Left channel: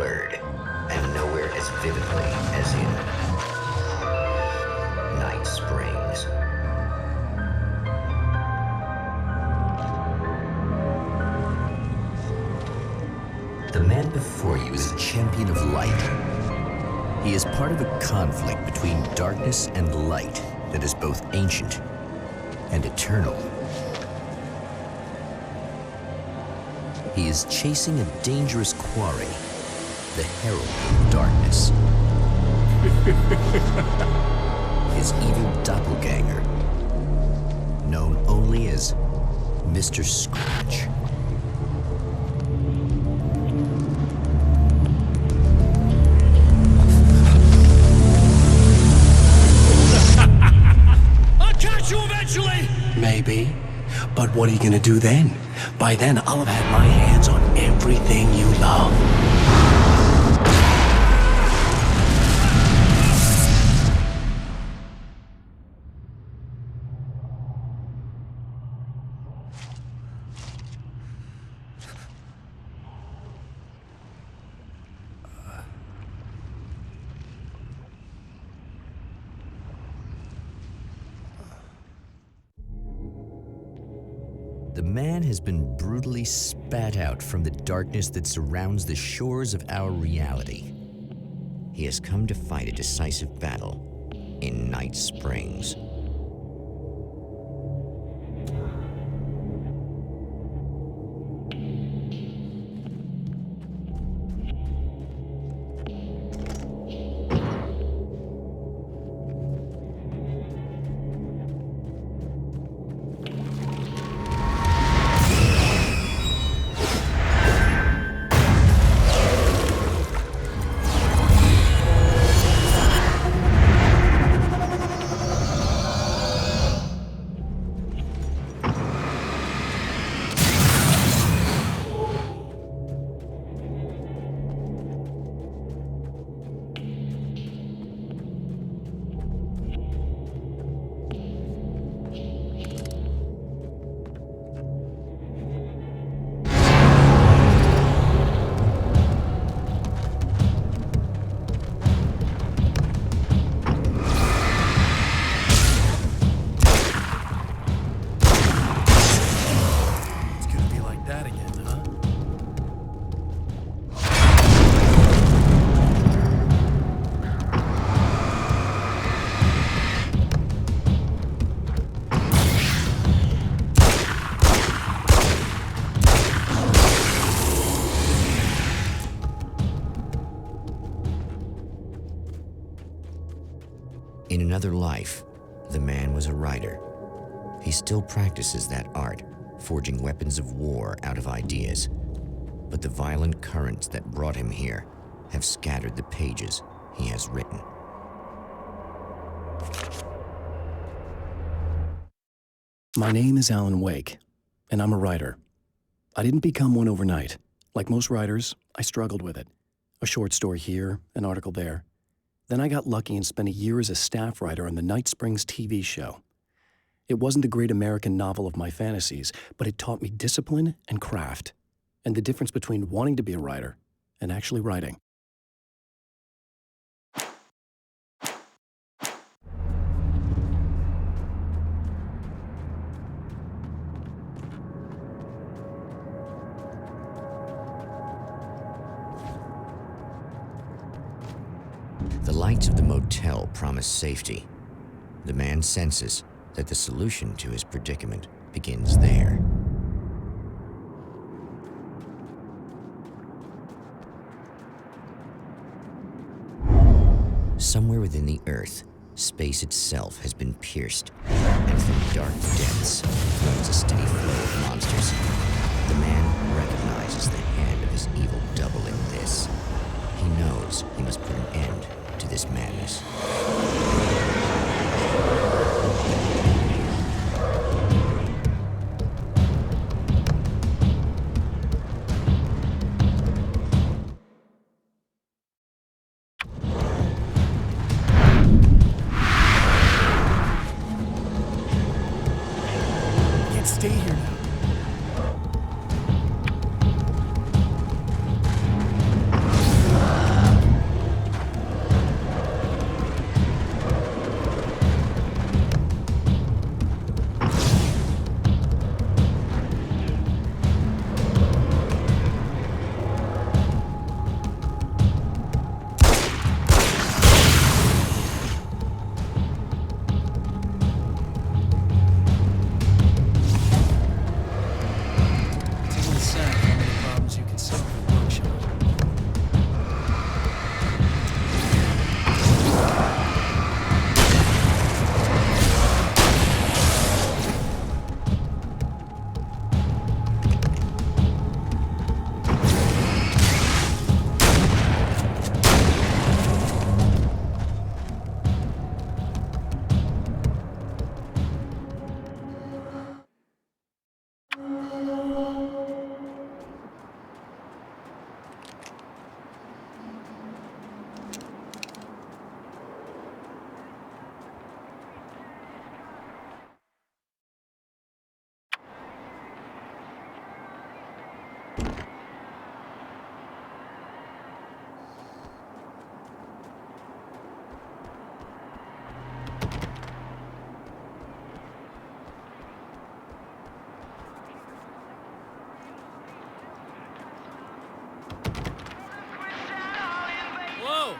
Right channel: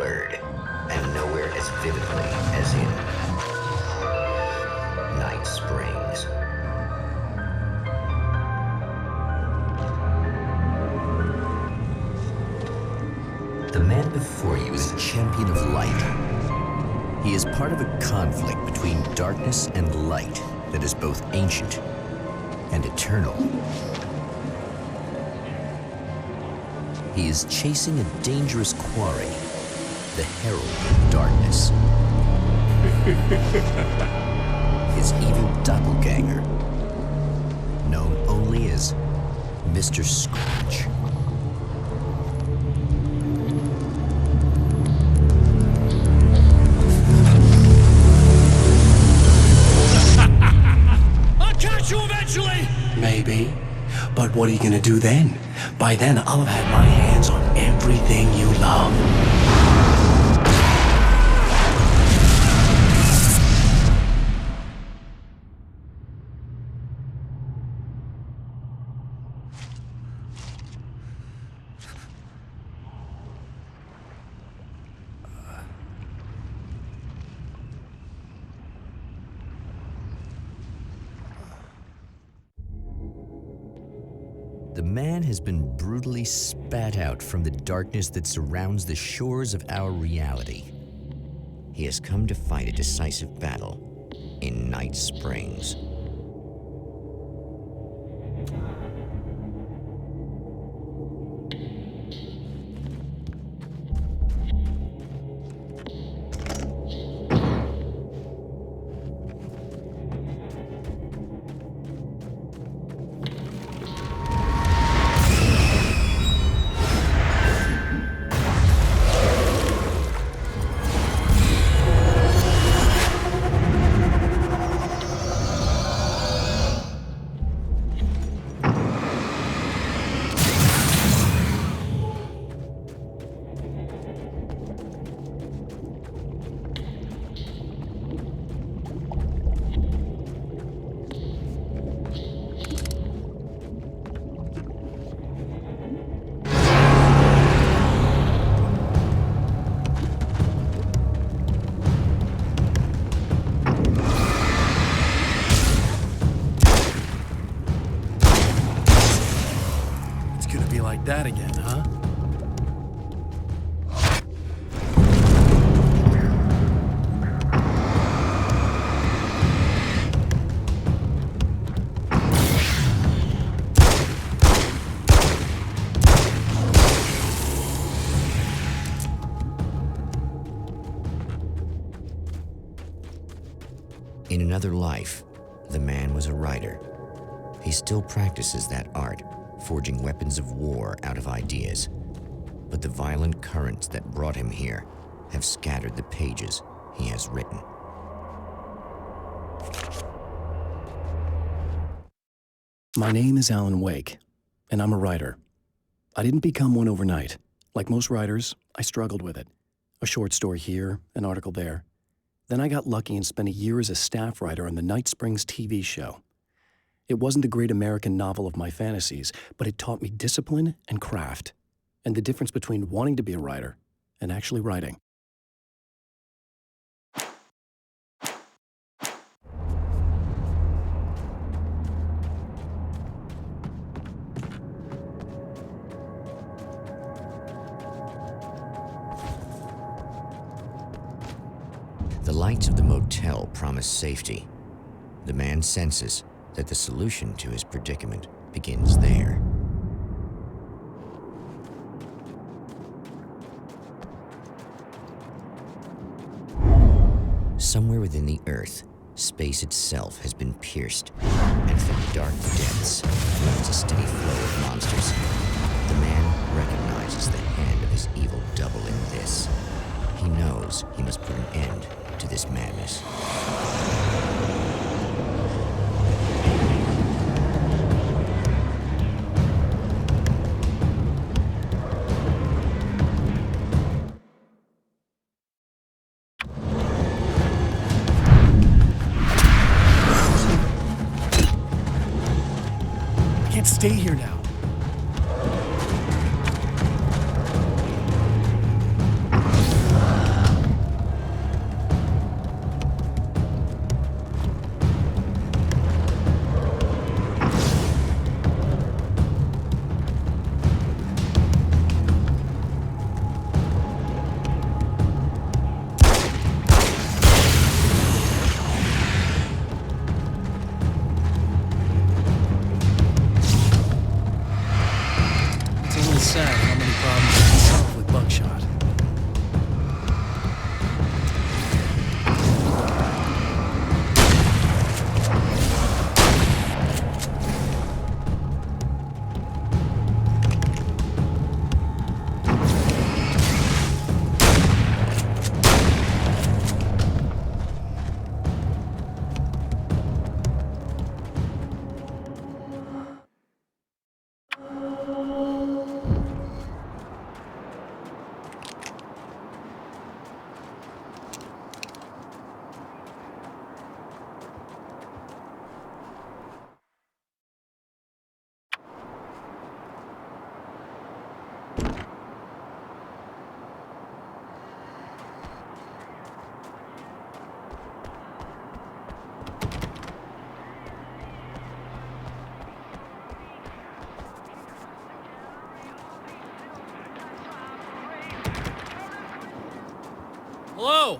blurred, and nowhere as vividly as in Night Springs. The man before you is a champion of light. He is part of a conflict between darkness and light that is both ancient and eternal. He is chasing a dangerous quarry, the Herald of Darkness. His evil doppelganger, known only as Mr. Scratch. I'll catch you eventually! Maybe. But what are you gonna do then? By then, I'll have had my hands on everything you love. The man has been brutally spat out from the darkness that surrounds the shores of our reality. He has come to fight a decisive battle in Night Springs. That again, huh? In another life, the man was a writer. He still practices that art, forging weapons of war out of ideas. But the violent currents that brought him here have scattered the pages he has written. My name is Alan Wake, and I'm a writer. I didn't become one overnight. Like most writers, I struggled with it. A short story here, an article there. Then I got lucky and spent a year as a staff writer on the Night Springs TV show. It wasn't the great American novel of my fantasies, but it taught me discipline and craft, and the difference between wanting to be a writer and actually writing. The lights of the motel promise safety. The man senses that the solution to his predicament begins there. Somewhere within the earth, space itself has been pierced, and from dark depths flows a steady flow of monsters. The man recognizes the hand of his evil double in this. He knows he must put an end to this madness. I can't stay here now. It's sad how many problems you can solve with buckshot. Hello?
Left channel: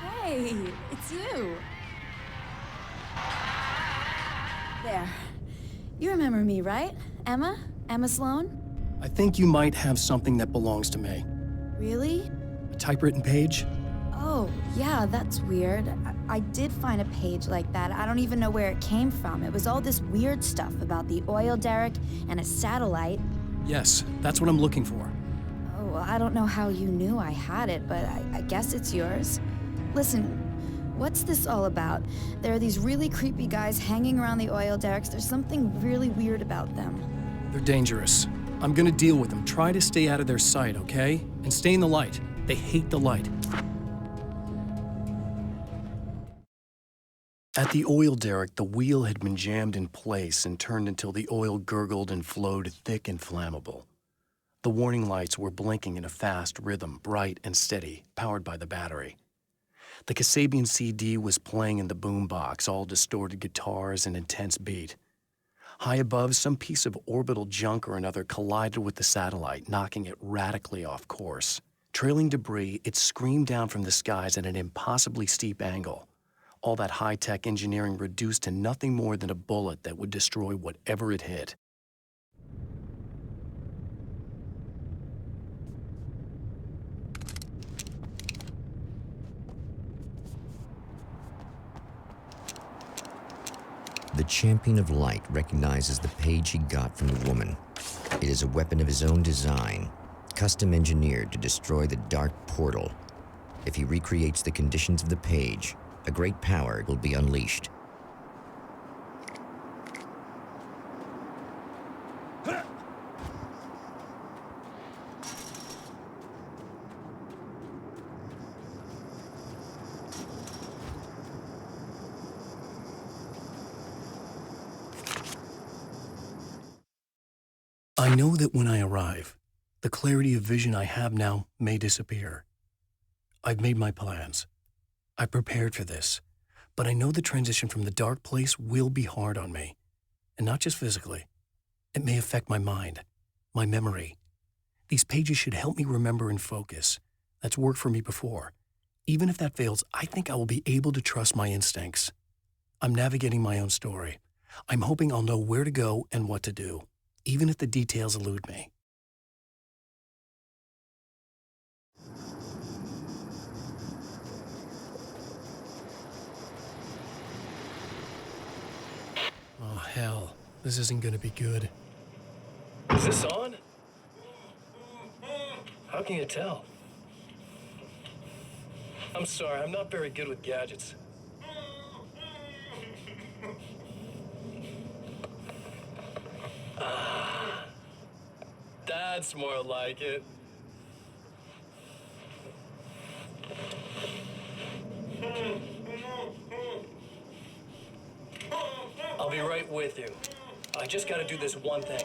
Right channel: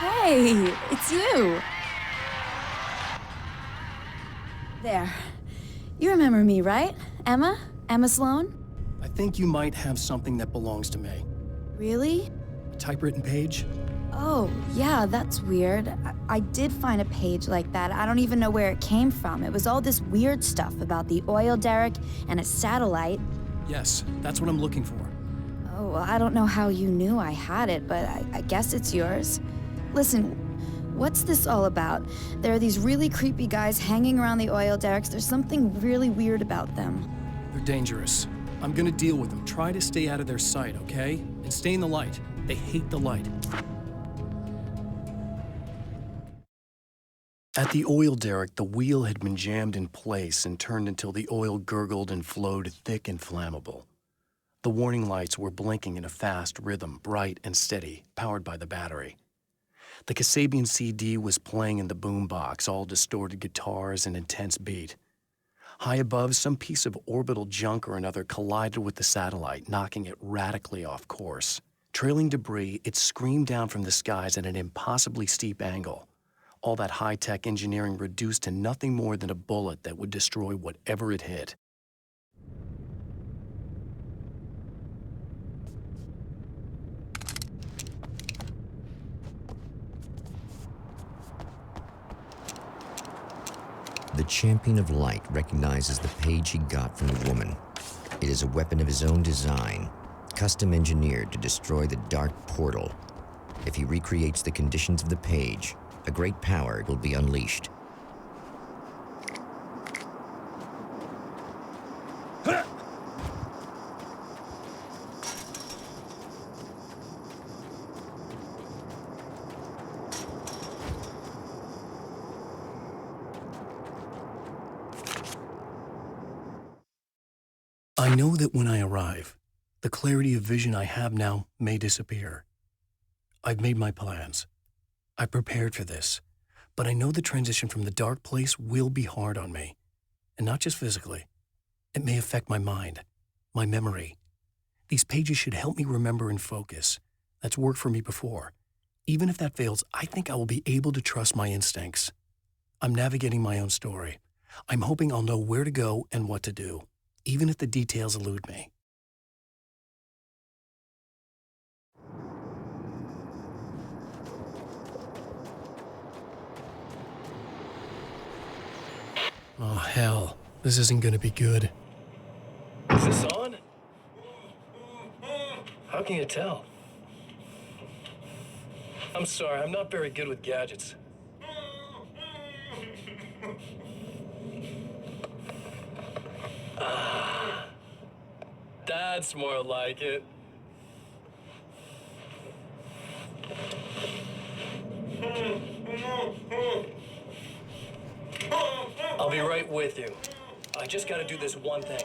Hey, it's you. There. You remember me, right? Emma? Emma Sloan? I think you might have something that belongs to me. Really? A typewritten page? Oh, yeah, that's weird. I did find a page like that. I don't even know where it came from. It was all this weird stuff about the oil derrick and a satellite. Yes, that's what I'm looking for. Oh, well, I don't know how you knew I had it, but I guess it's yours. Listen, what's this all about? There are these really creepy guys hanging around the oil derricks. There's something really weird about them. They're dangerous. I'm gonna deal with them. Try to stay out of their sight, okay? And stay in the light. They hate the light. At the oil derrick, the wheel had been jammed in place and turned until the oil gurgled and flowed thick and flammable. The warning lights were blinking in a fast rhythm, bright and steady, powered by the battery. The Kasabian CD was playing in the boombox, all distorted guitars and intense beat. High above, some piece of orbital junk or another collided with the satellite, knocking it radically off course. Trailing debris, it screamed down from the skies at an impossibly steep angle. All that high-tech engineering reduced to nothing more than a bullet that would destroy whatever it hit. The Champion of Light recognizes the page he got from the woman. It is a weapon of his own design, custom engineered to destroy the dark portal. If he recreates the conditions of the page, a great power will be unleashed. I know that when I arrive, the clarity of vision I have now may disappear. I've made my plans. I prepared for this, but I know the transition from the dark place will be hard on me, and not just physically. It may affect my mind, my memory. These pages should help me remember and focus. That's worked for me before. Even if that fails, I think I will be able to trust my instincts. I'm navigating my own story. I'm hoping I'll know where to go and what to do, even if the details elude me. Oh, hell. This isn't gonna be good. Is this on? How can you tell? I'm sorry, I'm not very good with gadgets. That's more like it. I'll be right with you. I just gotta do this one thing.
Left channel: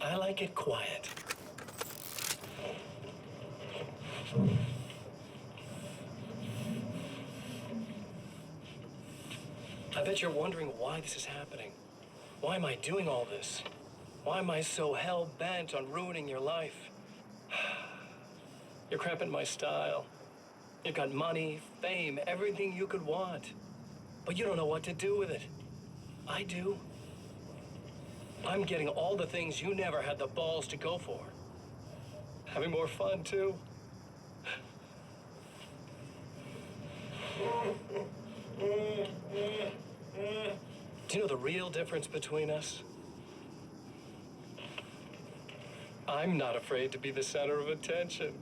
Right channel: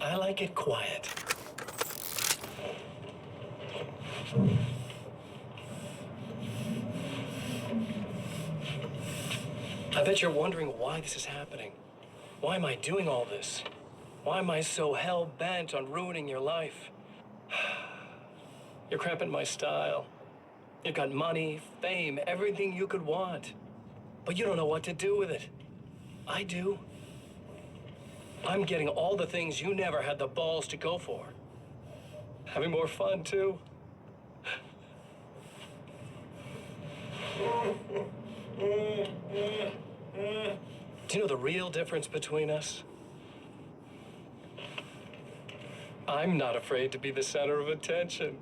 I like it quiet. I bet you're wondering why this is happening. Why am I doing all this? Why am I so hell-bent on ruining your life? You're cramping my style. You've got money, fame, everything you could want. But you don't know what to do with it. I do. I'm getting all the things you never had the balls to go for. Having more fun, too. Do you know the real difference between us? I'm not afraid to be the center of attention.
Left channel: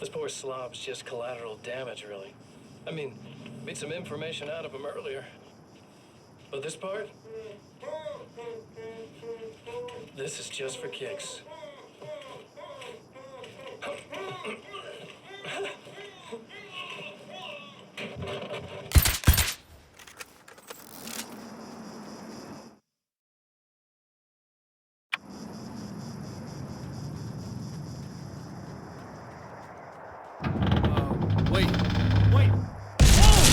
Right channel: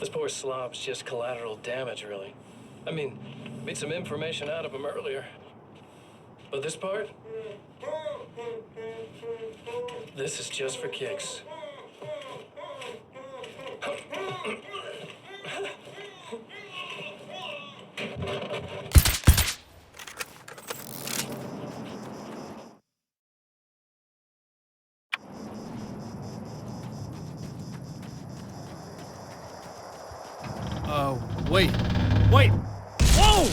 This poor slob's just collateral damage, really. I mean, made some information out of him earlier. But this part? This is just for kicks. Wait! Wait! Whoa!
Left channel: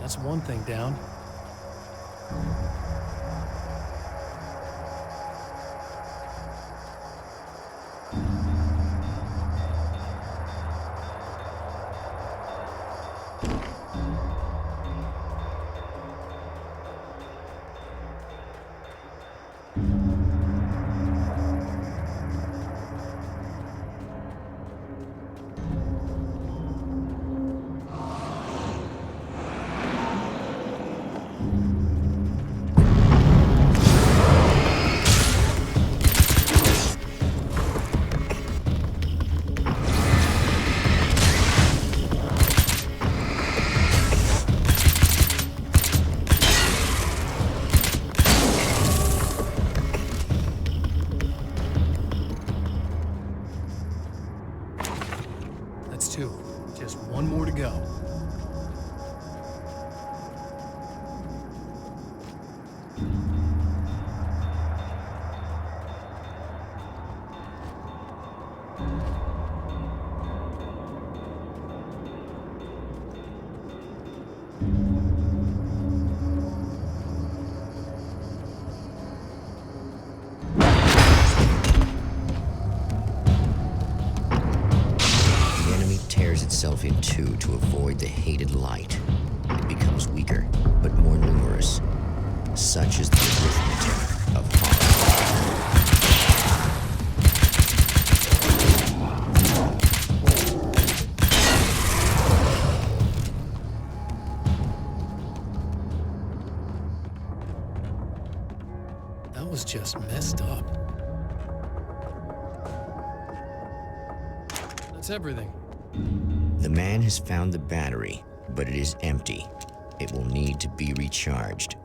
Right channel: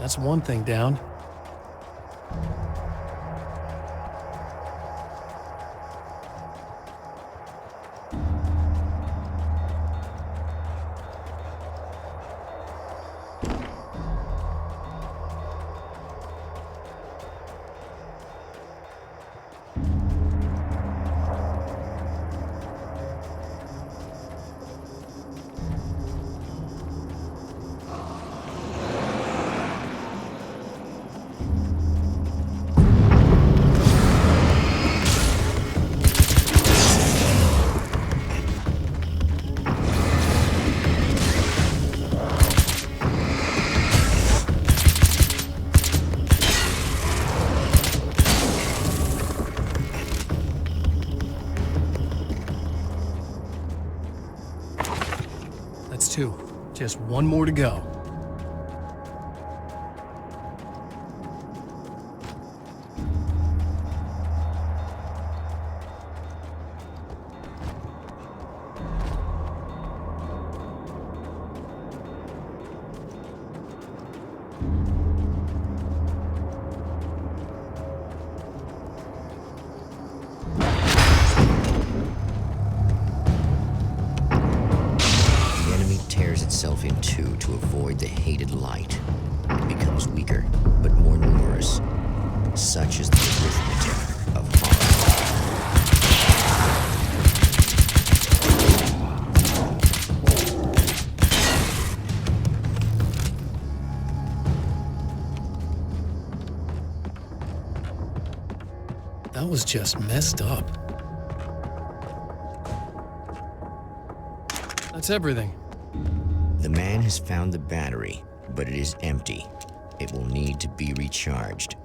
That's one thing down. That's two. Just one more to go. Itself in two to avoid the hated light. It becomes weaker, but more numerous. Such is the arithmetic of horror. That was just messed up. That's everything. The man has found the battery, but it is empty. It will need to be recharged.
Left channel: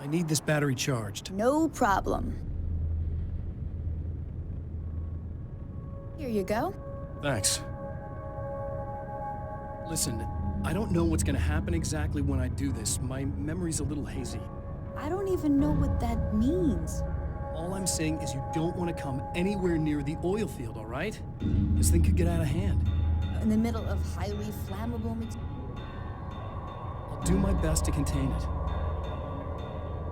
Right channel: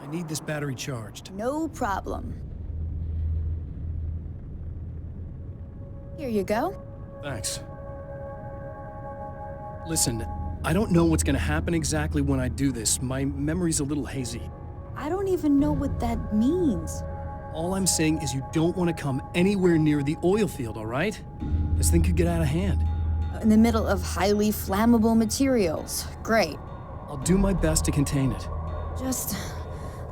I need this battery charged. No problem. Here you go. Thanks. Listen, I don't know what's gonna happen exactly when I do this. My memory's a little hazy. I don't even know what that means. All I'm saying is you don't want to come anywhere near the oil field, all right? This thing could get out of hand. In the middle of highly flammable materials. Great. I'll do my best to contain it. Just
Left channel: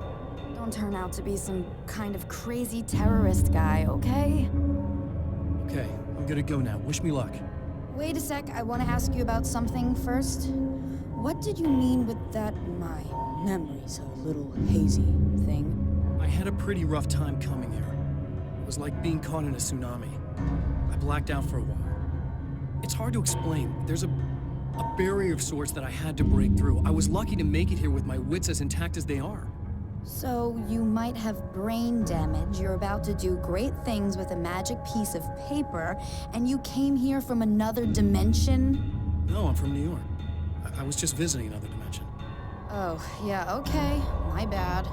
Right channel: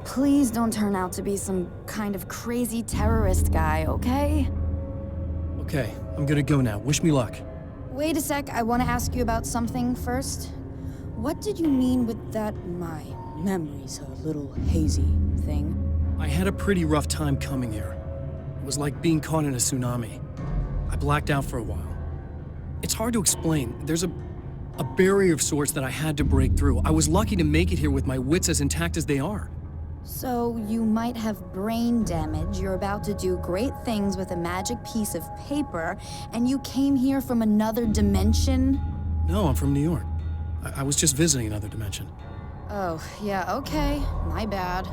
please don't turn out to be some kind of crazy terrorist guy, okay? Okay, I'm gonna go now. Wish me luck. Wait a sec, I want to ask you about something first. What did you mean with that my memory's a little hazy thing? I had a pretty rough time coming here. It was like being caught in a tsunami. I blacked out for a while. It's hard to explain. There's a barrier of sorts that I had to break through. I was lucky to make it here with my wits as intact as they are. So you might have brain damage, you're about to do great things with a magic piece of paper, and you came here from another dimension? No, I'm from New York. I was just visiting another dimension. Oh, yeah, okay. My bad.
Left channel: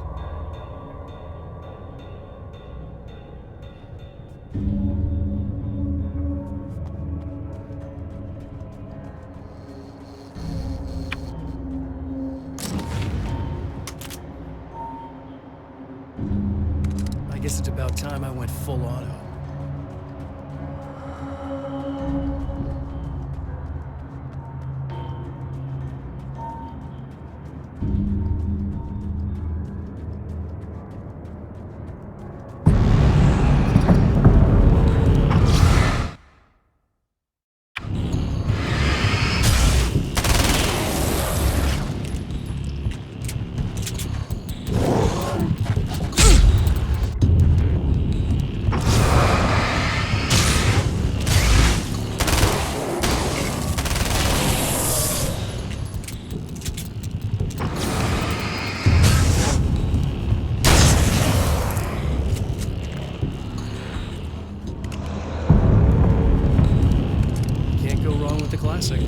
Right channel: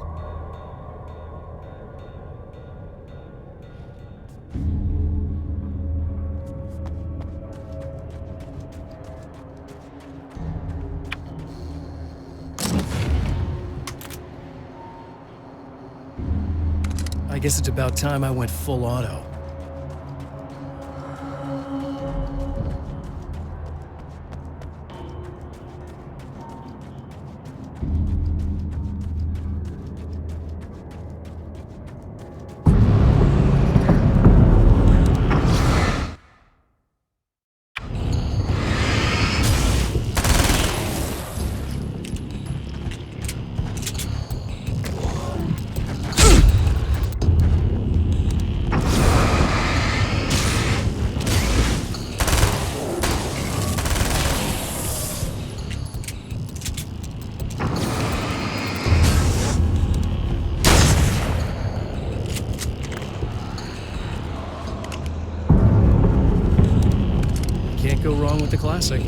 I guess it's about time I went full auto. Can't go wrong with the classic.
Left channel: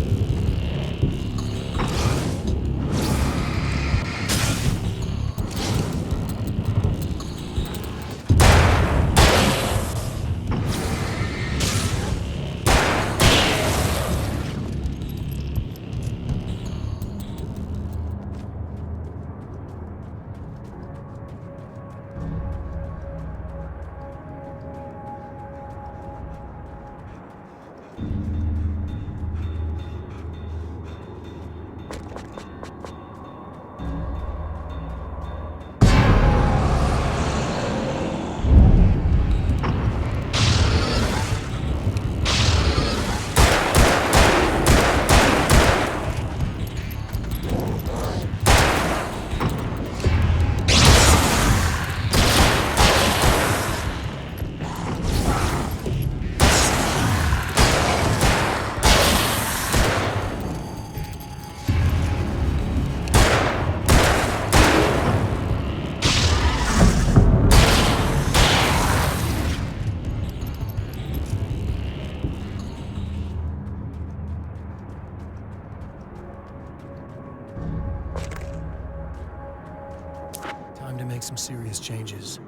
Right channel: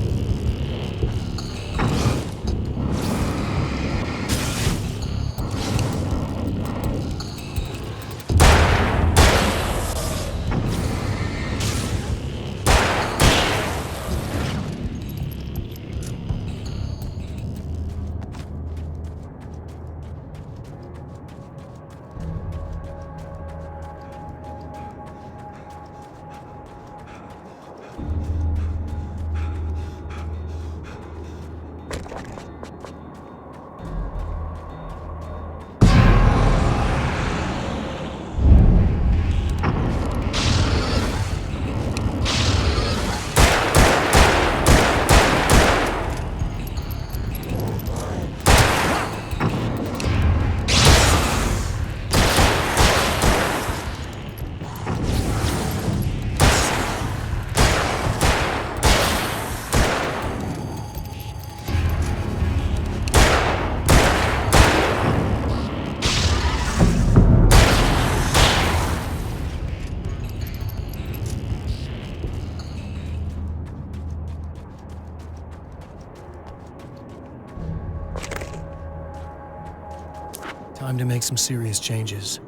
Time to make some serious changes.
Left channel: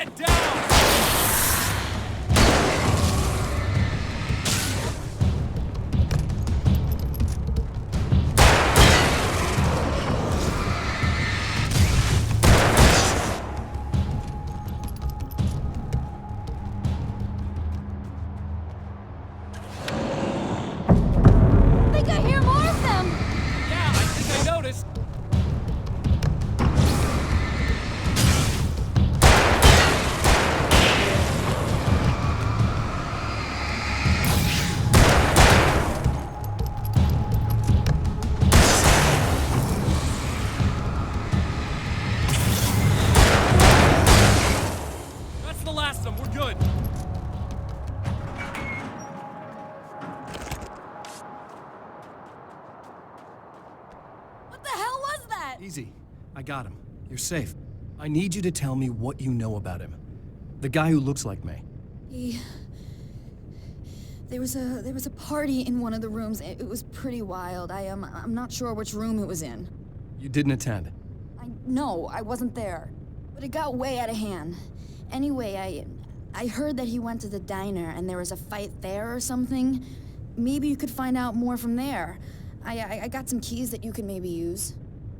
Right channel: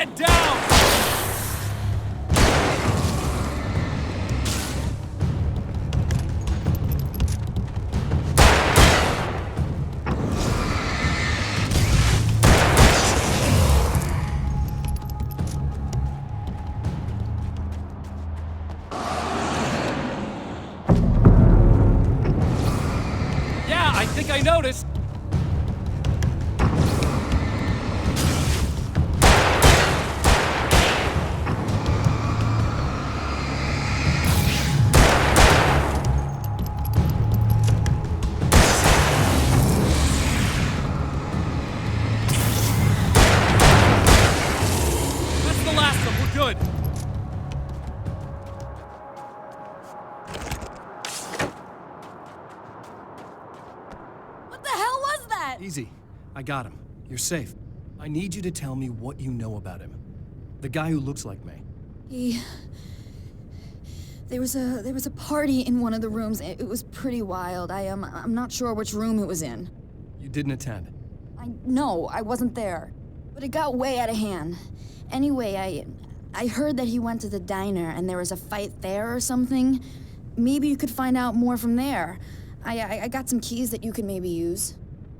Head down! I think I hear more of them! Yeah, I think I noticed. That's the last of them. We're good. What the hell was that? Easy. I got him. You're safe. I need you to tell me what you know about him. The guy who looks like me. There was a party in one of the rooms. It was pretty wild. I'm not sure which room it was in. You didn't attend. No, I wasn't there. But it got way out of hand. Anyway, I heard that he went to the diner and there was a fight there or something. Maybe you could find out more from there. I got some keys that you could maybe use.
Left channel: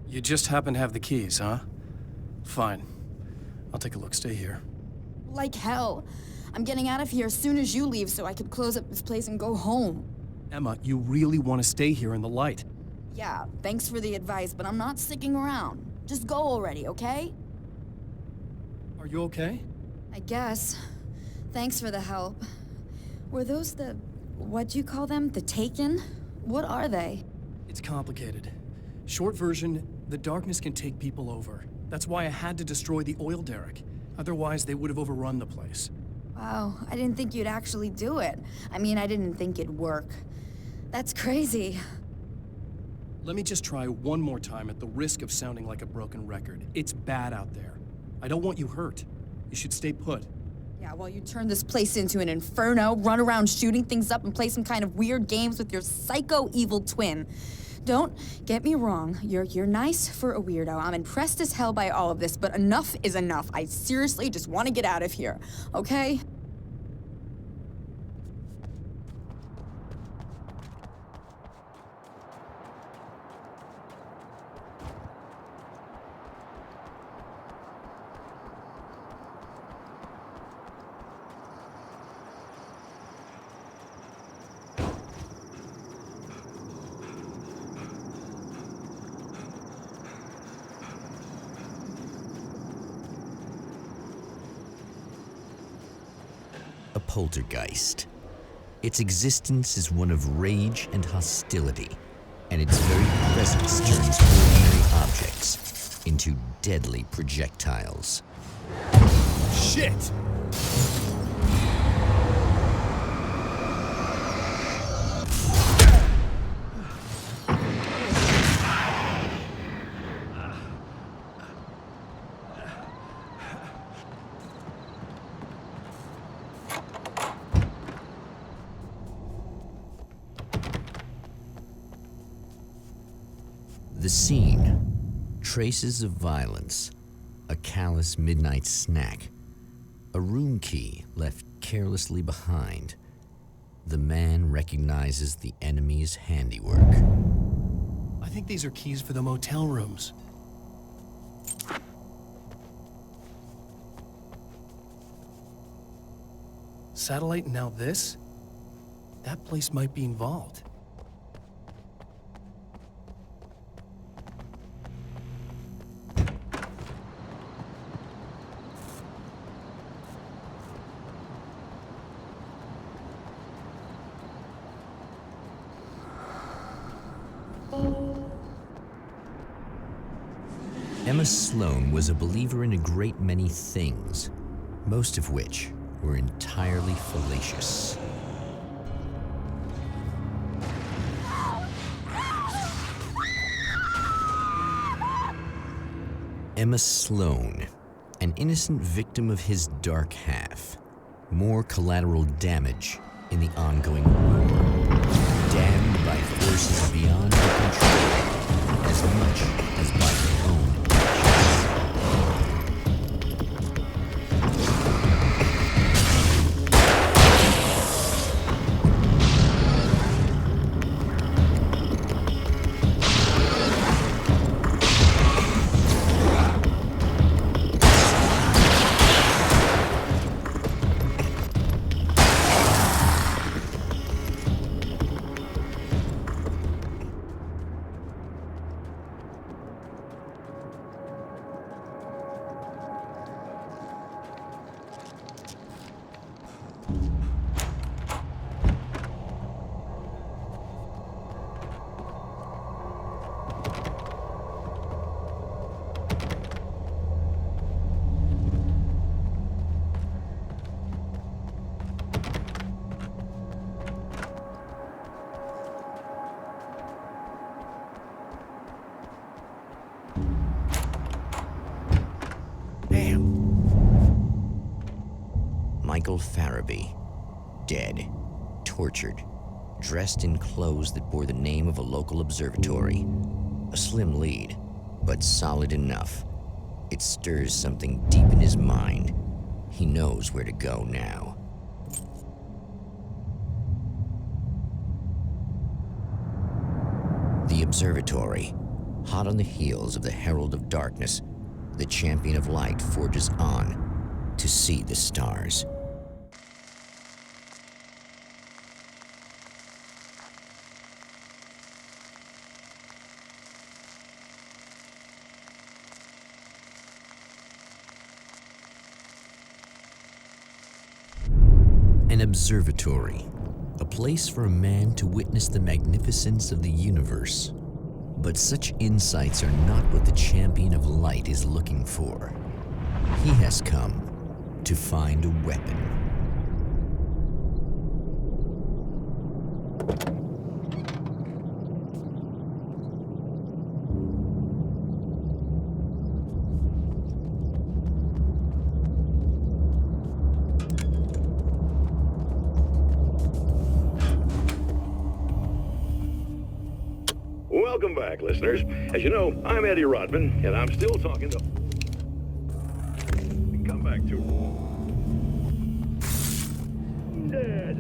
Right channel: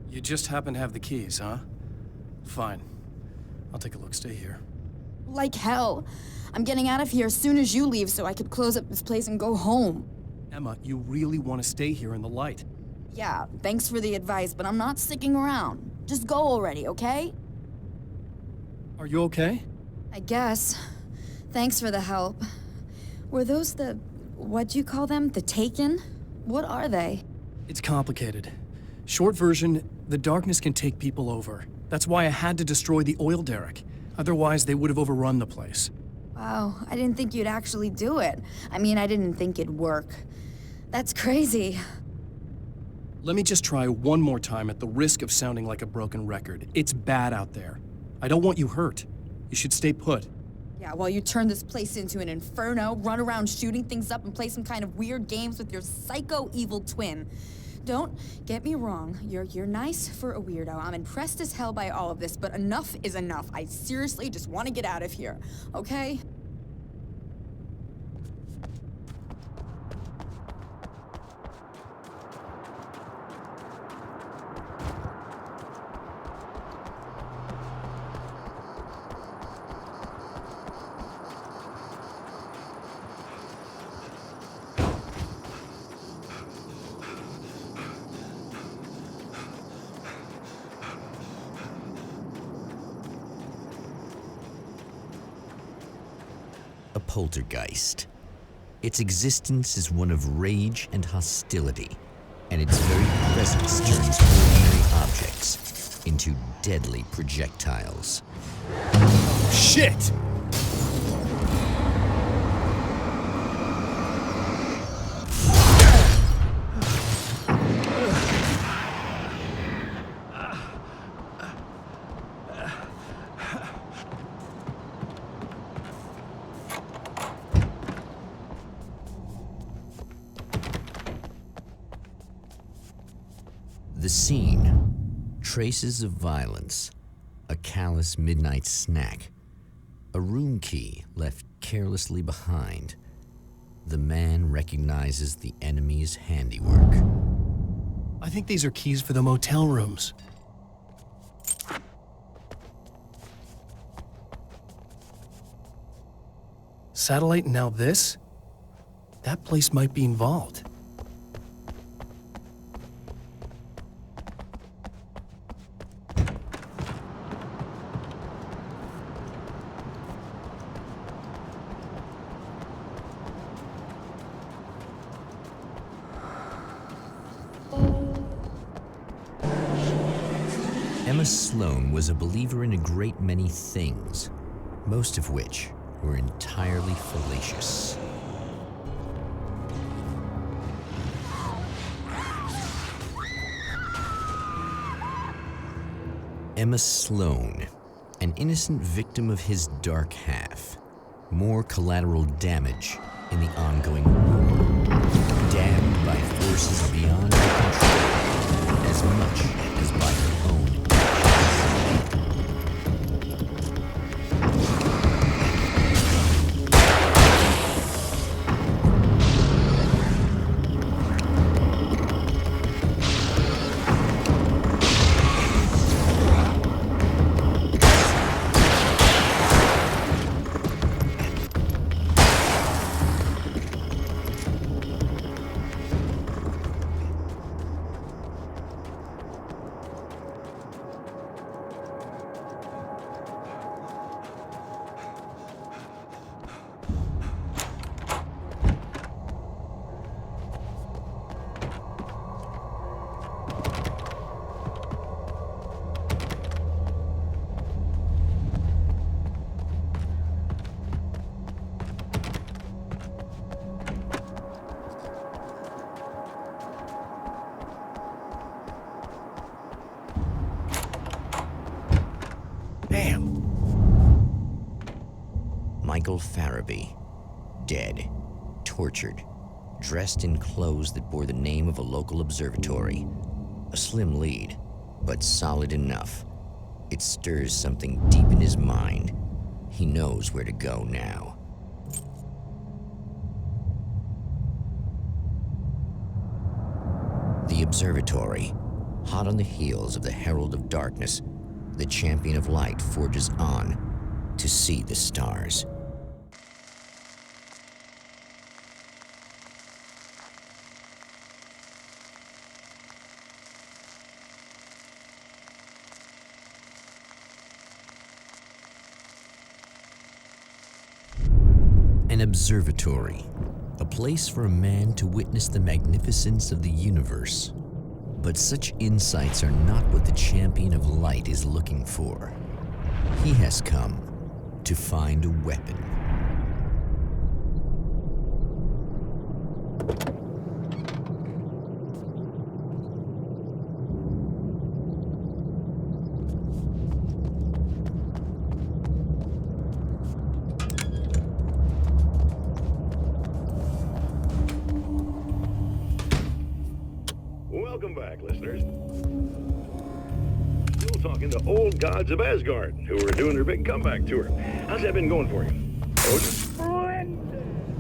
You just happen to have the keys, huh? Fine. I'll take a look. Stay here. Like hell. I'm getting out of here as soon as you leave so I could close up this place and go home. Emma, you really want to stay here in the light. Yeah, thanks for the advice, but I'm not sticking around. Just go already, okay? Are you okay? I guess. Thanks for the help. Were those what'd you call them? The Taken? What are they? It's complicated. Short version, the darkness can take people over. That's why I had to destroy the oil derrick. Otherwise, they would have overrun the place. Wow, I didn't think you'd actually do it. I mean, I didn't think it'd work. That's crazy. Let me just try one more time at the risk of sounding like a broken record. It's bad out there. I don't want you hurt. You should stay put. Yeah, while you turn this place into an inferno, run around shooting things up and play some kind of weird games with your psycho evil twin. Don't get me wrong, you're nice for a weirdo. I'm impressed as hell by all of this, but enough is enough. I seriously just want to get out of here, okay? A poltergeist. Its existence is one of rage and hostility, and its very presence turns ordinary objects into deadly projectiles. Shit! The scene. Traces of violence. A callous midnight snack. A room key left carelessly behind. The man recognizes the enemy's handiwork. I think these are keys for the motel rooms. Satellite and now this? That place might be involved. Emma Sloan was a believer in a great many things, most of which were entirely fallacious. Emma Sloan, an innocent victim of his dark half. More collateral damage in the ongoing war. Damned by forces beyond her control, as much as by her own actions. Michael Farabee, dead, tortured, dressed in clothes that bore the name of a local observatory. A slim lead, but solid enough. It stirs something deep in his mind. He knows where to go now. The observatory, hot on the heels of the Herald of Darkness, the champion of light forges on to see the stars. An observatory, a place for a man to witness the magnificence of the universe. But such insights are not what the champion of light is looking for. He has come to find a weapon. Welcome back, listeners. As you know, I'm Eddie Rodman, and I'm still talking to old gods of Asgard, who are doing their big comeback tour. How's that been going for you? Oh, splendid!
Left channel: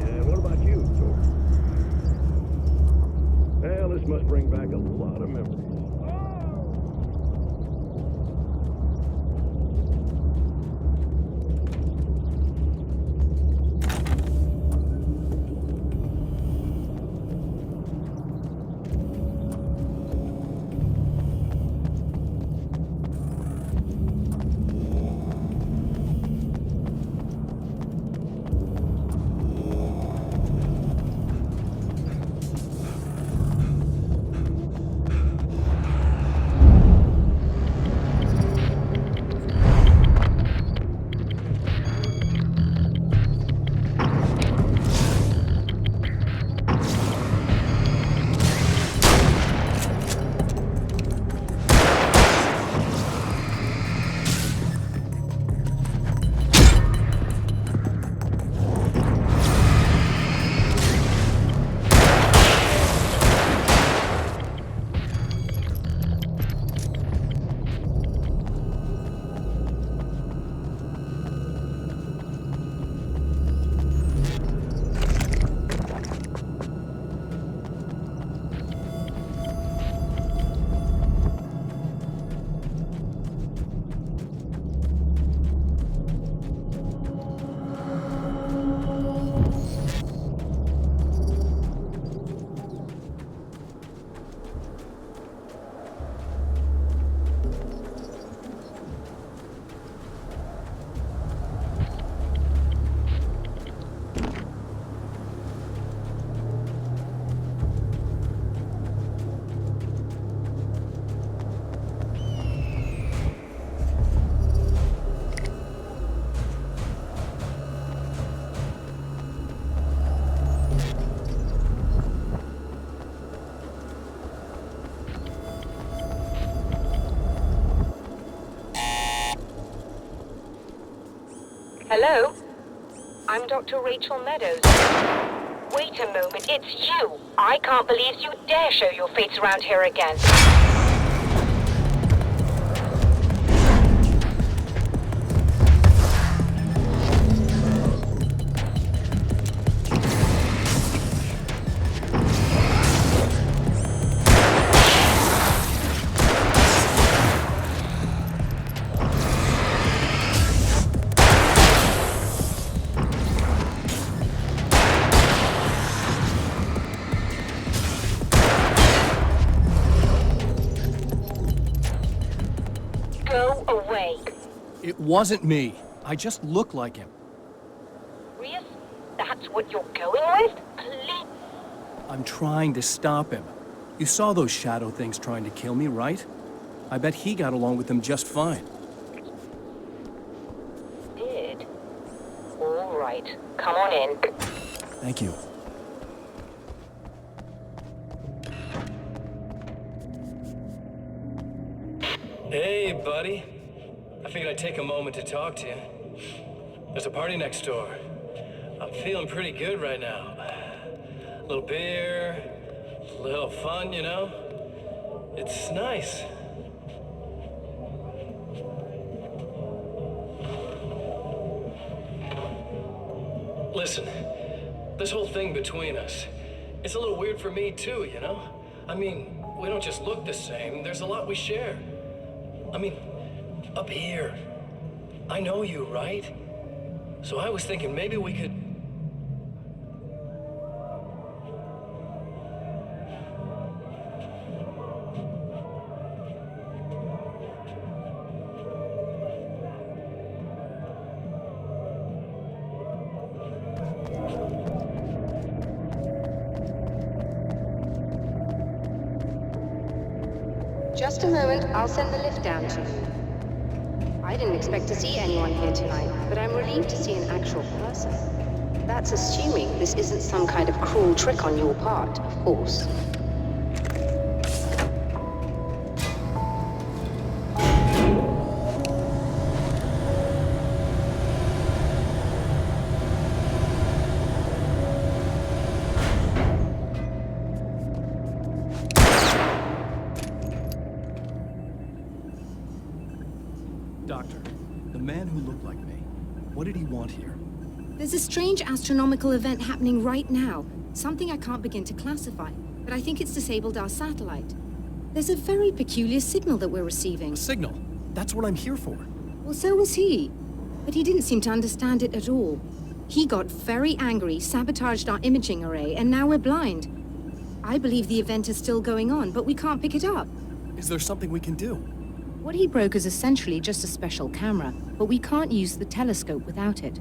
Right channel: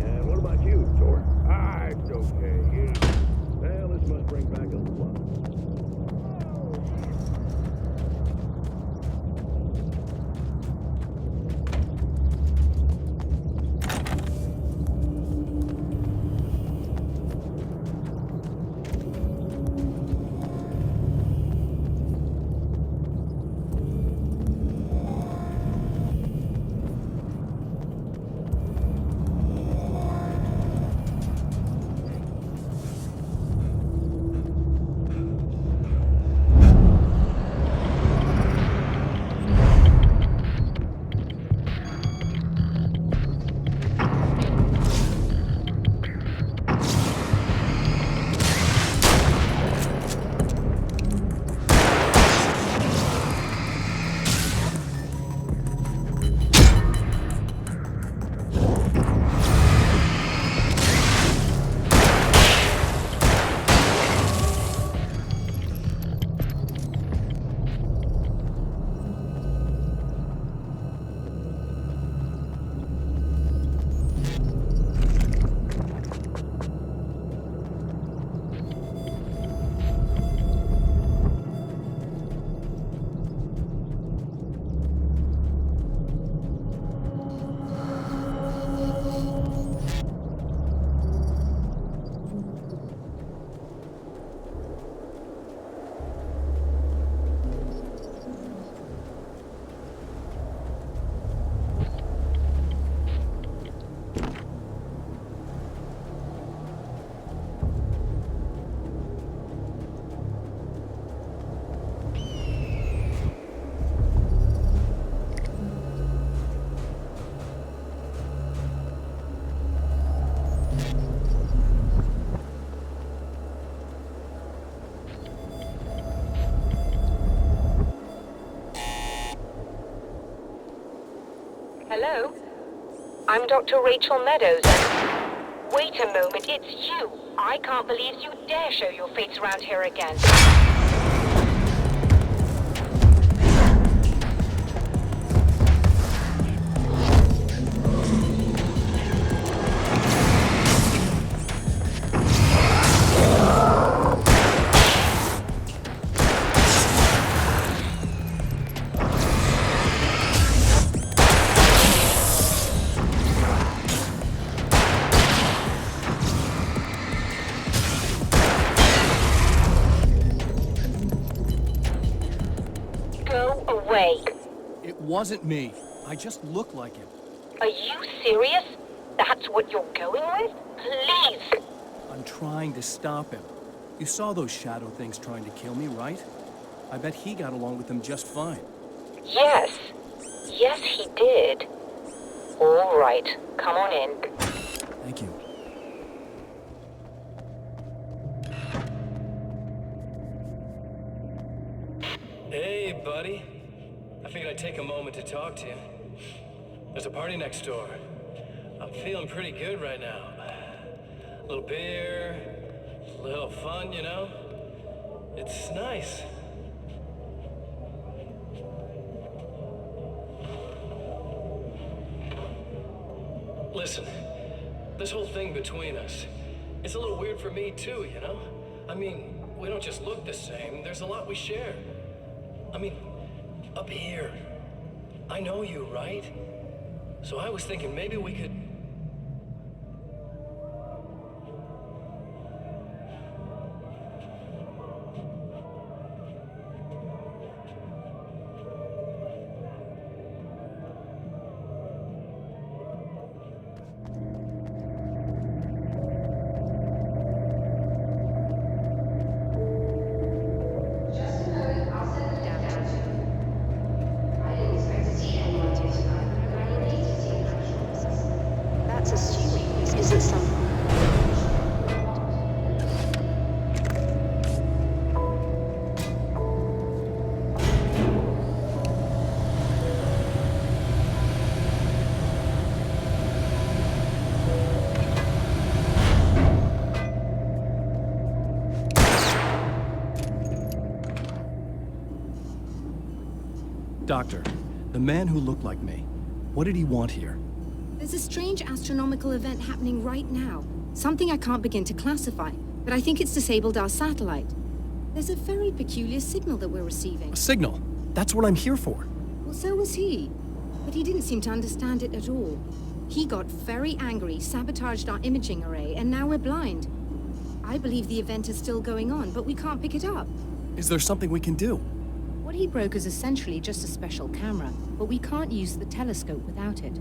And what about you, Thor? It's okay. Well, this must bring back a lot of memories. Hello? I'm Dr. Rachel Meadows. Wait a moment, it's you! I can't believe you dare show your face around here again. Go away. It wasn't me. I just look like him. Are you serious? That's what you're going with? Please. I'm trying to stop him. You saw those shadow things trying to kill me, right? I bet he got along with them just fine. Yes. Yes, he did. All right. Come on in. Thank you. Hey, buddy. I figured I'd take a moment to talk to you. There's a party next door. I'm feeling pretty good right now. A little beer, a little fun, you know? It's nice. Listen, this whole thing between us, it's a little weird for me too, you know? I mean, we don't just look the same, there's a lot we share. I mean, up here, I know you, right? So I was thinking maybe we could... Just a moment, I'll send the lift down to you. I didn't expect to see anyone here tonight, but I'm relieved to see an actual person. That's assuming this isn't some kind of cruel trick on your part, of course. Doctor, the man who looked like me, what did he want here? There's a strange astronomical event happening right now. Something I can't begin to classify, but I think it's disabled our satellite. There's a very peculiar signal that we're receiving. A signal? That's what I'm here for. Well, so was he. But he didn't seem to understand it at all. He got very angry, sabotaged our imaging array, and now we're blind. I believe the event is still going on, but we can't pick it up. Is there something we can do? What he broke is essentially just a special camera, but we can't use the telescope without it.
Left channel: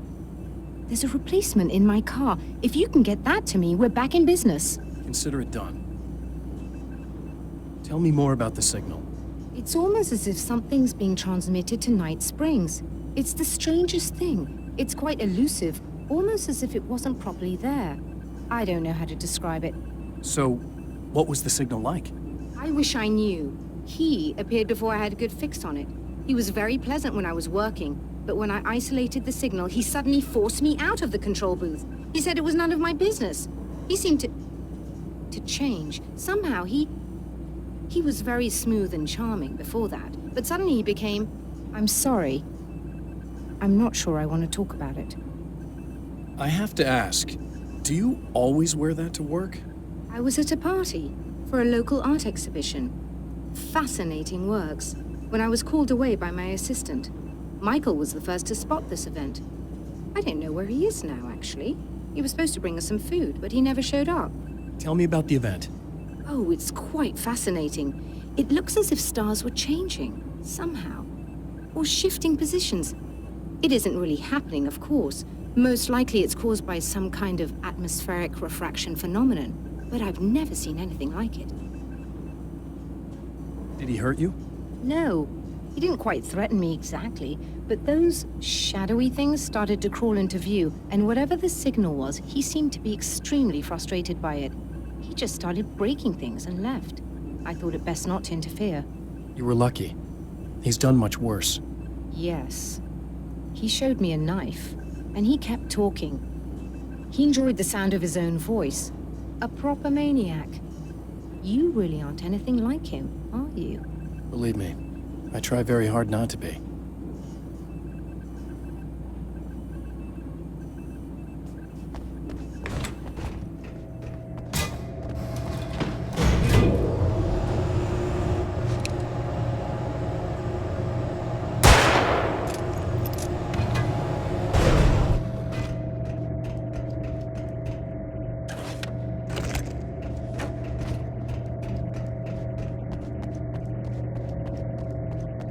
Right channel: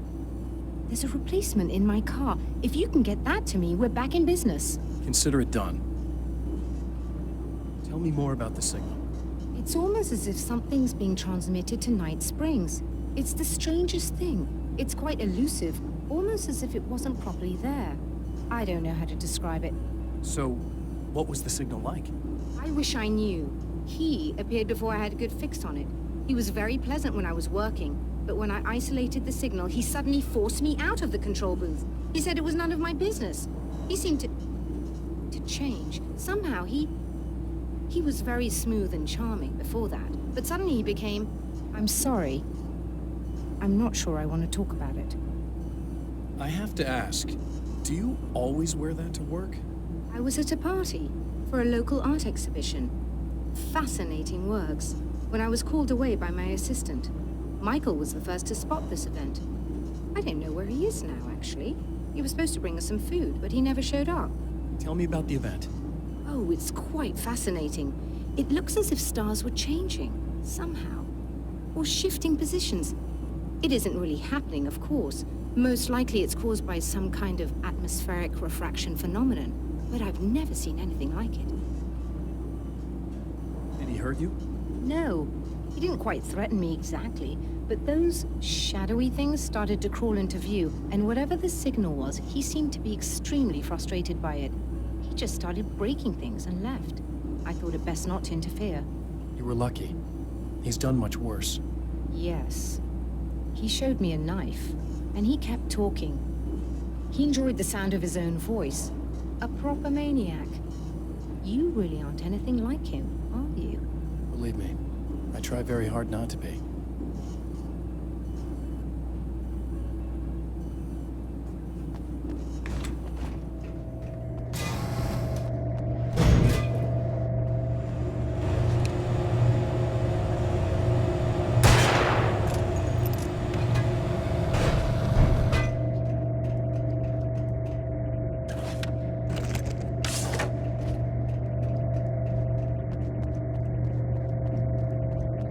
There's a replacement in my car. If you can get that to me, we're back in business. Consider it done. Tell me more about the signal. It's almost as if something's being transmitted to Night Springs. It's the strangest thing. It's quite elusive, almost as if it wasn't properly there. I don't know how to describe it. So, what was the signal like? I wish I knew. He appeared before I had a good fix on it. He was very pleasant when I was working, but when I isolated the signal, he suddenly forced me out of the control booth. He said it was none of my business. He seemed to change. Somehow he was very smooth and charming before that, but suddenly he became, I'm sorry. I'm not sure I want to talk about it. I have to ask, do you always wear that to work? I was at a party for a local art exhibition. Fascinating works. When I was called away by my assistant, Michael was the first to spot this event. I don't know where he is now, actually. He was supposed to bring us some food, but he never showed up. Tell me about the event. Oh, it's quite fascinating. It looks as if stars were changing, somehow. Or shifting positions. It isn't really happening, of course. Most likely it's caused by some kind of atmospheric refraction phenomenon, but I've never seen anything like it. Did he hurt you? No, he didn't quite threaten me exactly, but those shadowy things started to crawl into view, and whatever the signal was, he seemed to be extremely frustrated by it. He just started breaking things and left. I thought it best not to interfere. You were lucky. He's done much worse. Yes. He showed me a knife, and he kept talking. He enjoyed the sound of his own voice. A proper maniac. You really aren't anything like him, are you? Believe me, I try very hard not to be.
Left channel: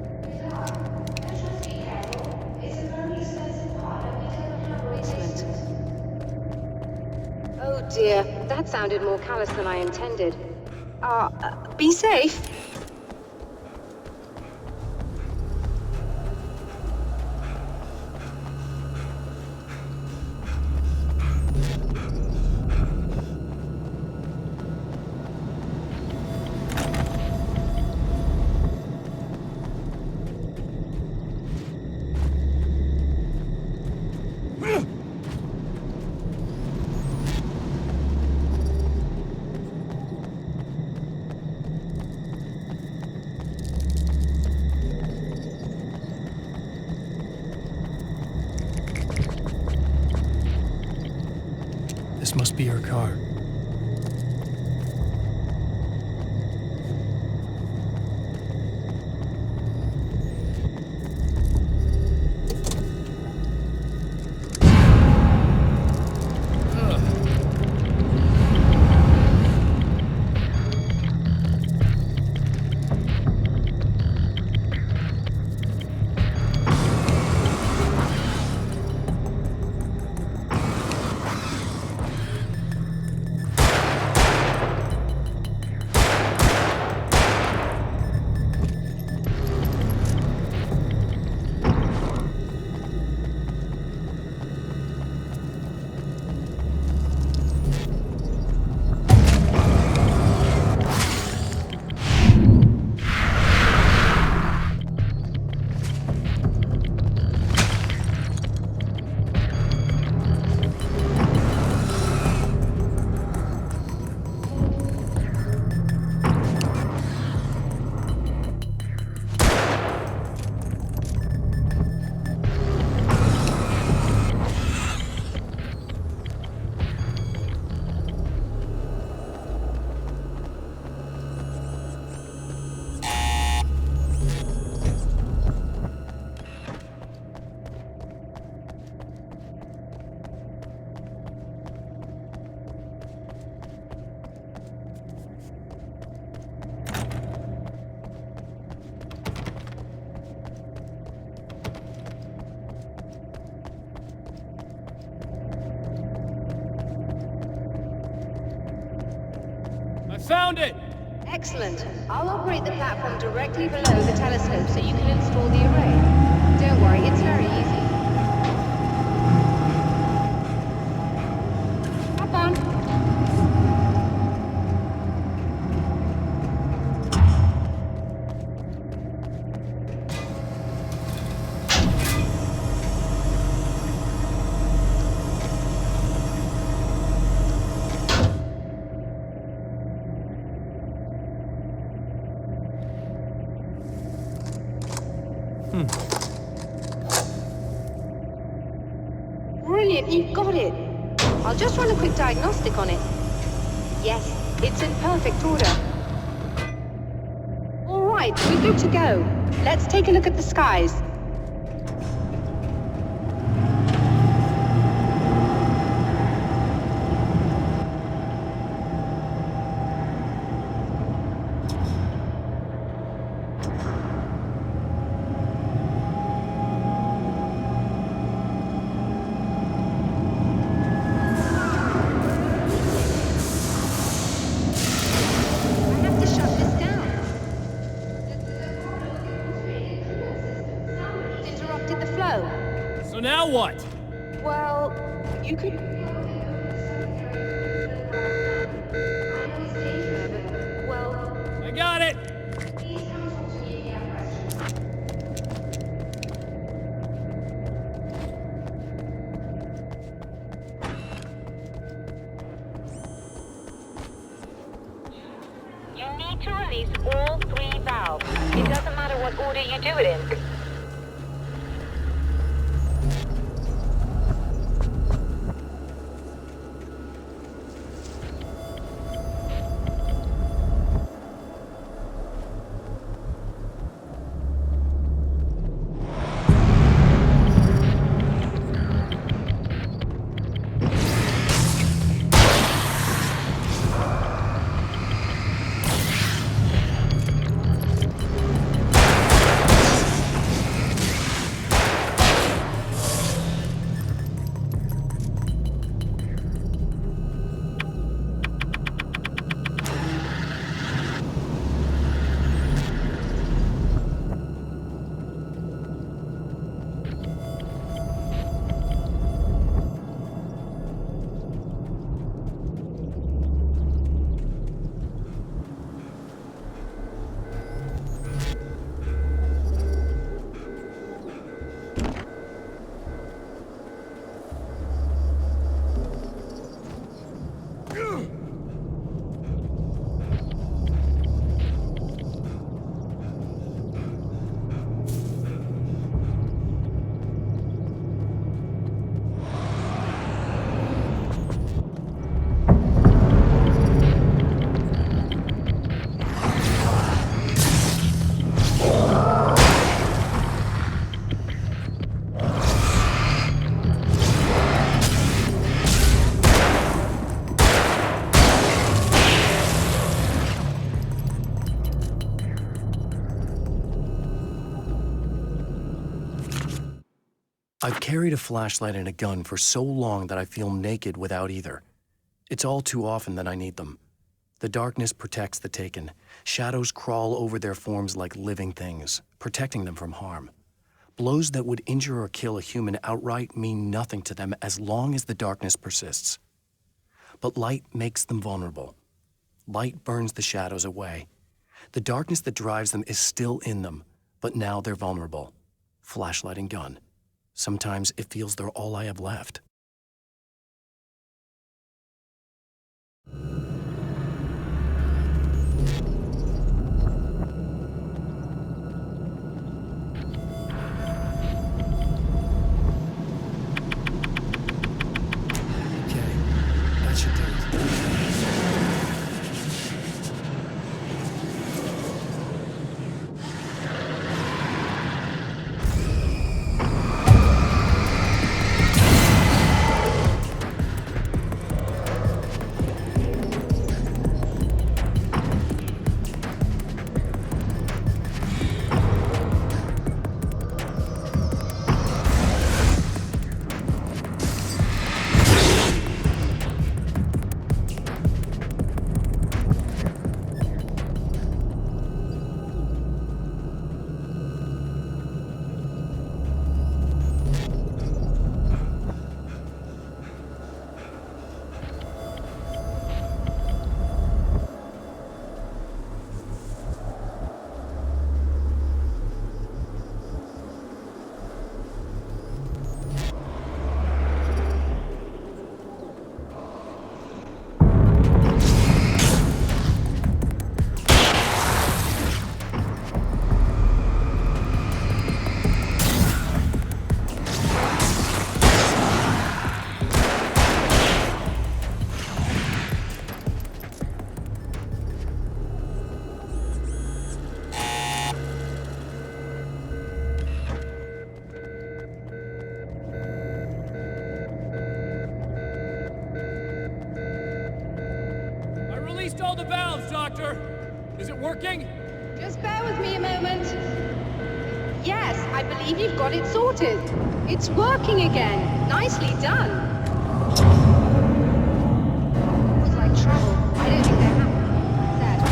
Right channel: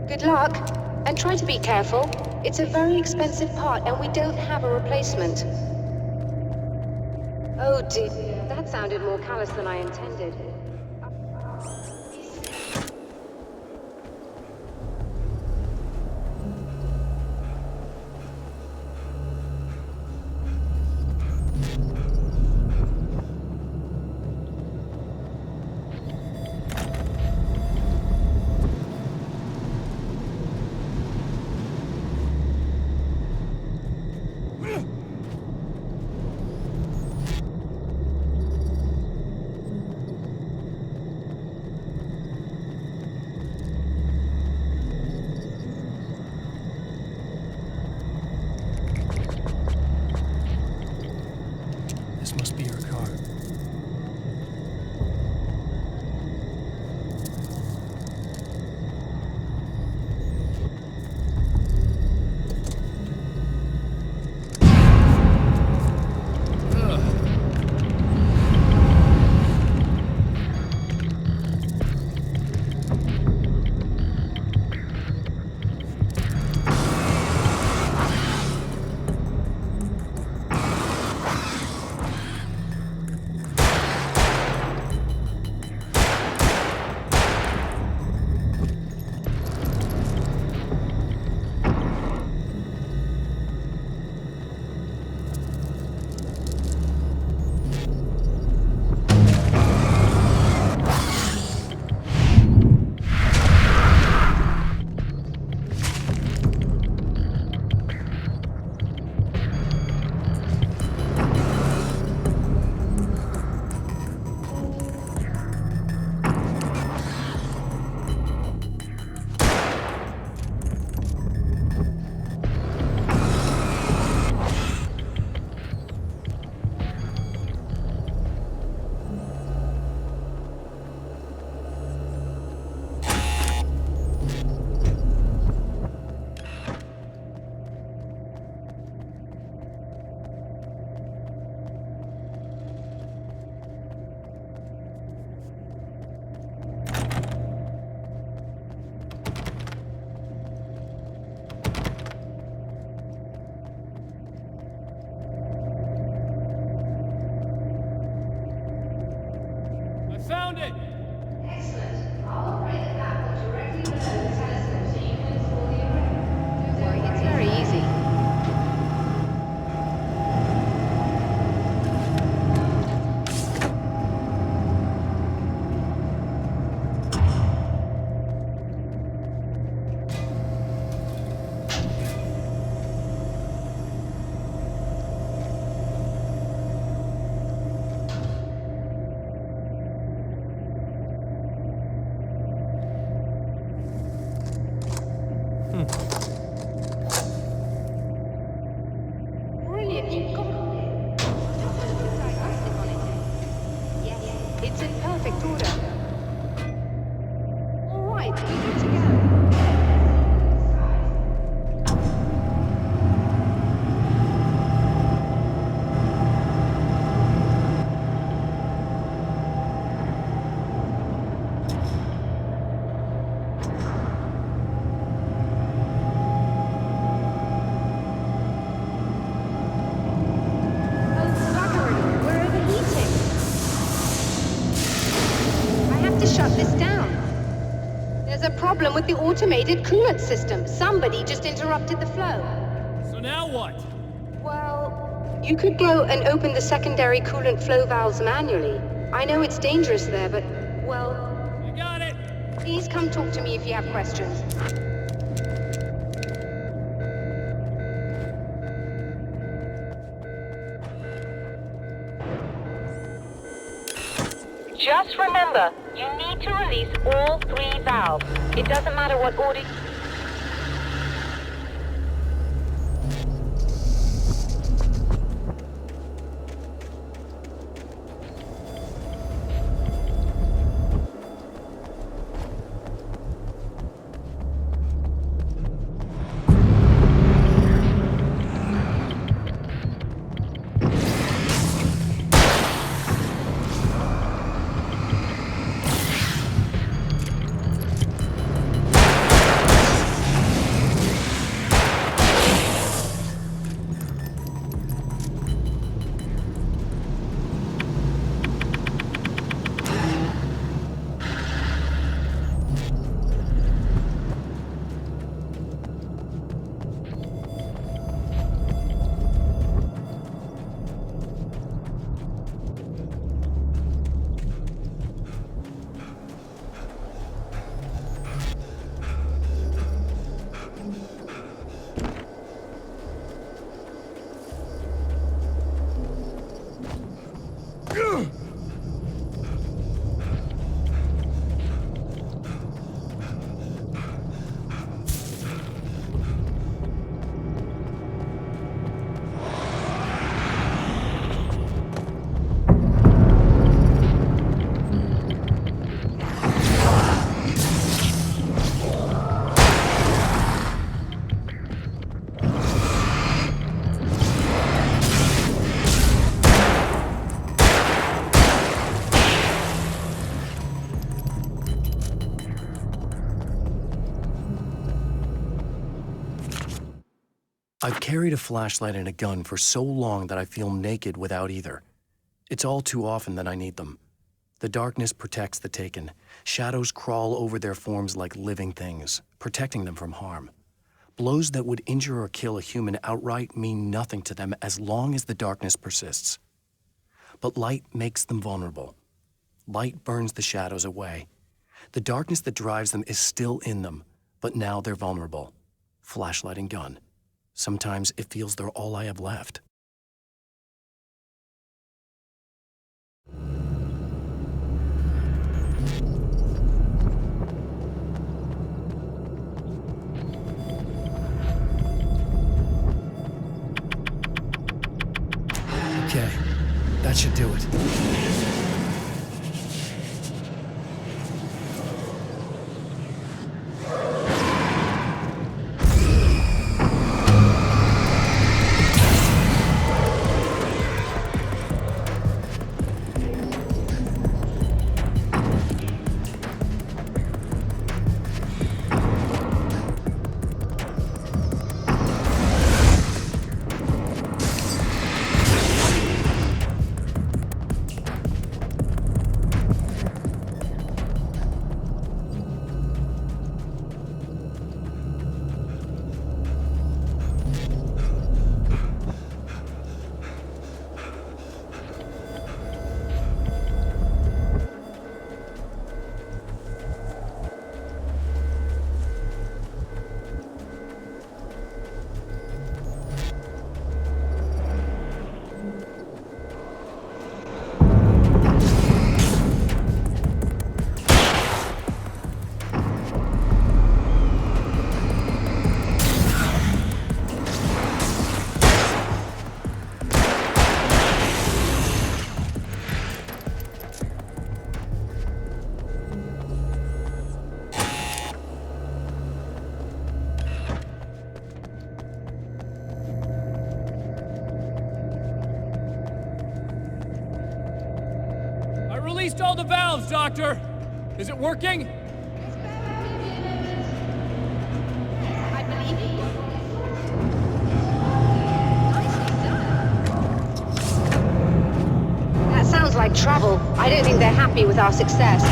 Good luck, and try to be careful. It's a very expensive part, and we don't have a replacement. Oh dear, that sounded more callous than I intended. Be safe. This must be her car. Found it! Excellent. I'll operate the platform directly below the telescope so you can install the array. Don't worry, it's very easy. Hop on. Brilliant, you've got it. I'll just run a quick diagnostic on it. Yes, it's in perfect order. All right, we're good to go. Let's take a look at the skies. With the automated coolant system. Somebody just interrupted the flow. So now what? Well, you could go and open the secondary coolant flow valves manually. I know it's dangerous there, but, well... I got it! Please come talk to me if you have questions. Just remember, you need to release all 3 valves. It doesn't matter what order you do it in. I've carried a flashlight and a gun for so long that I feel naked without either. It's all too often that I need them. The darkness protects the taken. Shadows crawl over their forms like living things, protecting them from harm. Blows that would injure or kill a human outright mean nothing to them as long as the darkness persists. But light makes them vulnerable. Light burns the shadows away. The darkness that drives them is still in them, but now they're vulnerable. Flashlight and gun. Sometimes it feels they're all I have left. Okay, that should do it. Released all the valves, Doctor! Is it working? Just bear with me a moment. Yes, I believe you've got it sorted. It's working again. Nicely done. That sounds like trouble. I don't think they're happy with our success.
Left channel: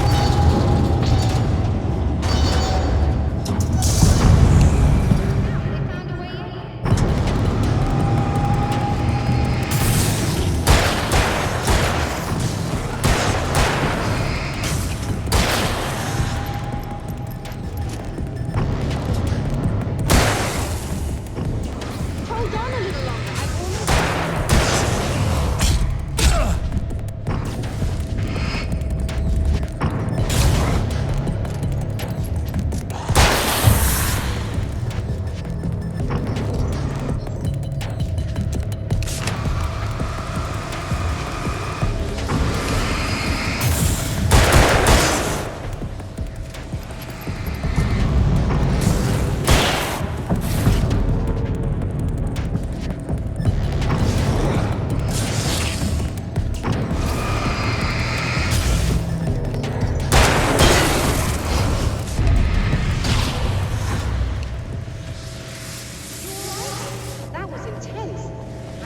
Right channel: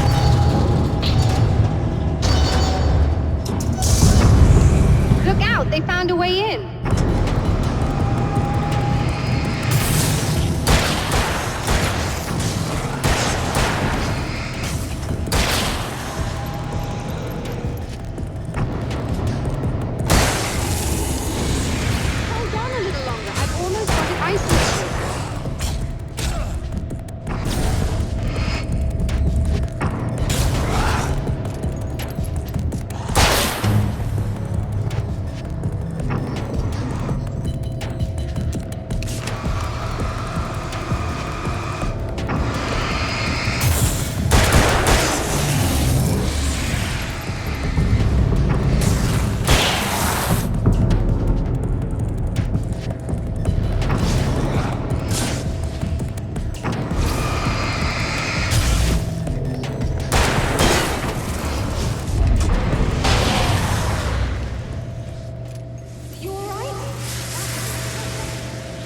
Look out, they found a way in.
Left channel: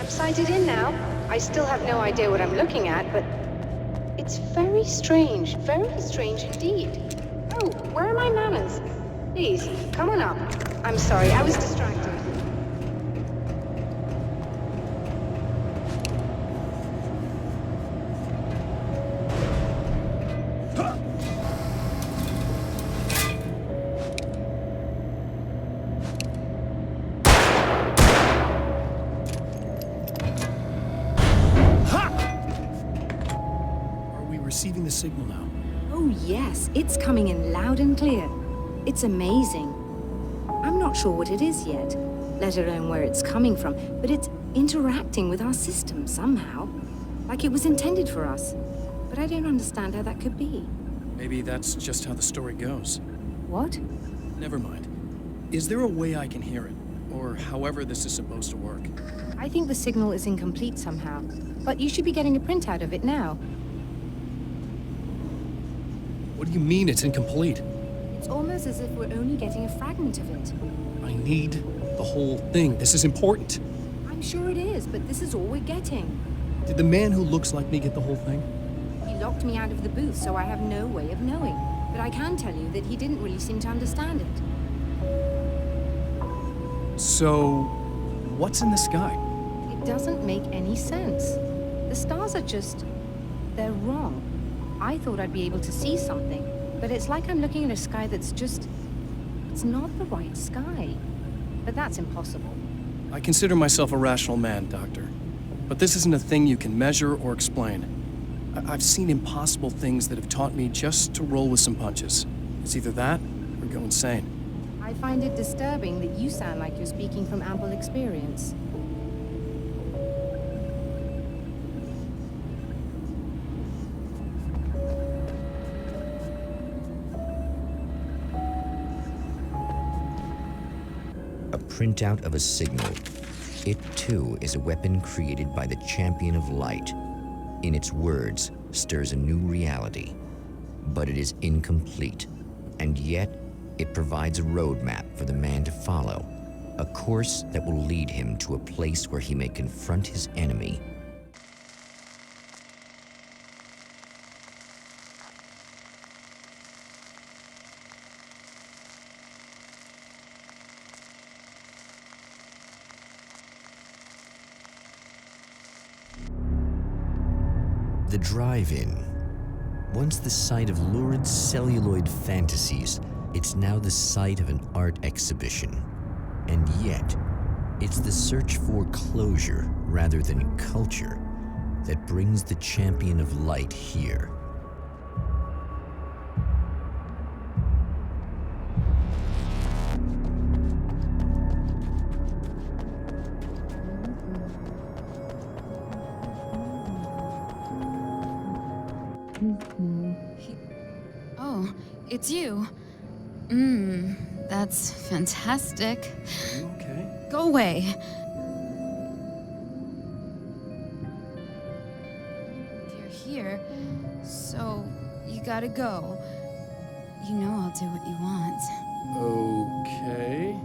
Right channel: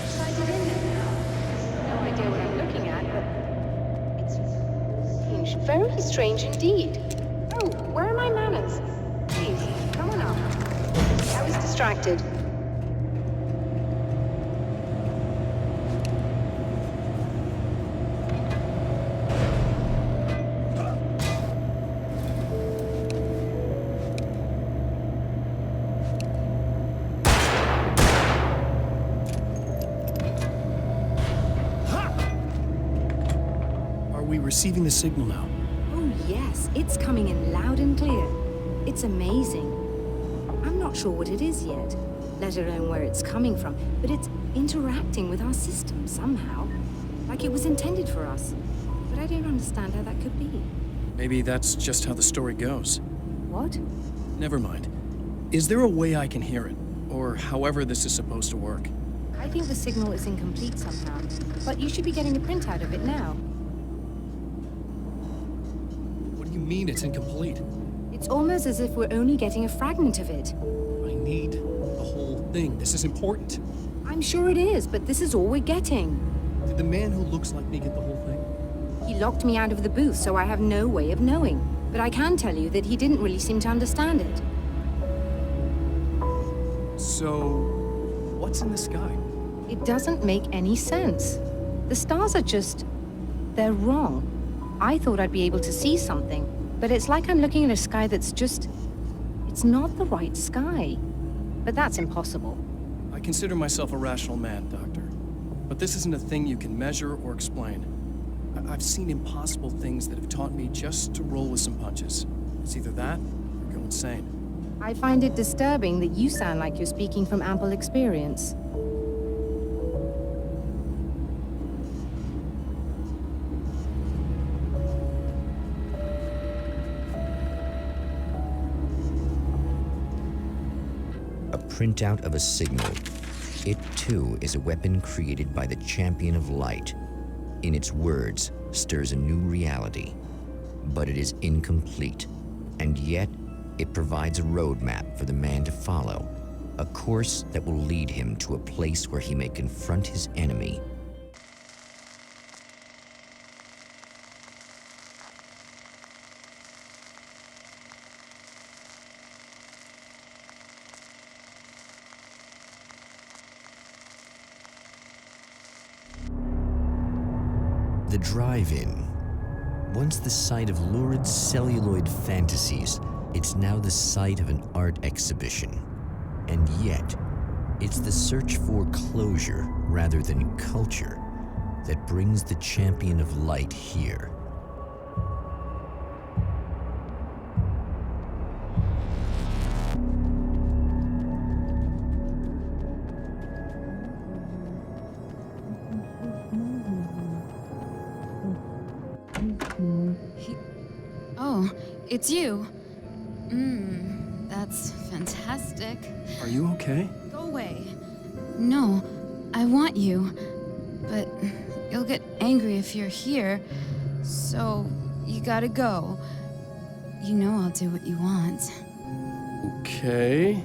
Sighted in now. I still have no idea what I'm looking at, but it's very strange indeed. Oh, where are my manners? Please, come on up. I'm sorry, I was distracted. Receiving the signal now. Oh yes, it's coming in loud and clear. It's amazing. I'm not sure what it is yet, let alone where it's coming from, but it's interacting with our system somehow. Like it was intended for us. But I don't understand how that could be. Maybe that's just how the story goes. What? Never mind. Is there a way I can hear it? Or however this is supposed to work? I think the signal is incomplete somehow, but you should be getting a printout of it now. What do you mean it's incomplete? It's almost as if we're only getting a fragment of it. I need the whole thing. This is important. I'm sure it is, but this is all we're getting. Did the man who looks like me get the whole thing? He locked me out of the booth, so I have no way of knowing. But I can tell you that he didn't really seem to understand it. So, what's in the sky? It doesn't make any sense. The stars are just... they're wrong. I thought I'd be able to see something, but it's like I'm looking at a sky that's just... it's not the right sky. But that's impossible. I consider myself a rational man, Doctor. But this isn't a thing you can measure or explain. I've seen impossible things that have taught me just to roll with some punches. It's either that or go insane. I find it disturbing that you sound like you're speaking from ample experience. A printout of a signal. It, too, is a weapon created by the Champion of Light. In its words, stirs a new reality. But it is incomplete, and yet it provides a roadmap for the man to follow, a course that will lead him to a place where he may confront his enemy. The drive-in. Once the site of lurid celluloid fantasies, it's now the site of an art exhibition. And yet, it's the search for closure rather than culture that brings the Champion of Light here. Oh, it's you. That's fantastic. Are you okay? Go away. No, I want you. But you'll get angry if you're here. So, you gotta go. You know I'll do what you want. Okay.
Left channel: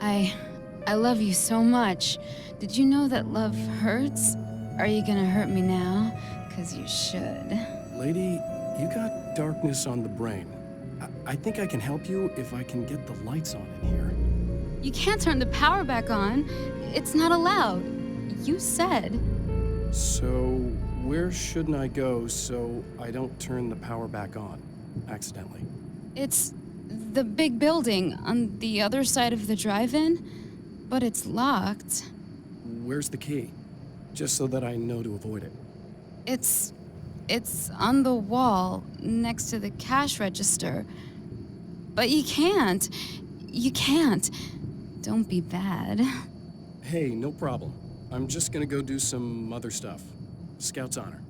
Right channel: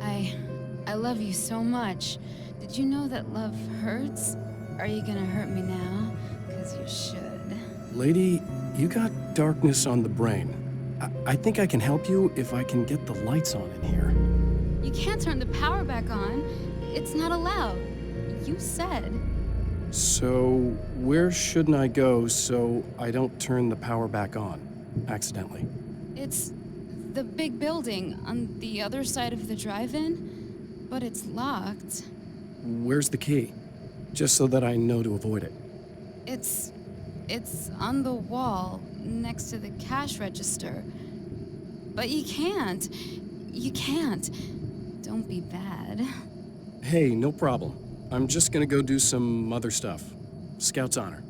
I love you so much. Did you know that love hurts? Are you gonna hurt me now? 'Cause you should. Lady, you got darkness on the brain. I think I can help you if I can get the lights on in here. You can't turn the power back on. It's not allowed. You said. So, where shouldn't I go so I don't turn the power back on accidentally? It's the big building on the other side of the drive-in, but it's locked. Where's the key? Just so that I know to avoid it. It's on the wall next to the cash register. But you can't. You can't. Don't be bad. Hey, no problem. I'm just gonna go do some other stuff. Scout's honor.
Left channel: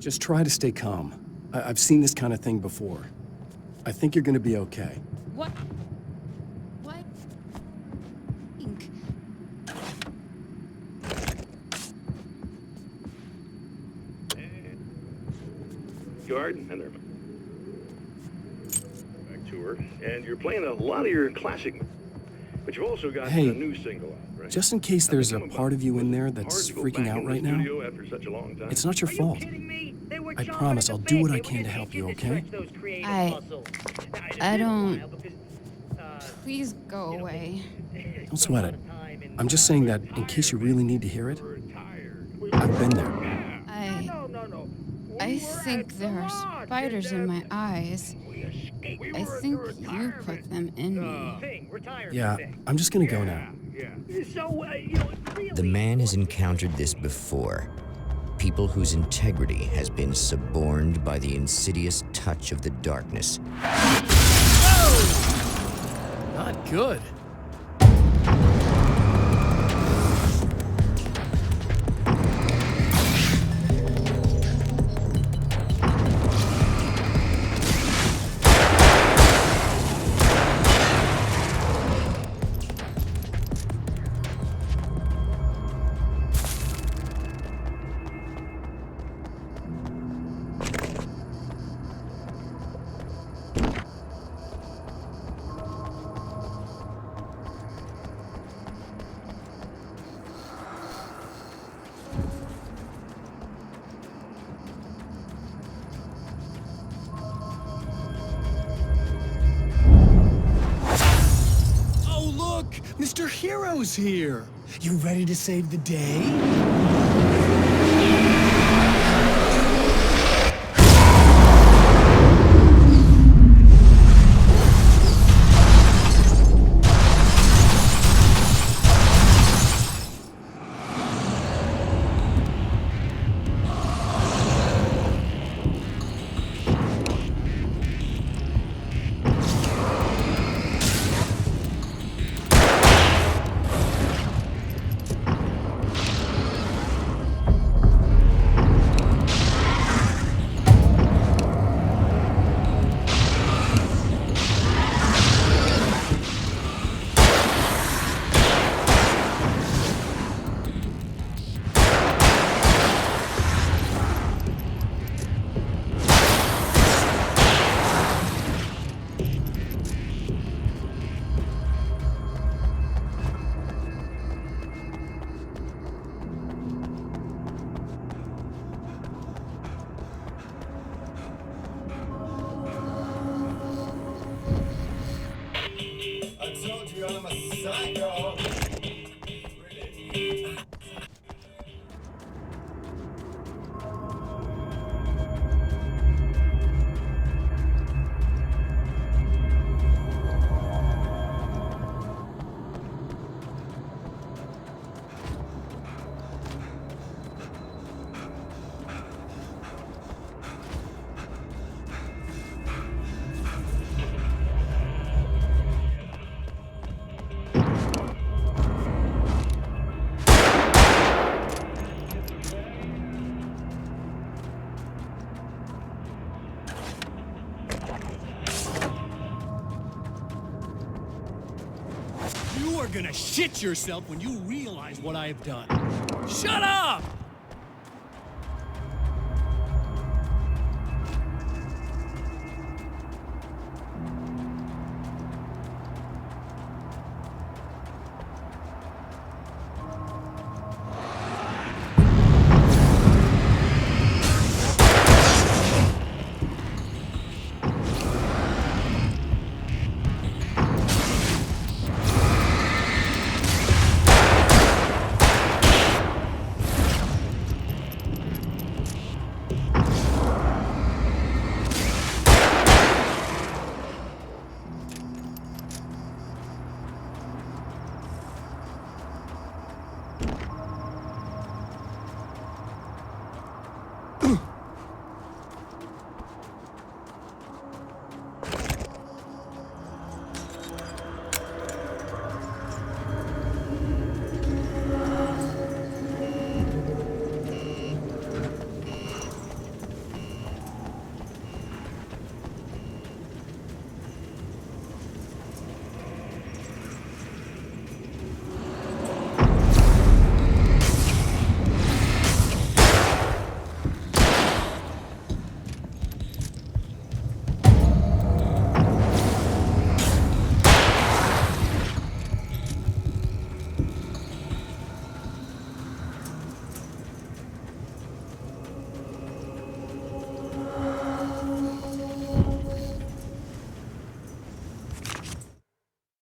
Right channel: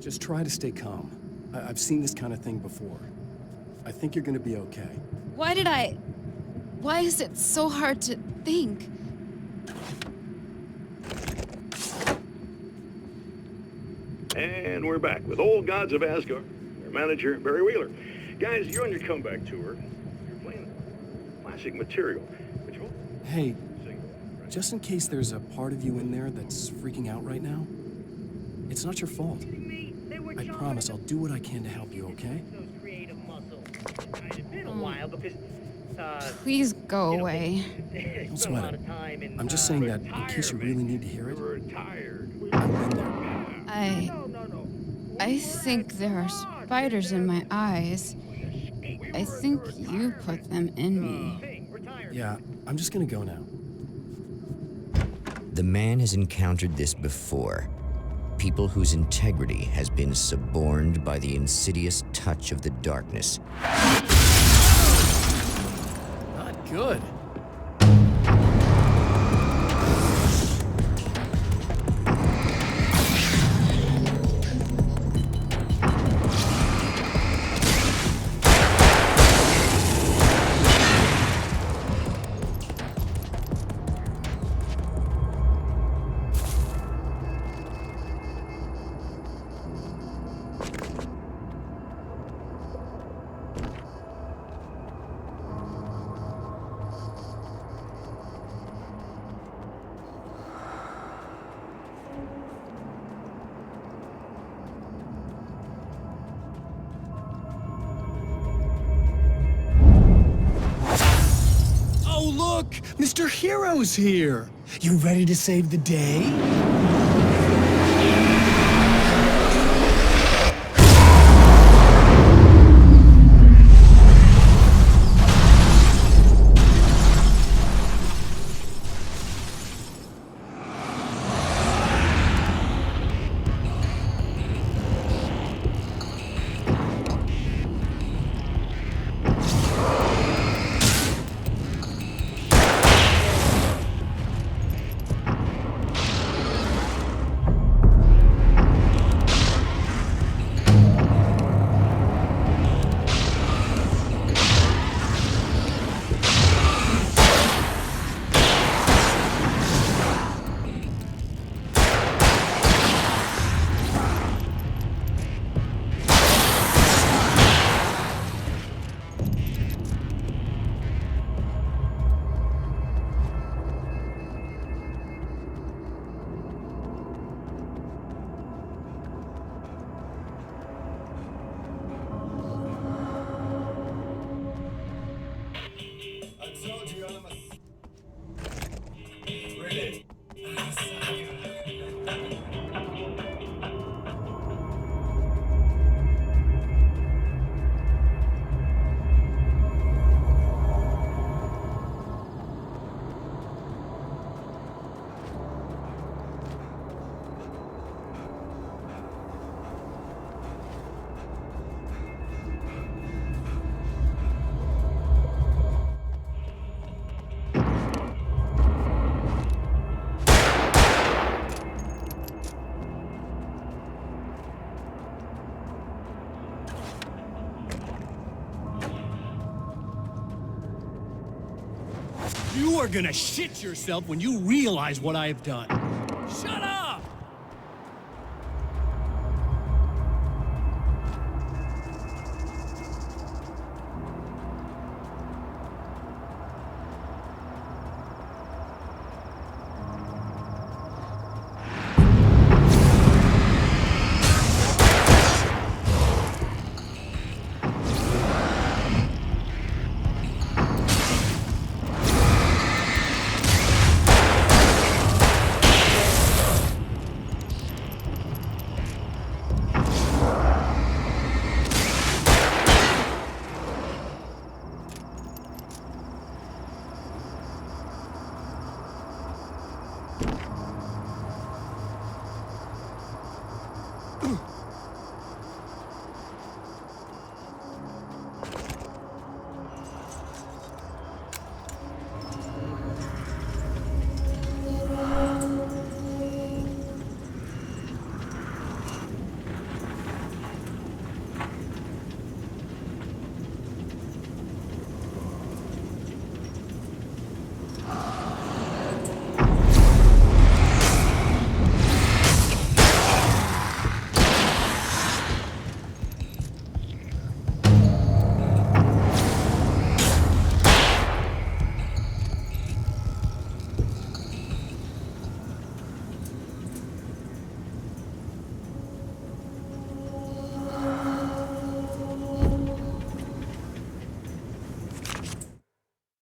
Just try to stay calm. I've seen this kind of thing before. I think you're gonna be okay. Why is it so hard to think? And we're back with Old Gods of Asgard and their manager, Barry Wheeler. Guys, you're on your comeback tour, and you're playing a lot of your classic material, but you've also got a new single out, right? Just in case there's a part of you in there that's freaking out right now, it's not your fault. I promise I'll do what I can to help you, okay? I don't... Please go away. Don't sweat it. I'm just saying that in case you really need to hear it, I've been there. I think there are spiders in my eyes. I think you put them in me. Yeah, I'm just gonna go now. The man has encountered this before. People whose integrity has been suborned by the insidious touch of the darkness. Not good. Look! Mr. Hero's here! You ready to save the day? You are gonna shit yourself when you realize what I have done. Shut up!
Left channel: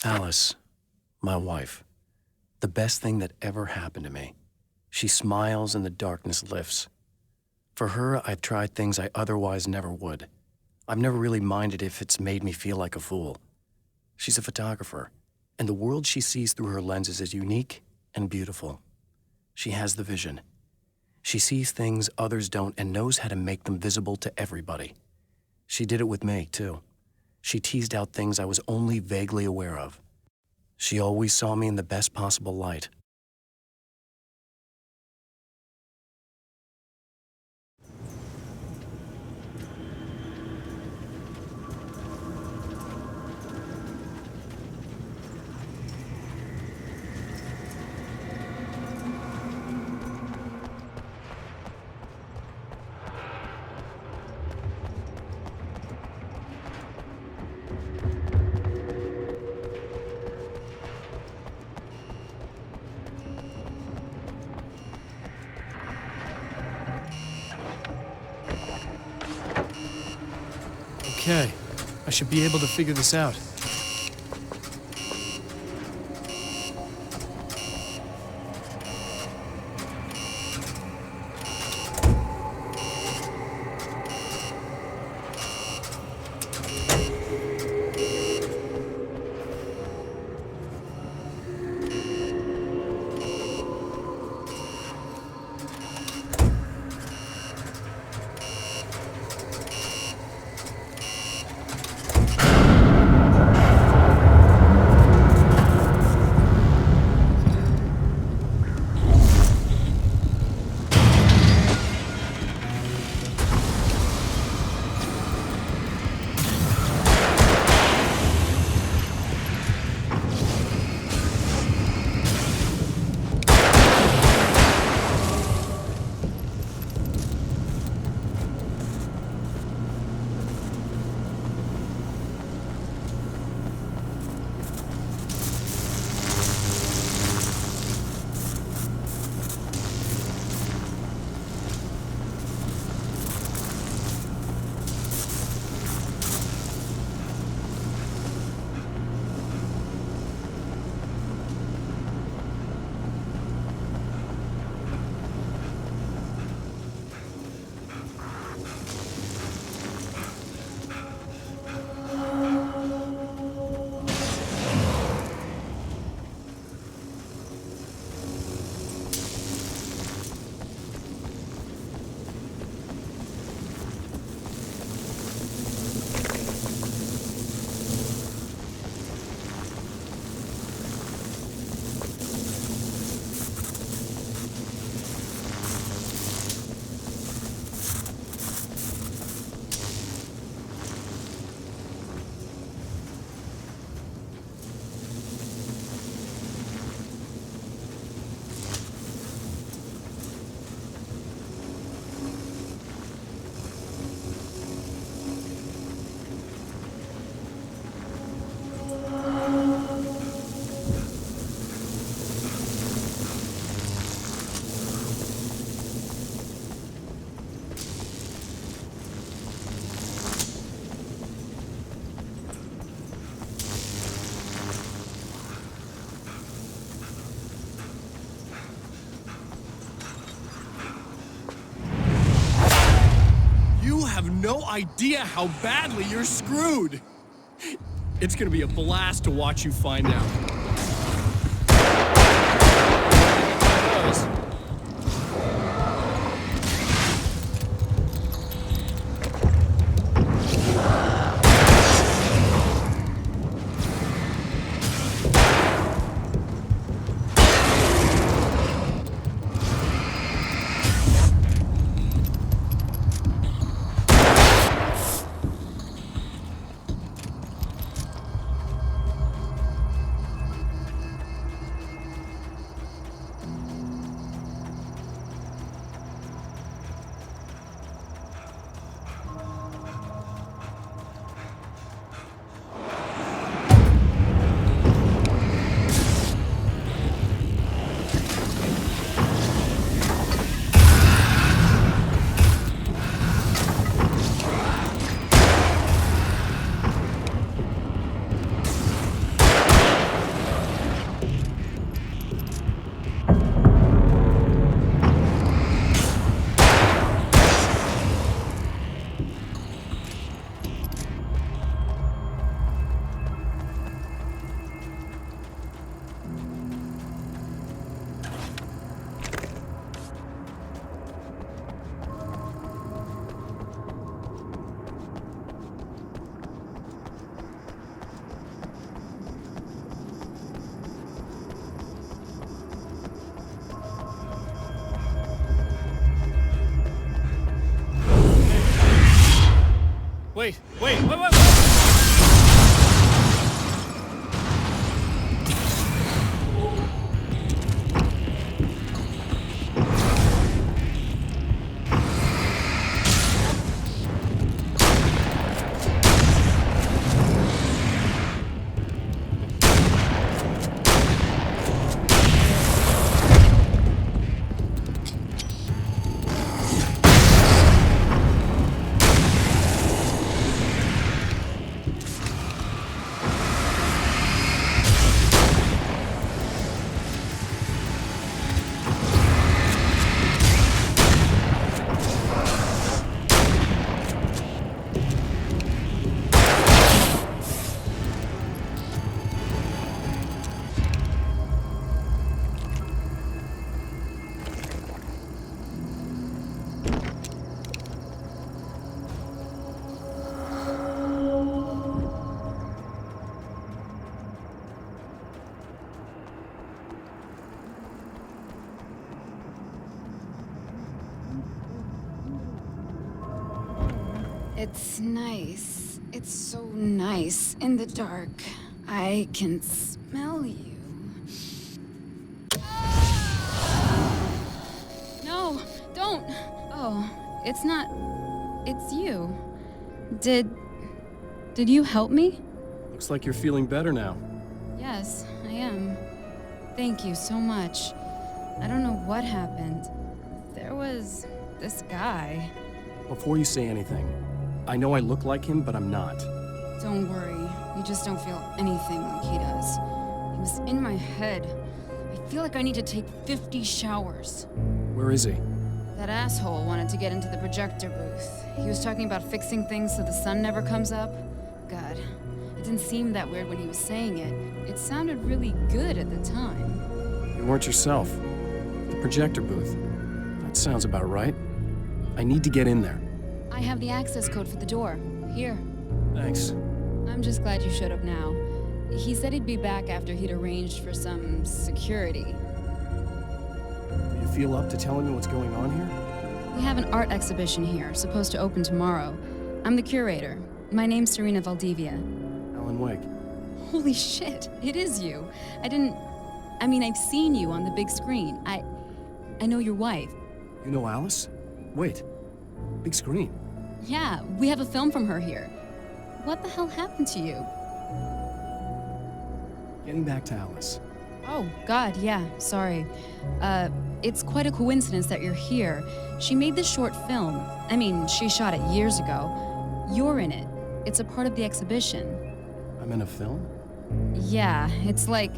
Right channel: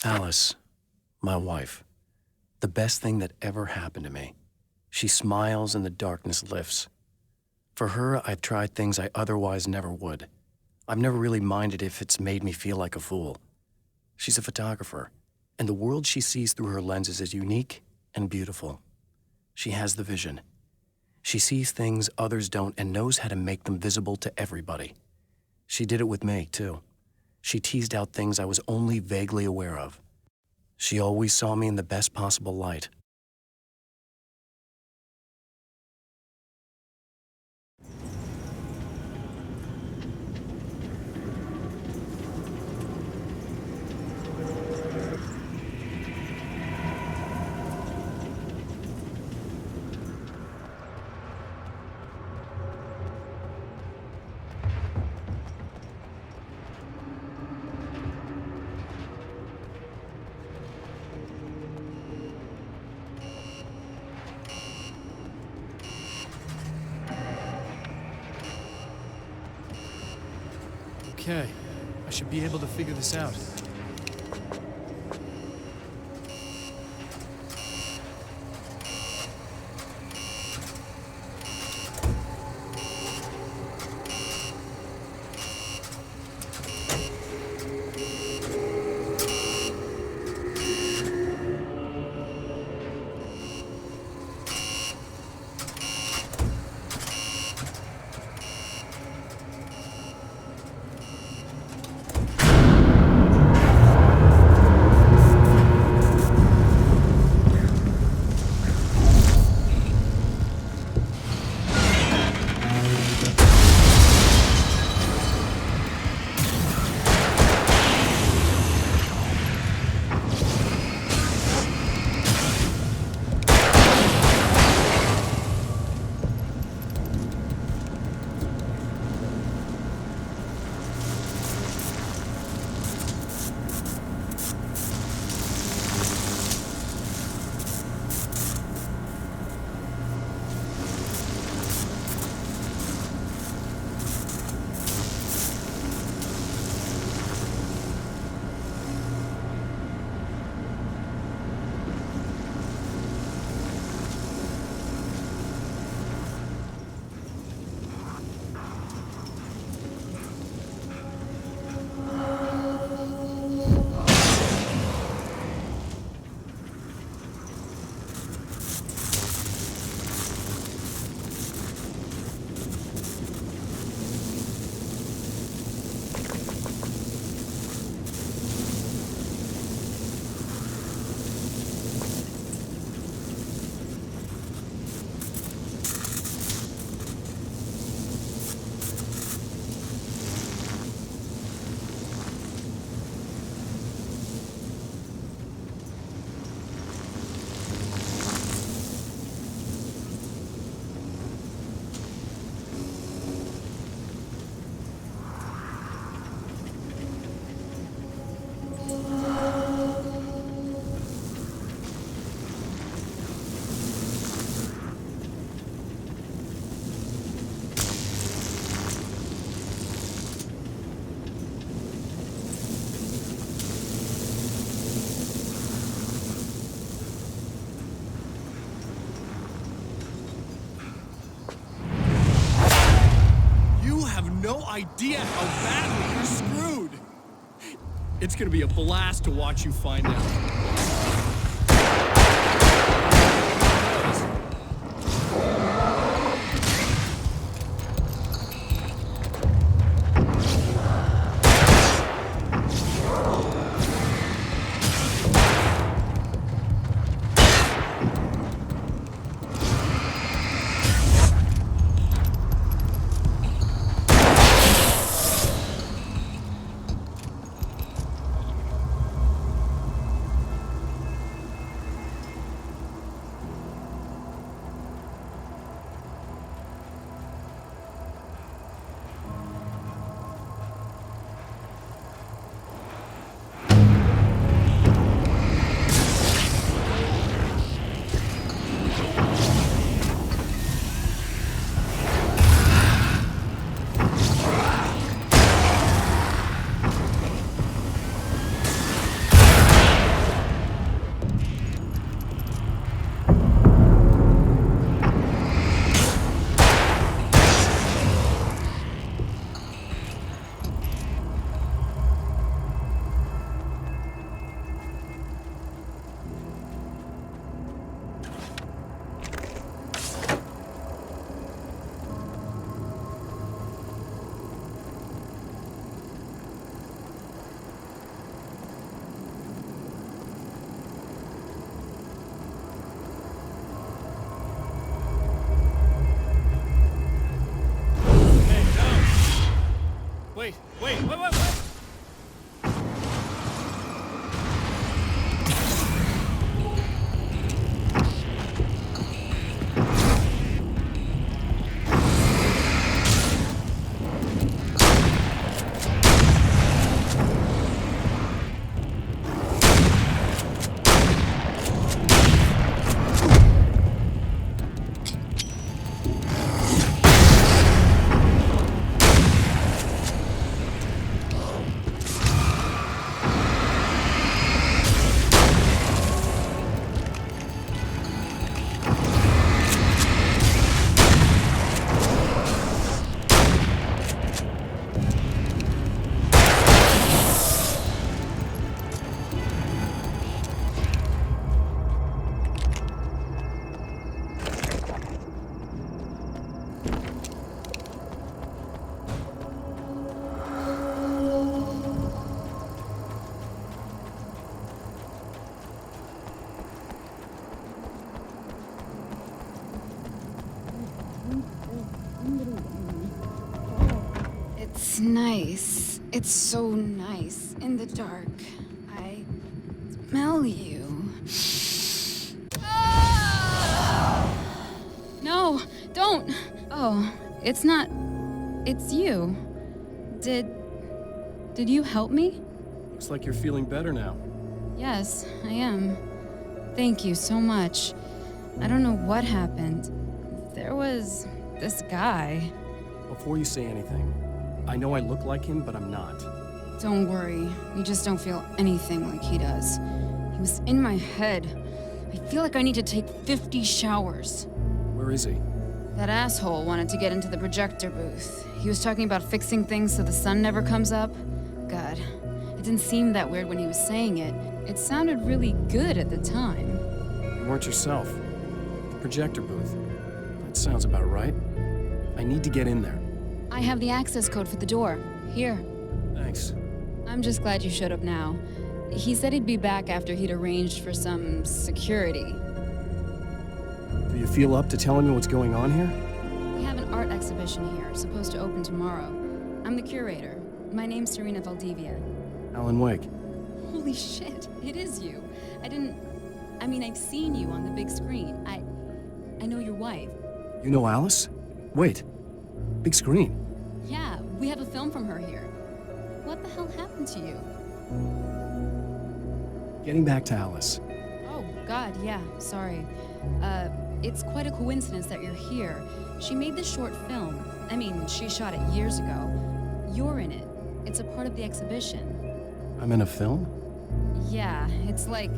Alice, my wife, the best thing that ever happened to me. She smiles and the darkness lifts. For her, I've tried things I otherwise never would. I've never really minded if it's made me feel like a fool. She's a photographer, and the world she sees through her lenses is unique and beautiful. She has the vision. She sees things others don't and knows how to make them visible to everybody. She did it with me, too. She teased out things I was only vaguely aware of. She always saw me in the best possible light. Okay, I should be able to figure this out. have no idea how badly you're screwed. It's gonna be a blast to watch you find out. Wait. It's nice. It's so nice in the dark. I can smell you. No, don't! Oh, it's not... It's you. Did you help me? Looks like you're feeling better now. Yes, I am. Thank you so much. I don't know what happened. There was this guy. Before you say anything, I know I look like him, but I'm not. Don't worry. You just don't feel anything like he does. He was in my head. I feel like I need to take 50 showers. Where is he? That asshole wanted to get into the projector booth. He was talking about fixing things so the sun never comes up. God, it didn't seem that weird when he was saying it. It sounded really good at the time. You weren't yourself. The projector booth. That sounds about right. I need to get in there. I have the access code for the door. Here. Thanks. I'm just glad you showed up now. He said he'd be back after he'd arranged for some security. Do you feel up to telling me what's going on here? We have an art exhibition here, supposed to open tomorrow. I'm the curator. My name's Serena Valdivia. Alan Wake. Holy shit, it is you. I've seen you on the big screen. I know your wife. You know Alice? Wait. Big screen. Yeah, we have a film from her here. What the hell happened to you? Getting back to Alice. Oh, God, yeah, sorry. It's quite a coincidence that you're here. She made this short film. She shot it years ago. You're in it. It's a part of the exhibition. I'm in a film? Yeah, it's like...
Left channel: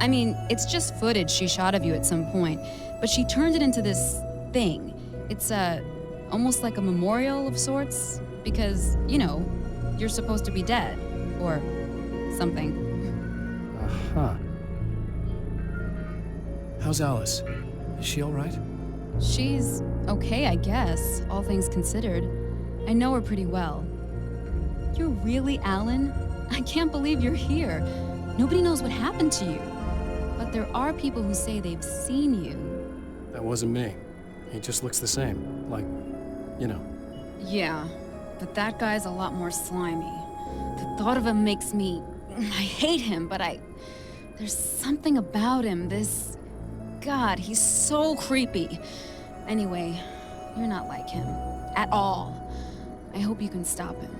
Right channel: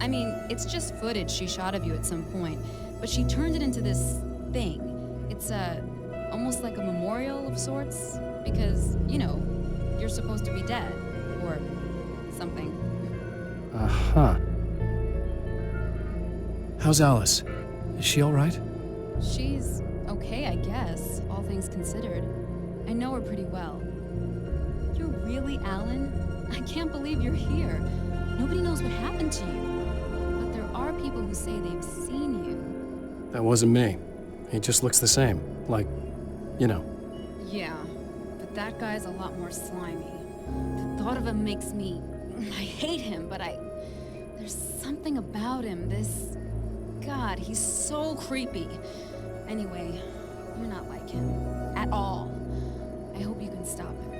it's just footage she shot of you at some point, but she turned it into this thing. It's almost like a memorial of sorts, because, you know, you're supposed to be dead, or something. Uh-huh. How's Alice? Is she all right? She's okay, I guess, all things considered. I know her pretty well. You're really Alan? I can't believe you're here. Nobody knows what happened to you. But there are people who say they've seen you. That wasn't me. He just looks the same. Like, you know. Yeah, but that guy's a lot more slimy. The thought of him makes me... I hate him, but there's something about him, this... God, he's so creepy. Anyway, you're not like him. At all. I hope you can stop him.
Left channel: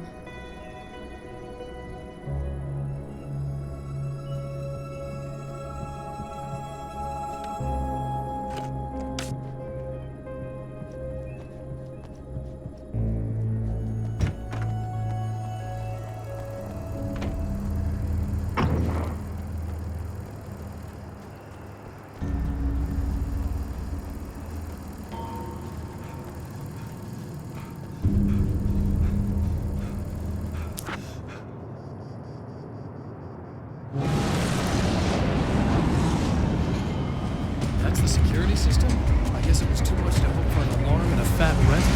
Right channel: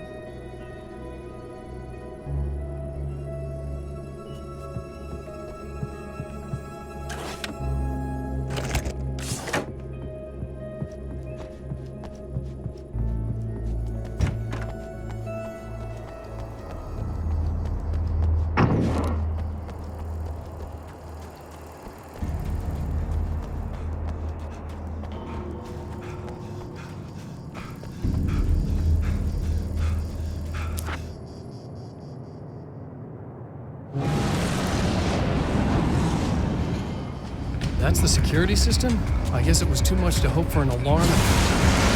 That's the security system? I guess it was too much to hope for an alarm and a fat...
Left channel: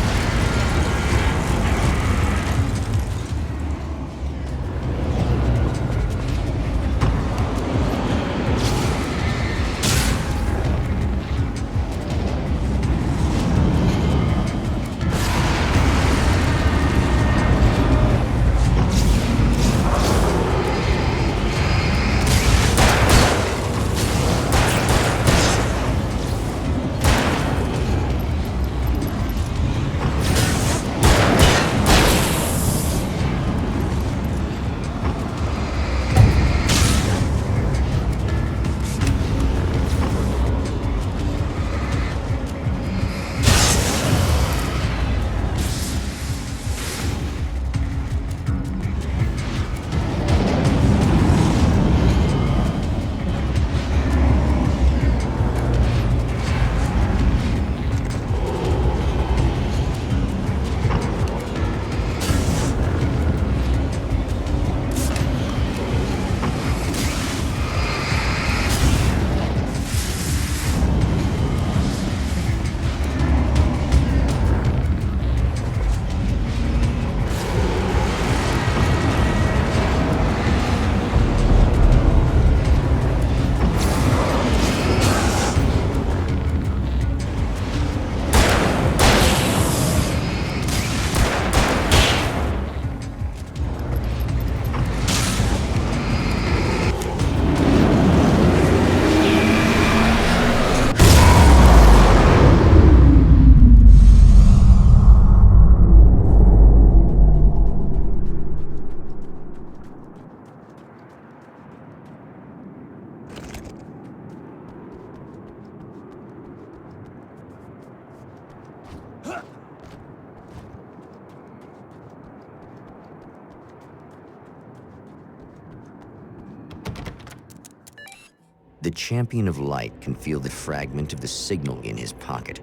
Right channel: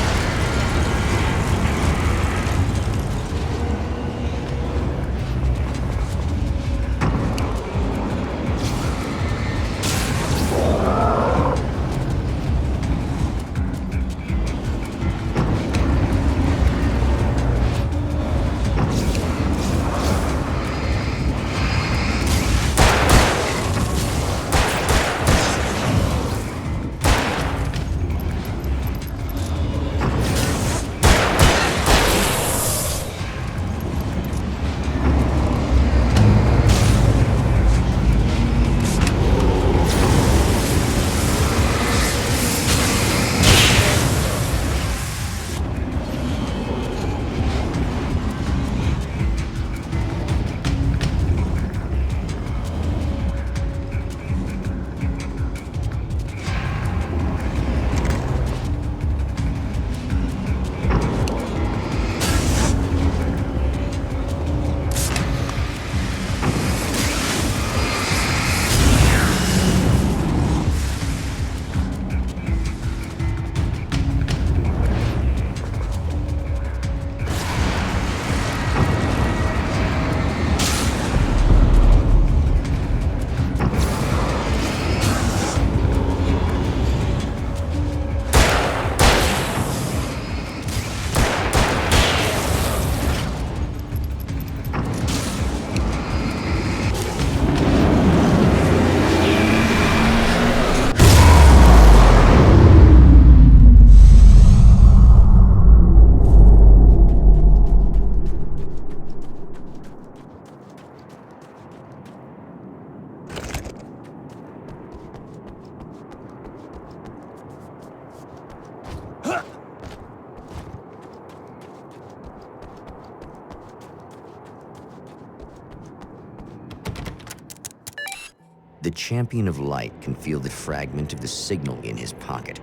The Champion of Light can feel the fragment of the signal in his pocket,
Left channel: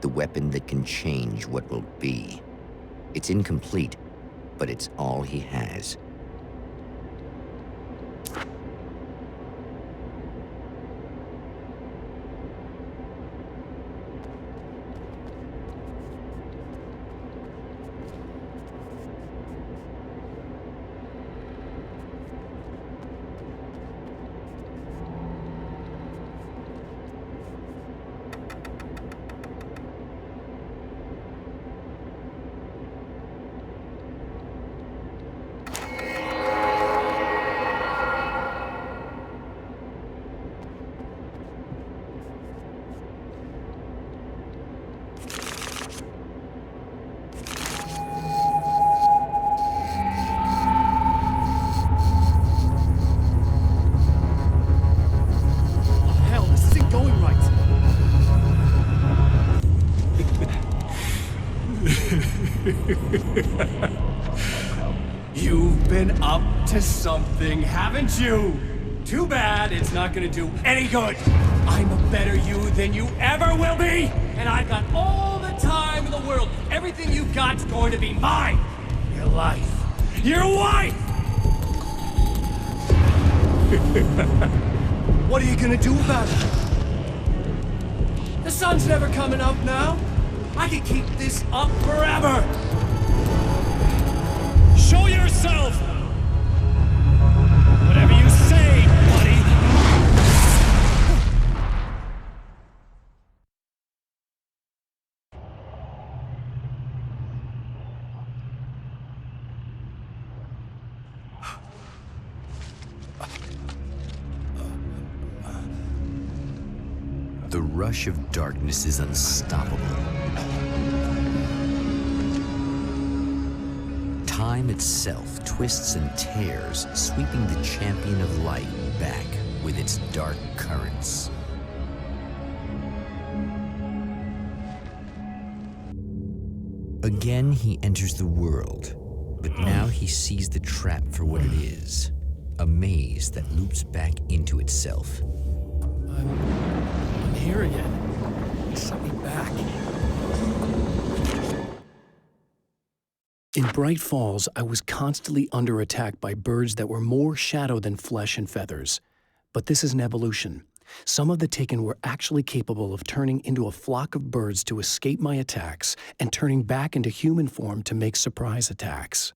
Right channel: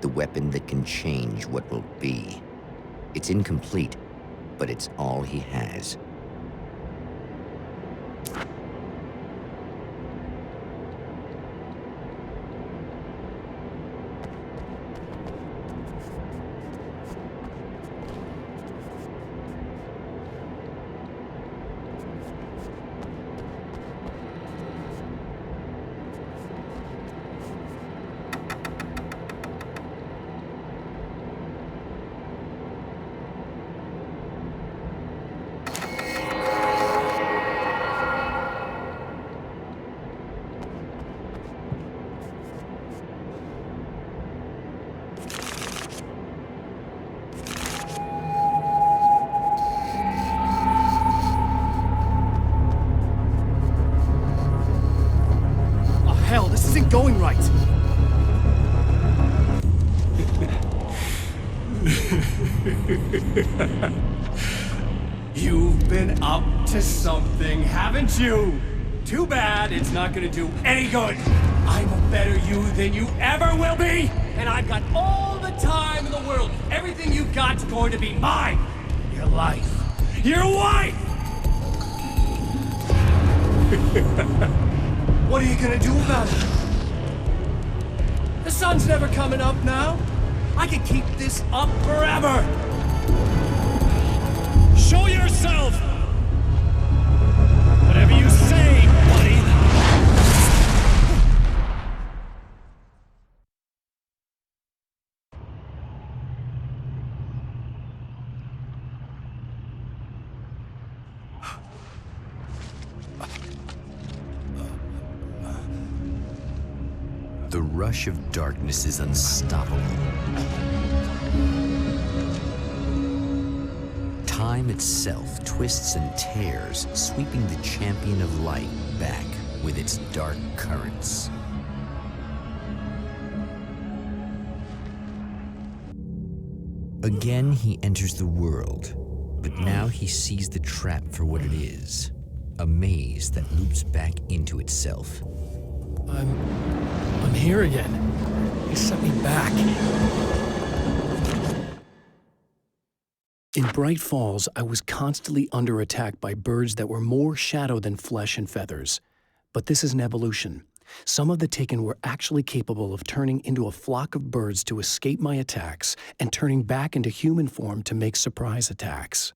the weapon that can change what will be. It's incomplete, but it's all he has. Going right. You've been up to something, haven't you? Too bad it's not gonna do any good. I'm a better you than you ever will be, and I've got all the the time in the world. Everything you've got's going to be mine. Your life. Your wife! What are you gonna do about it? The sun's never coming up now. I can keep this up forever. Show yourself! Whatever you say, buddy. The rush of darkness is unstoppable. Time itself twists and tears, sweeping the champion of light back with its dark currents. Again, he enters the world, but now he sees the trap for what it is, a maze that loops back into itself. I'm here again. He sent me back. In Bright Falls, I was constantly under attack by birds that were more shadow than flesh and feathers. But this is an evolution. Some of the Taken were actually capable of turning into a flock of birds to escape my attacks and turning back into human form to make surprise attacks.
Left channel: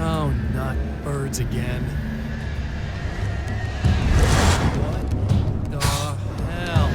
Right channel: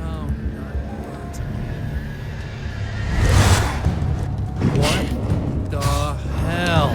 Oh, not birds again. What the hell?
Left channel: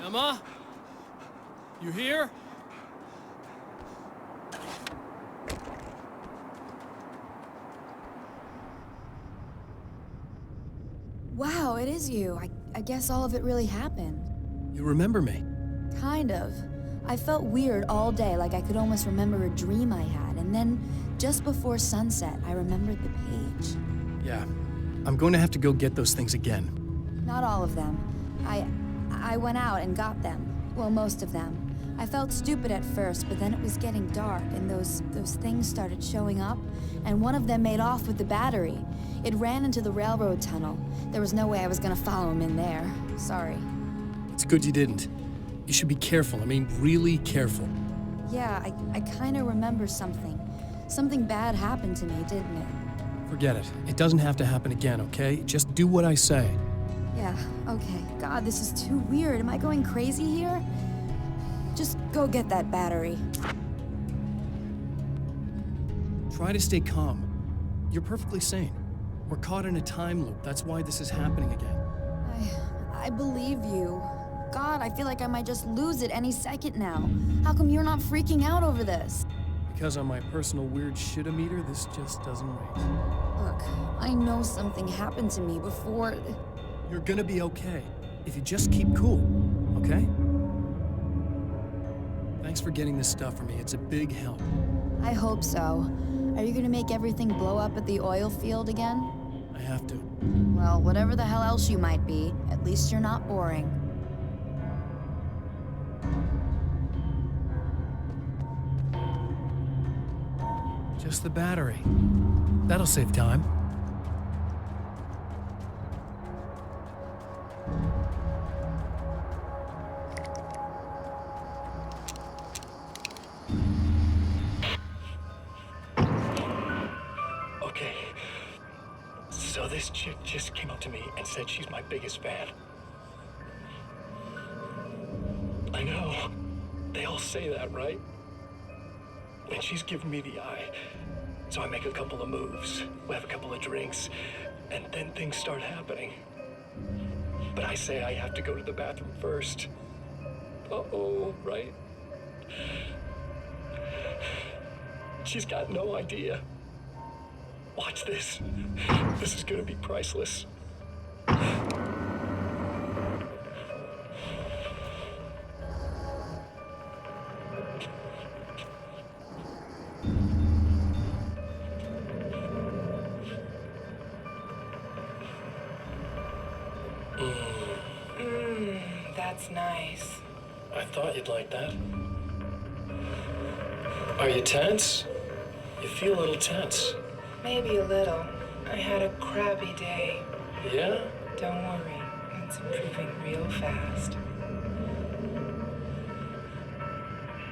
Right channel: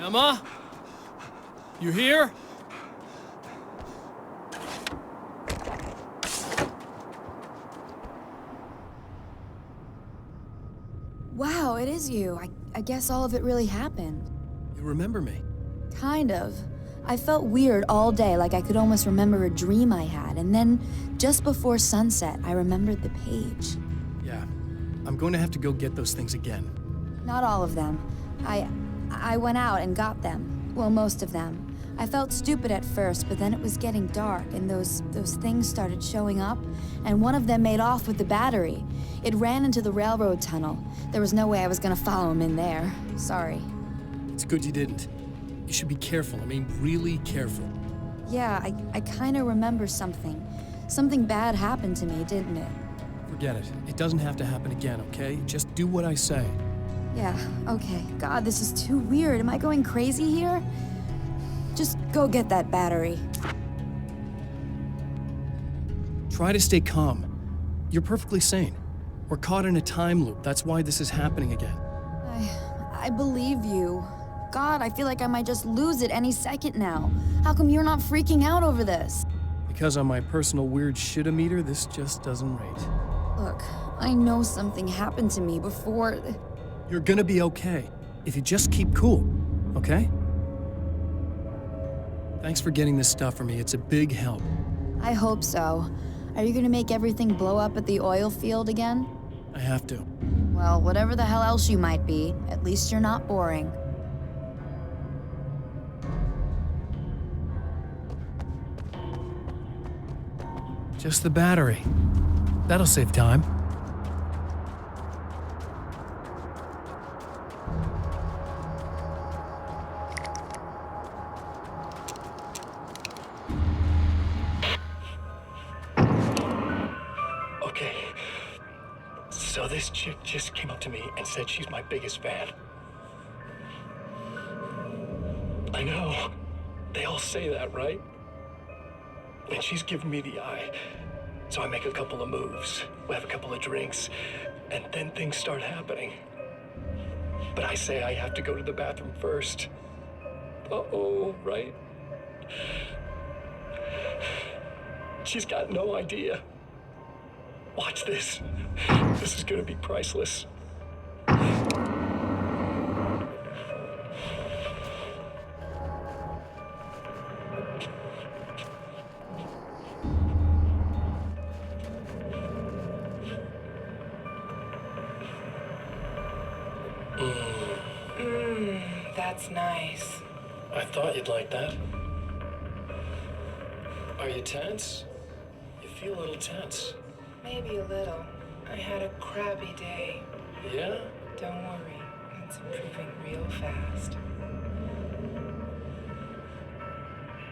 Emma? You here? Wow, it is you. I guess all of it really happened. You remember me? Kind of. I felt weird all day, like I could almost remember a dream I had, and then, just before sunset, I remembered the page. Yeah. I'm going to have to go get those things again. Not all of them. I went out and got them. Well, most of them. I felt stupid at first, but then it was getting dark, and those things started showing up, and one of them made off with the battery. It ran into the railroad tunnel. There was no way I was gonna follow him in there. Sorry. It's good you didn't. You should be careful. I mean, really careful. Yeah, I kinda remember something. Something bad happened to me, didn't it? Forget it. It doesn't have to happen again, okay? Just do what I say. Yeah, okay. God, this is too weird. Am I going crazy here? Just go get that battery. Try to stay calm. You're perfectly sane. We're caught in a time loop. That's why this is happening again. I believe you. God, I feel like I might just lose it any second now. How come you're not freaking out over this? Because on my personal weird shit-o-meter, this just doesn't rate. Look, I know something happened to me before. You're gonna be okay if you just keep cool, okay? Thanks for getting this stuff for me. It's a big help. I hope so. Are you gonna make everything blow up at the oil field again? I have to. Well, whatever the hell else you might be, at least you're not boring. Just the battery. That'll save time. Okay. So this chick just came up to me and said she's my biggest fan. I know. They all say that, right? And she's giving me the eye. So I make a couple of moves. We have a couple of drinks. And then things start happening. But I say I have to go to the bathroom first. Uh-oh, right? She's got no idea. Watch this. This is gonna be priceless. That's nice. I thought you'd like that. Are you tense? You feel a little tense. Maybe a little. I had a crabby day. Yeah? Don't worry. It's improving real fast.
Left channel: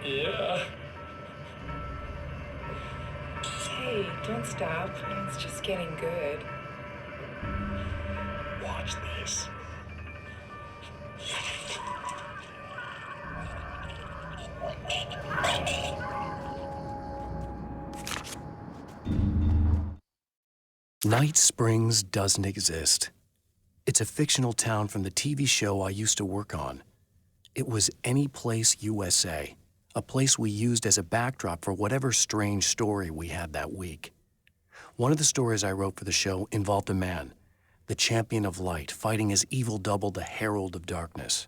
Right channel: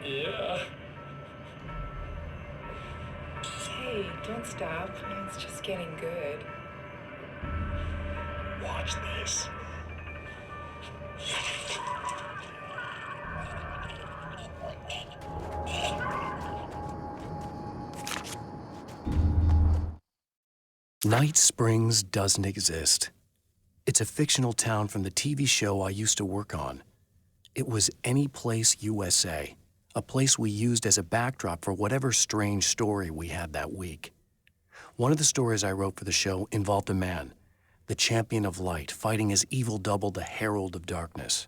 Yeah. Hey, don't stop. It's just getting good. Watch this. Night Springs doesn't exist. It's a fictional town from the TV show I used to work on. It was Any Place USA, a place we used as a backdrop for whatever strange story we had that week. One of the stories I wrote for the show involved a man, the champion of light, fighting his evil double, the herald of darkness.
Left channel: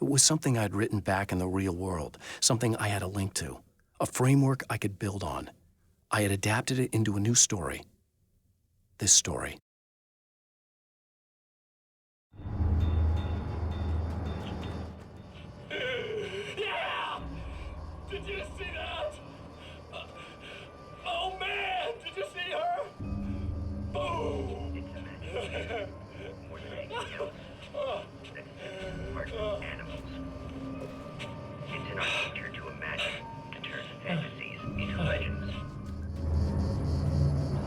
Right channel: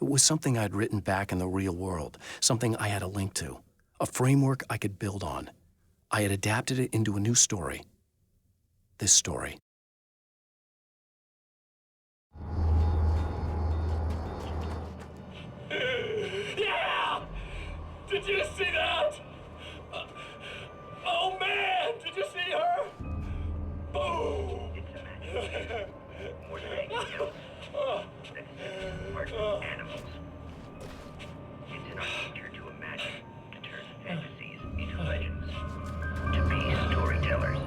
It was something I'd written back in the real world, something I had a link to, a framework I could build on. I had adapted it into a new story. This story. Yeah! Did you see that? Oh man! Did you see her? Boom! More than anything else, that sets apart from animals. It's in our nature to imagine, to turn fantasies into legends, to be storytellers.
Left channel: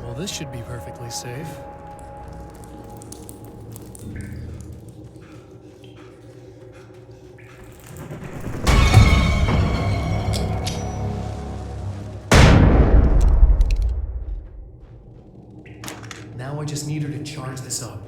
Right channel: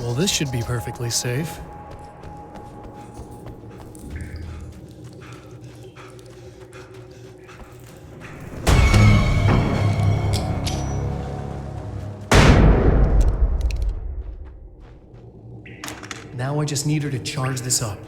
Well, this should be perfectly safe. Now I just need her to charge this up.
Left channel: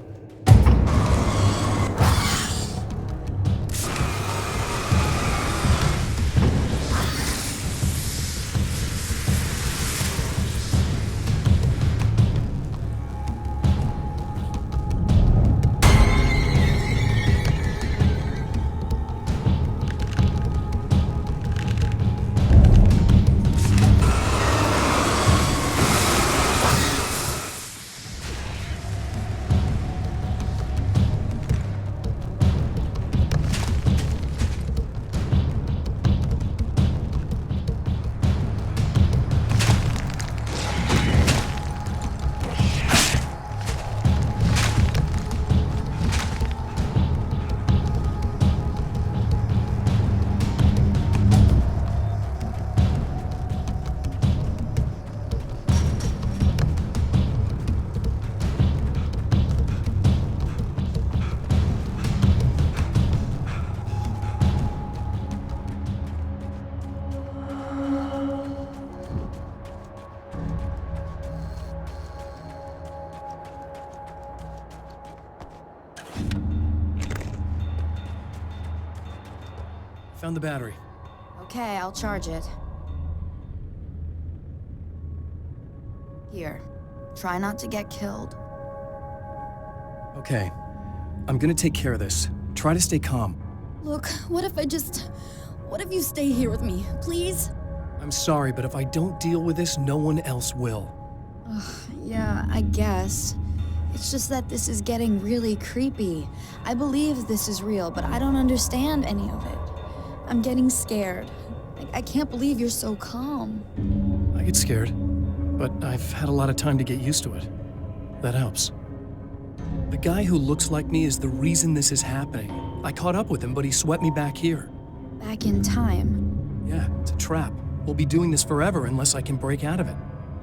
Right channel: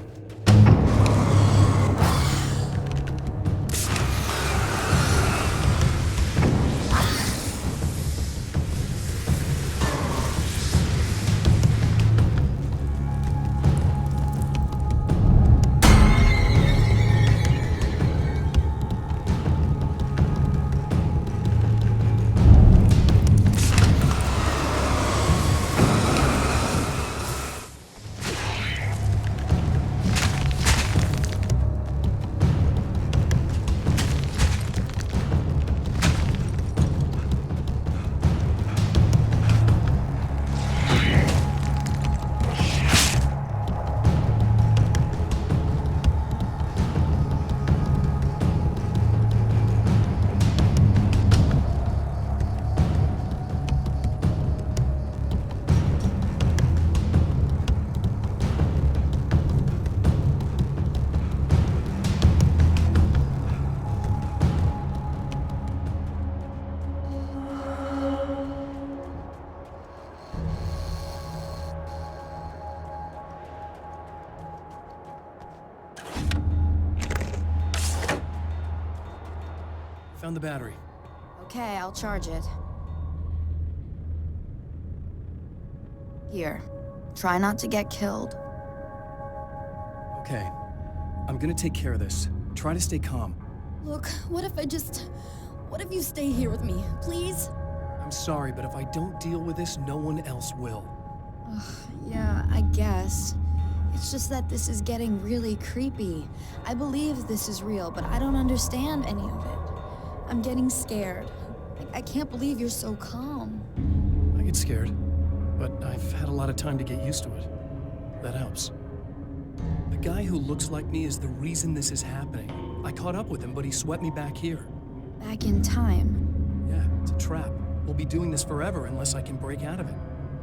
Found the battery. Okay, I'll charge it. Here. Try not to get killed. Okay. I'm gonna take care of this. Try to stay calm. Look, what if you stay here with me, please? I'm sorry, but if I don't deal with this, no one else will. Yeah, I guess. It's just that this is getting really creepy. I believe this is real, but I don't understand any of it. I'm getting scared. I can't believe you're so calm. I get scared, but I've had a lot of time to get used to it. That helps. The guy who looks like me is the reason this is happening. I caught up with him, but he swept me back here. Back in time. Yeah, it's a trap. We'll be doing this forever unless I can break out of it.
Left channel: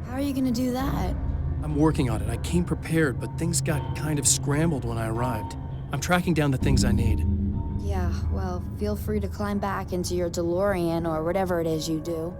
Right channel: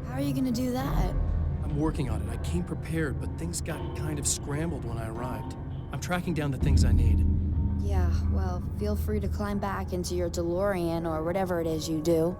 How are you gonna do that? I'm working on it. I came prepared, but things got kind of scrambled when I arrived. I'm tracking down the things I need. Yeah, well, feel free to climb back into your DeLorean or whatever it is you do.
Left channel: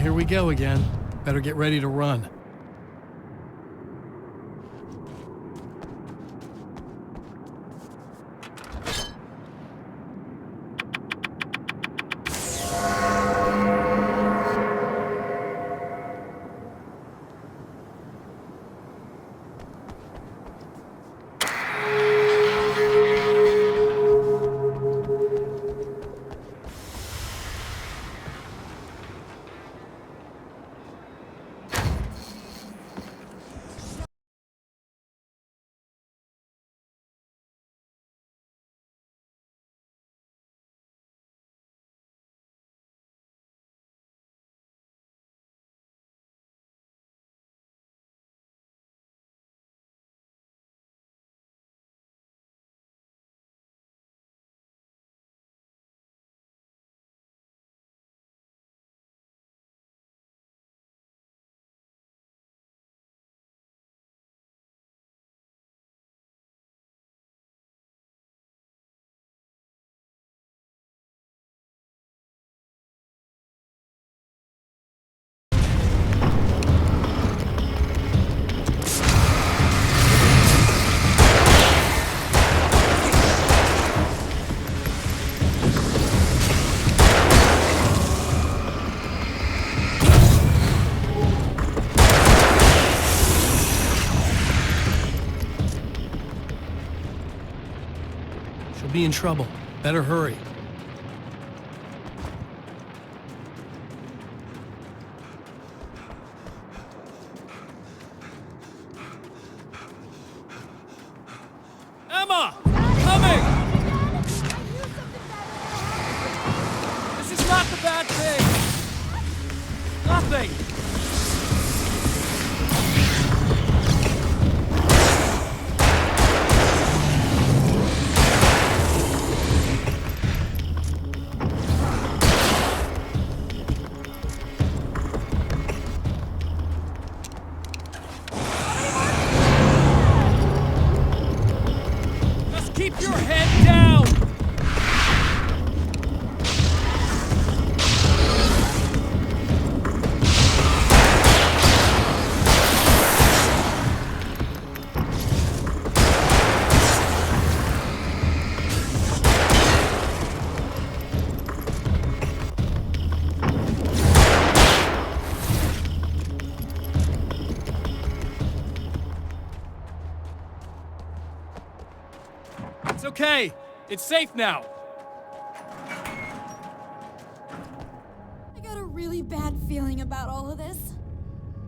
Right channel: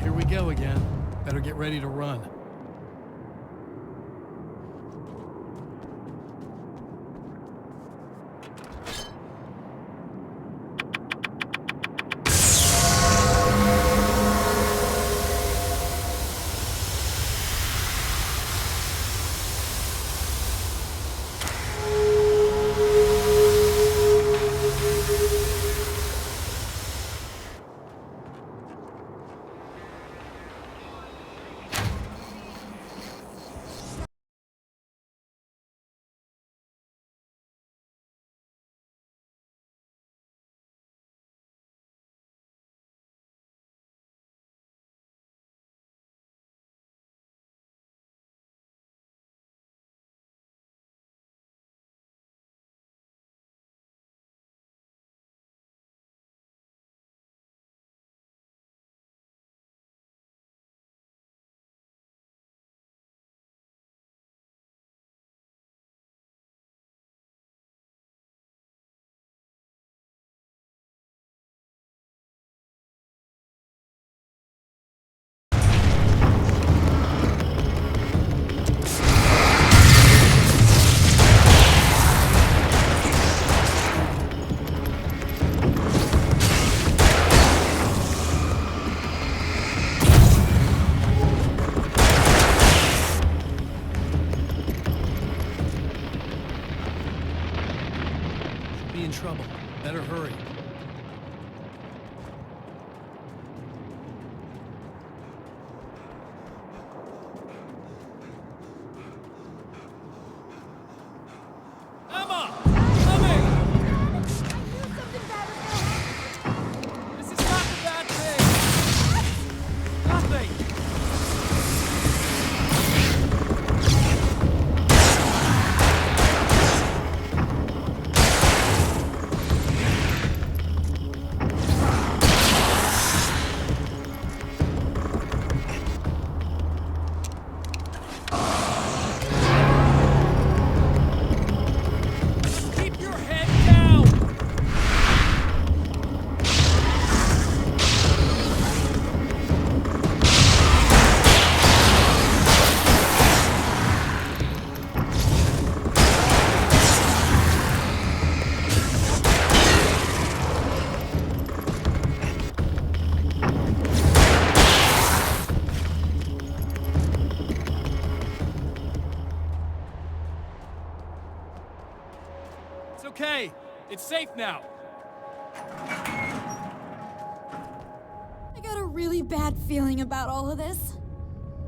Here we go again. Better get ready to run. Be in trouble. Better hurry. Emma! Coming! This is not the bad thing! Nothing! It's okay. It's safe now. I got a really bad feeling about all of this.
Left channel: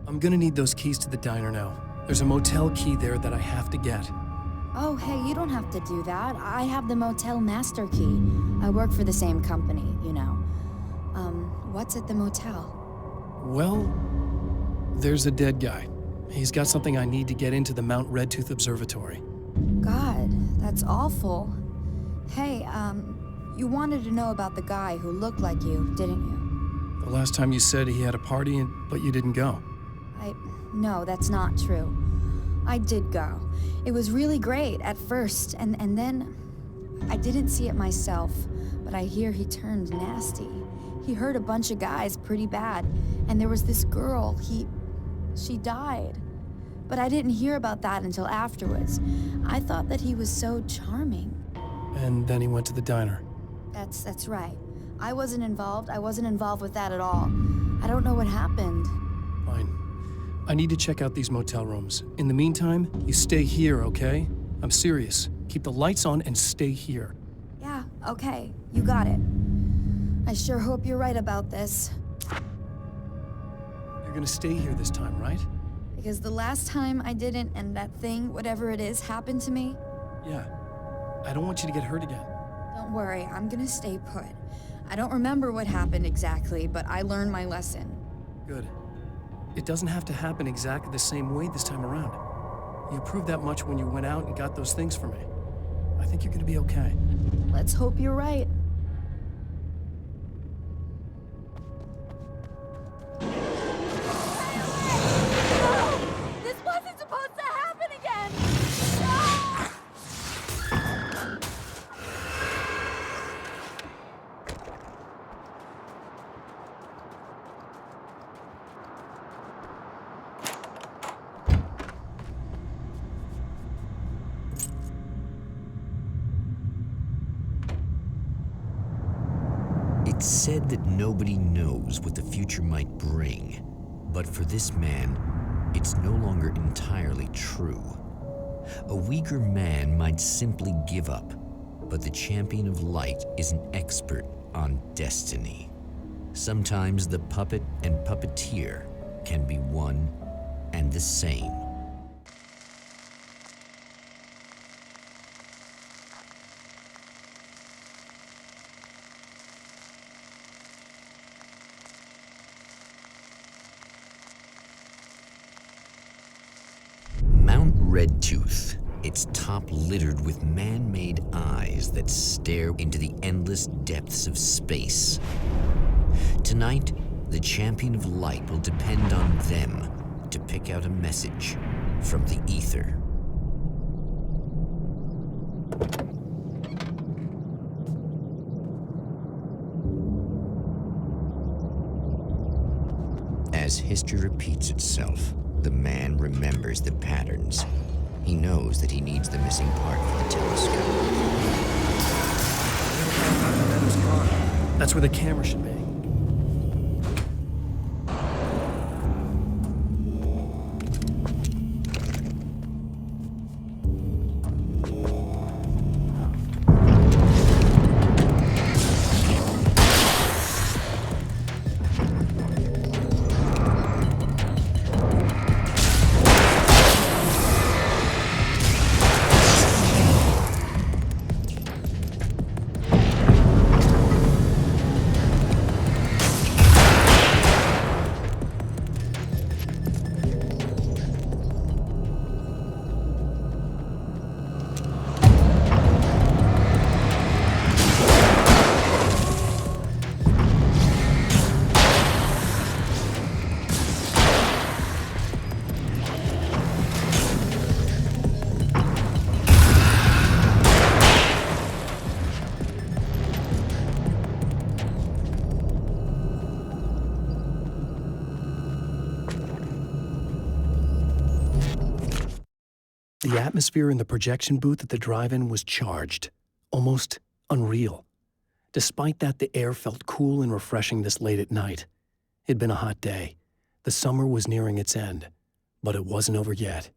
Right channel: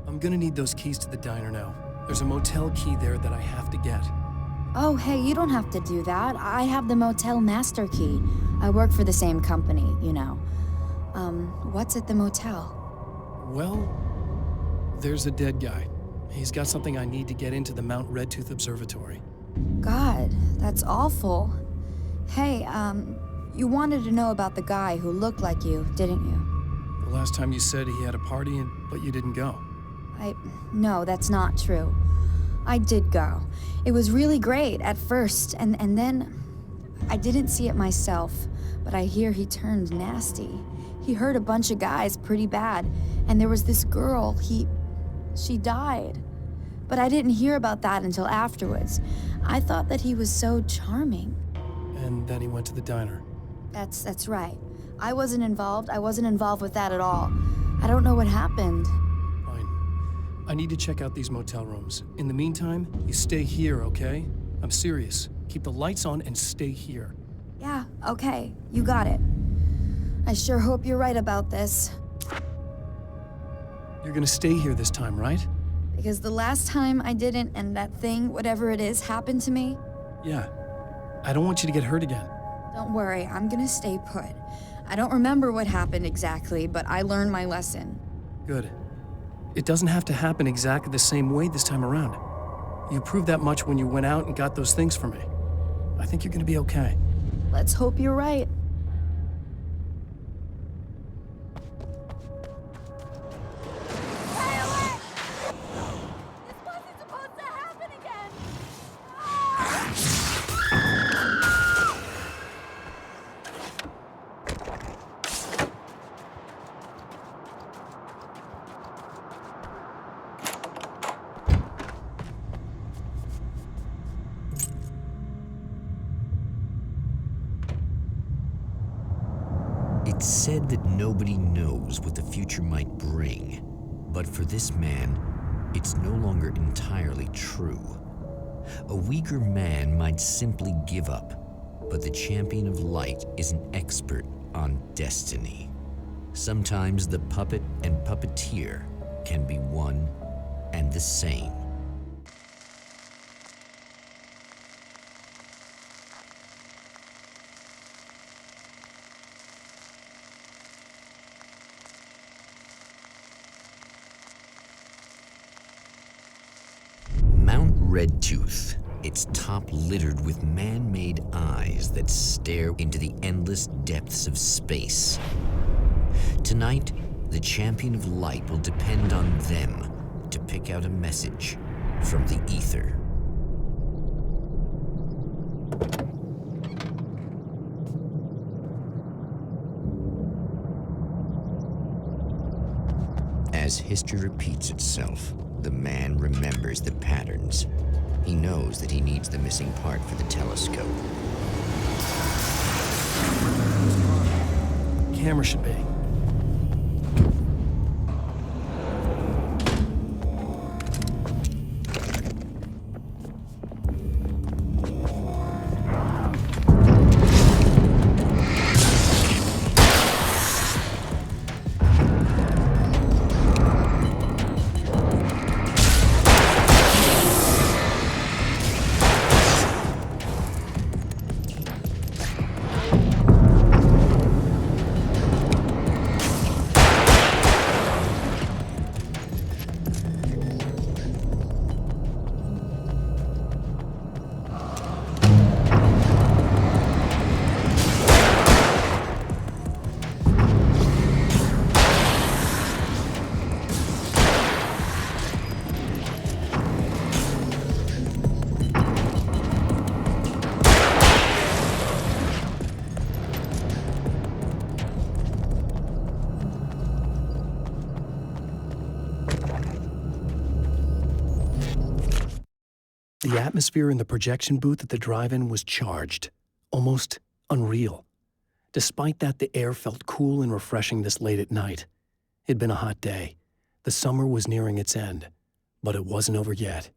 I'm gonna need those keys to the diner now. There's a motel key there that I have to get. Oh, hey, you don't have to do that. I have the motel master key. I work for the same company, you know. What's at the motel? Well, there's a dead guy. He's got something I need to get into the Mount Redtooth Observatory. God, that's awful. Hey, you wanted to know about the guy who looked like you, didn't you? The last time you said he had a party, but you didn't go. No, that's not true. I did go. It was really great at first, and then I didn't see it myself, but I hear he turned nasty. He hurt a bunch of guys pretty bad, and there was this girl, she died. But I didn't hear about that until afterwards. I thought that he was so charming. And then he went to the diner. That's right. I wasn't involved. I wasn't involved with that at all. I don't know what happened. Fine. I need to check out these motel rooms. In the meantime, you stay here, okay? I'm serious. Keep the lights on and stay here. Yeah, okay. You got it. I sure hope you're right about this. You're gonna stay here this time, right? Because the last time I didn't, and that thing, whatever it is, happened to me. Yeah. I don't want you to get hurt again. Don't worry, I'm gonna stay put. I don't remember what happened exactly, but I learned my lesson. Good. It doesn't have to happen exactly the same way this time around. You proved that much when you went out and got those things for me. I think you're gonna be okay. Let's hope you're right. It's said that nobody knows what the future might bring, but for this man, it's no longer entirely true. A weaker man might simply give up, but the champion of light is an expert on destiny. Sometimes the puppet and puppeteer can be one and the same. Mount Redtooth, its top littered with man-made eyes that stare into the endless depths of space. Tonight, the champion of light will depend on them to pick out a message from the ether. As history repeats itself, the man remembers the patterns. He knows that he needs the missing part for the telescope. That's where the camera should be. The atmosphere in the projection booth at the drive-in was charged, almost unreal. Despite that, the air felt cool and refreshing this late at night. It'd been a hot day. The summer was nearing its end, but it wasn't over yet.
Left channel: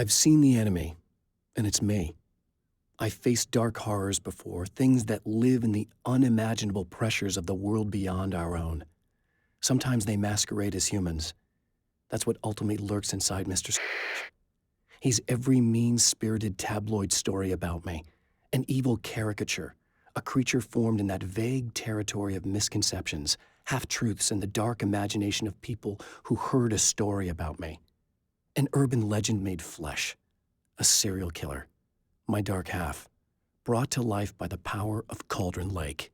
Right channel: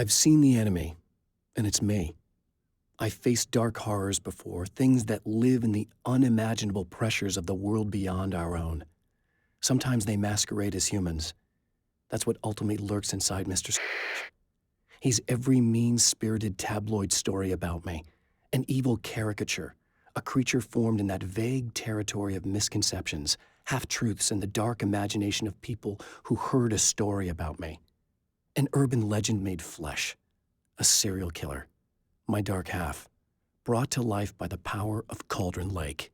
I've seen the enemy, and it's me. I've faced dark horrors before, things that live in the unimaginable pressures of the world beyond our own. Sometimes they masquerade as humans. That's what ultimately lurks inside Mr. He's every mean-spirited tabloid story about me, an evil caricature, a creature formed in that vague territory of misconceptions, half-truths, and the dark imagination of people who heard a story about me. An urban legend made flesh, a serial killer, my dark half, brought to life by the power of Cauldron Lake.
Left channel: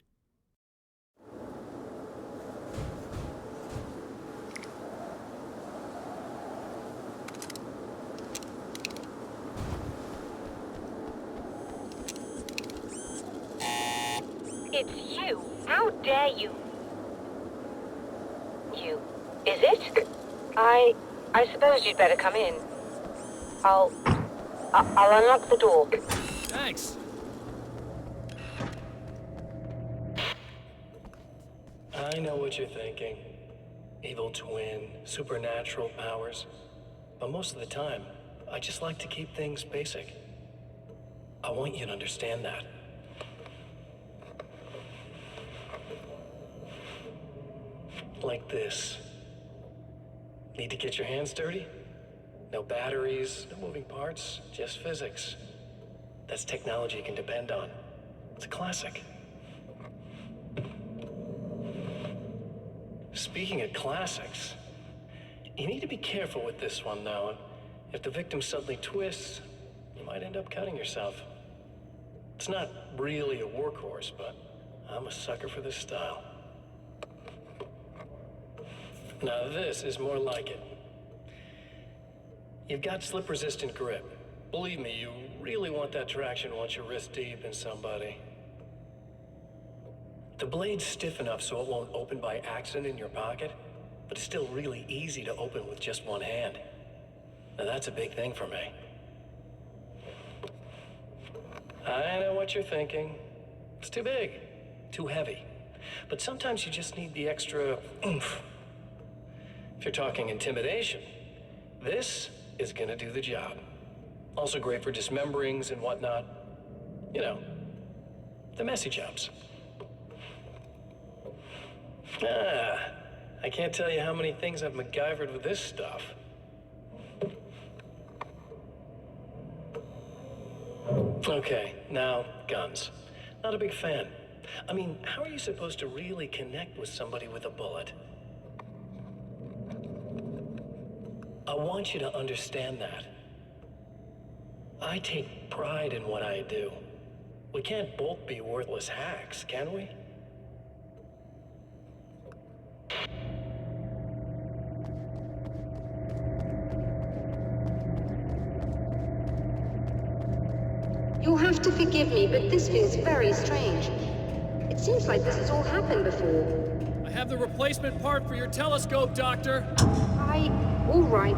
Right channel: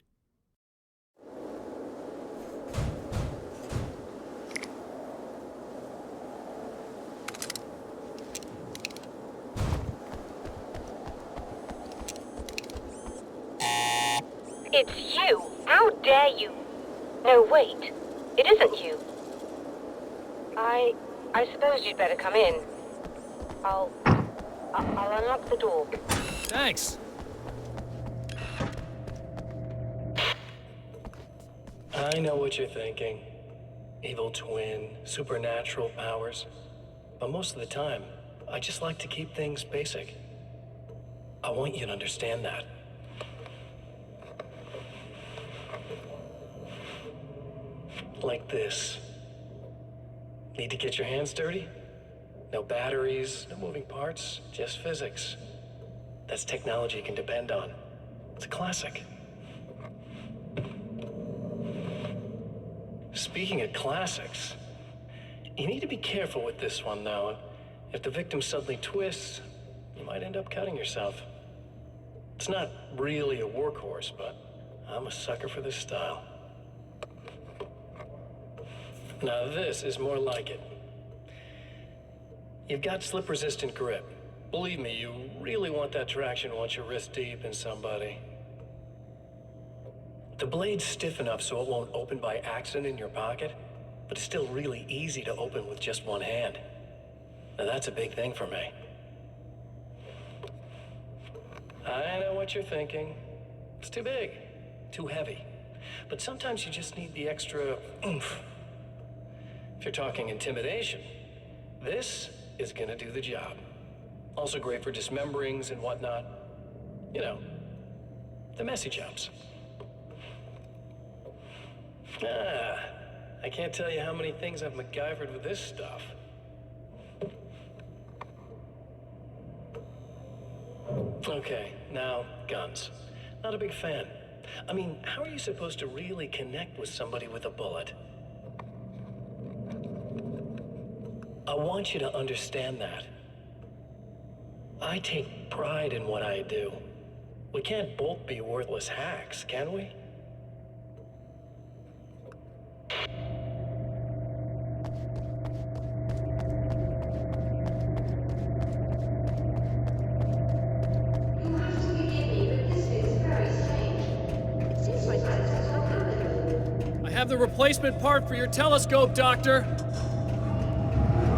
It's you! How dare you! No, wait. It isn't you, is it? I suppose you'd better come in. I'll unlock the door. Thanks. I know what you're thinking. Evil twin, supernatural powers. But most of the time, I just like to keep things basic. I want you to understand that. Like this. Need to get your hands dirty? No batteries, no moving parts, just physics. That's technology you can depend on. It's a classic. Speaking of classics, you need to be careful with this one, though. If the victim suddenly twists, you might end up cutting yourself. It's not really a workhorse, but I'm a sucker for this style. Now this is more like it. You've got slip-resistant grip. Believe me, you really want that traction once you're wrist deep in somebody. The blade's stiff enough so it won't open by accident in your pocket, but it's still really easy to open with just one hand. Now that's a big thing for me. I know what you're thinking. It's too big, too heavy. But sometimes you just need the extra oomph. If you're talking intimidation, this is gonna do the job. Also great for dismemberings and whatnot. You know, the messy jobs. I can't tell you how many things I've MacGyvered with this stuff. Okay, now, guns. Not a big fan. I mean, how are you supposed to really connect with somebody with a bullet? I want you to understand that. I take pride in what I do. We can't both be worthless hacks, can we? You'll have to forgive me, but this feels very strange. It seems like this has all happened before. I have the replacement part for your telescope, Doctor. All right.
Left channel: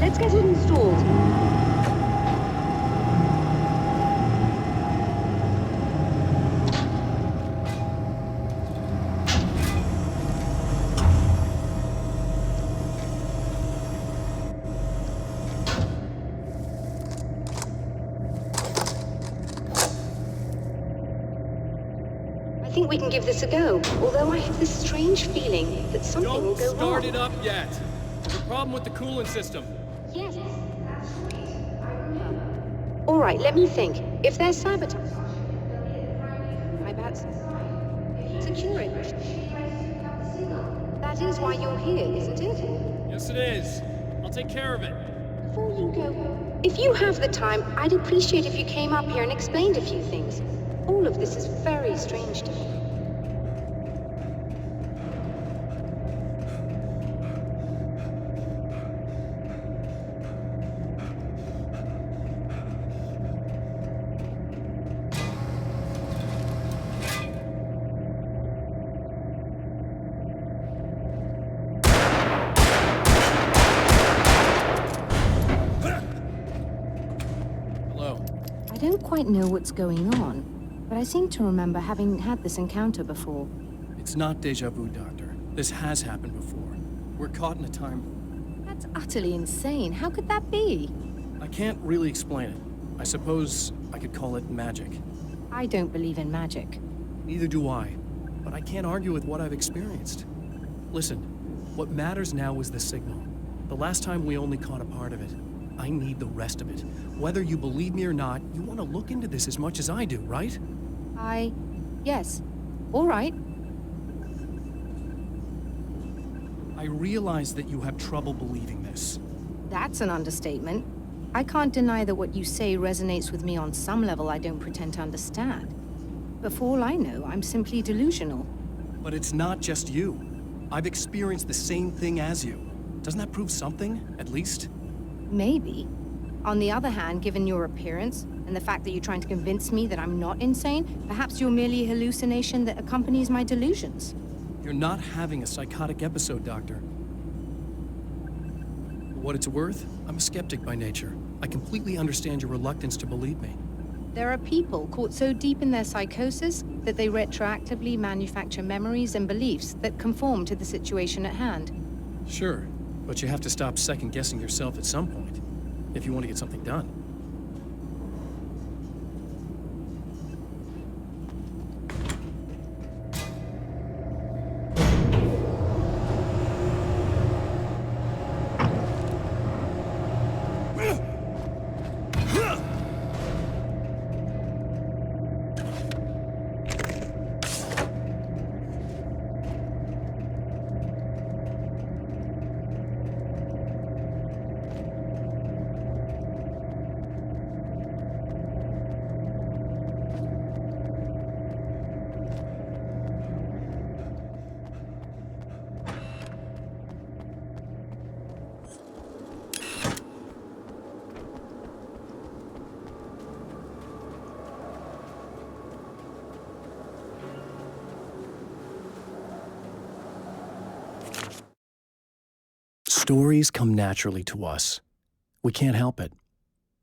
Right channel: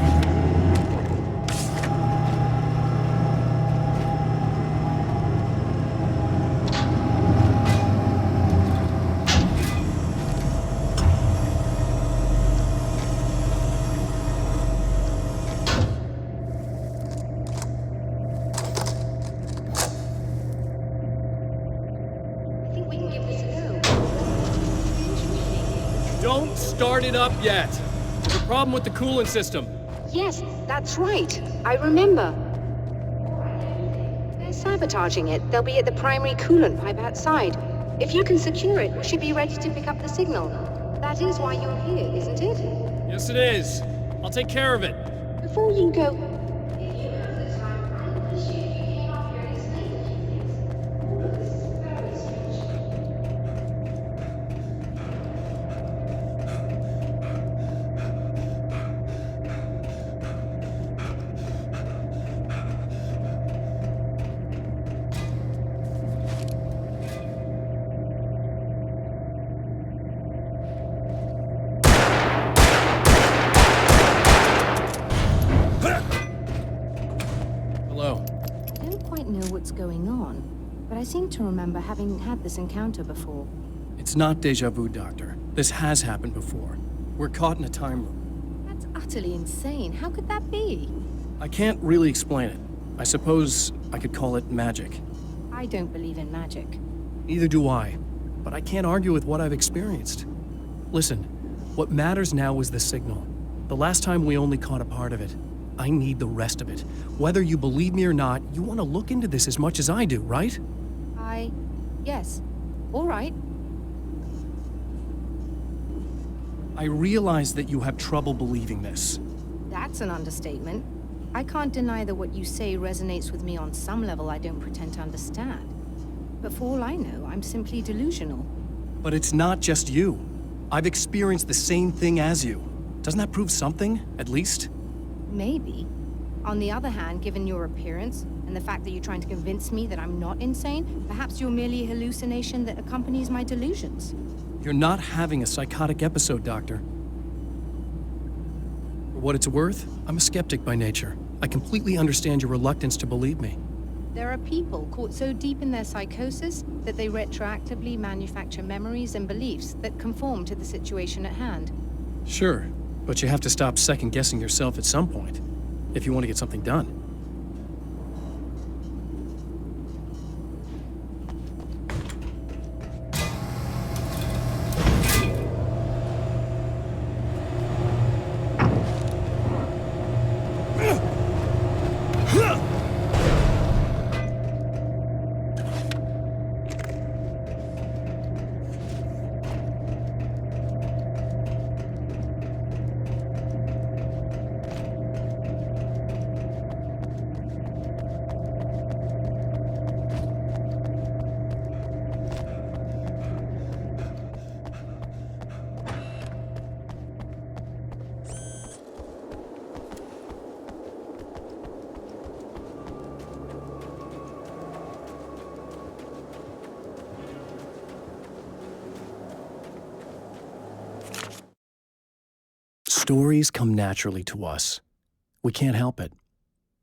Let's get it installed. I think we can give this a go, although I have this strange feeling that something will go Don't start wrong. it up yet. There's a problem with the coolant system. Yes, that's right. I remember. All right, let me think. If they're sabotaging it, they'll be at the primary coolant pipe outside. If you can secure it, we should be ready to pick up the signal. That is why you're here, isn't it? Yes, it is. I'll take care of it. Before you go, if you have the time, I'd appreciate if you came up here and explained a few things. All of this is very strange to me. Hello. I don't quite know what's going on, but I seem to remember having had this encounter before. It's not deja vu, Doctor. This has happened before. We're caught in a time loop. That's utterly insane. How could that be? I can't really explain it. I suppose I could call it magic. I don't believe in magic. Neither do I, but I can't argue with what I've experienced. Listen, what matters now is the signal. The last time we only caught a part of it. I need the rest of it. Whether you believe me or not, you want to look into this as much as I do, right? Yes. All right. I realize that you have trouble believing this. That's an understatement. I can't deny that what you say resonates with me on some level I don't pretend to understand. But for all I know, I'm simply delusional. But it's not just you. I've experienced the same thing as you. Doesn't that prove something, at least? Maybe. On the other hand, given your appearance, and the fact that you're trying to convince me that I'm not insane, perhaps you're merely a hallucination that accompanies my delusions. You're not having a psychotic episode, Doctor. For what it's worth, I'm a skeptic by nature. I completely understand your reluctance to believe me. There are people caught so deep in their psychosis that they retroactively manufacture memories and beliefs that conform to the situation at hand. Sure, but you have to stop second-guessing yourself at some point, if you want to get something done. Stories come naturally to us. We can't help it.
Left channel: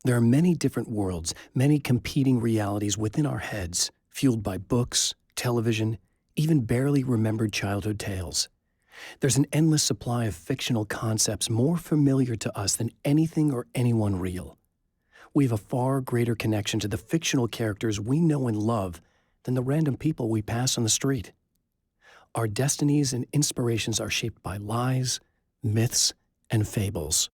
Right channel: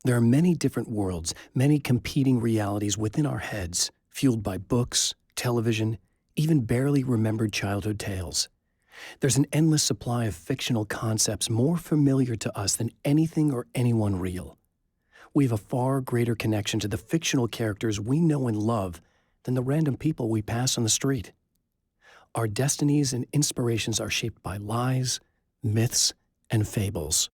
There are many different worlds, many competing realities within our heads, fueled by books, television, even barely remembered childhood tales. There's an endless supply of fictional concepts more familiar to us than anything or anyone real. We have a far greater connection to the fictional characters we know and love than the random people we pass on the street. Our destinies and inspirations are shaped by lies, myths, and fables.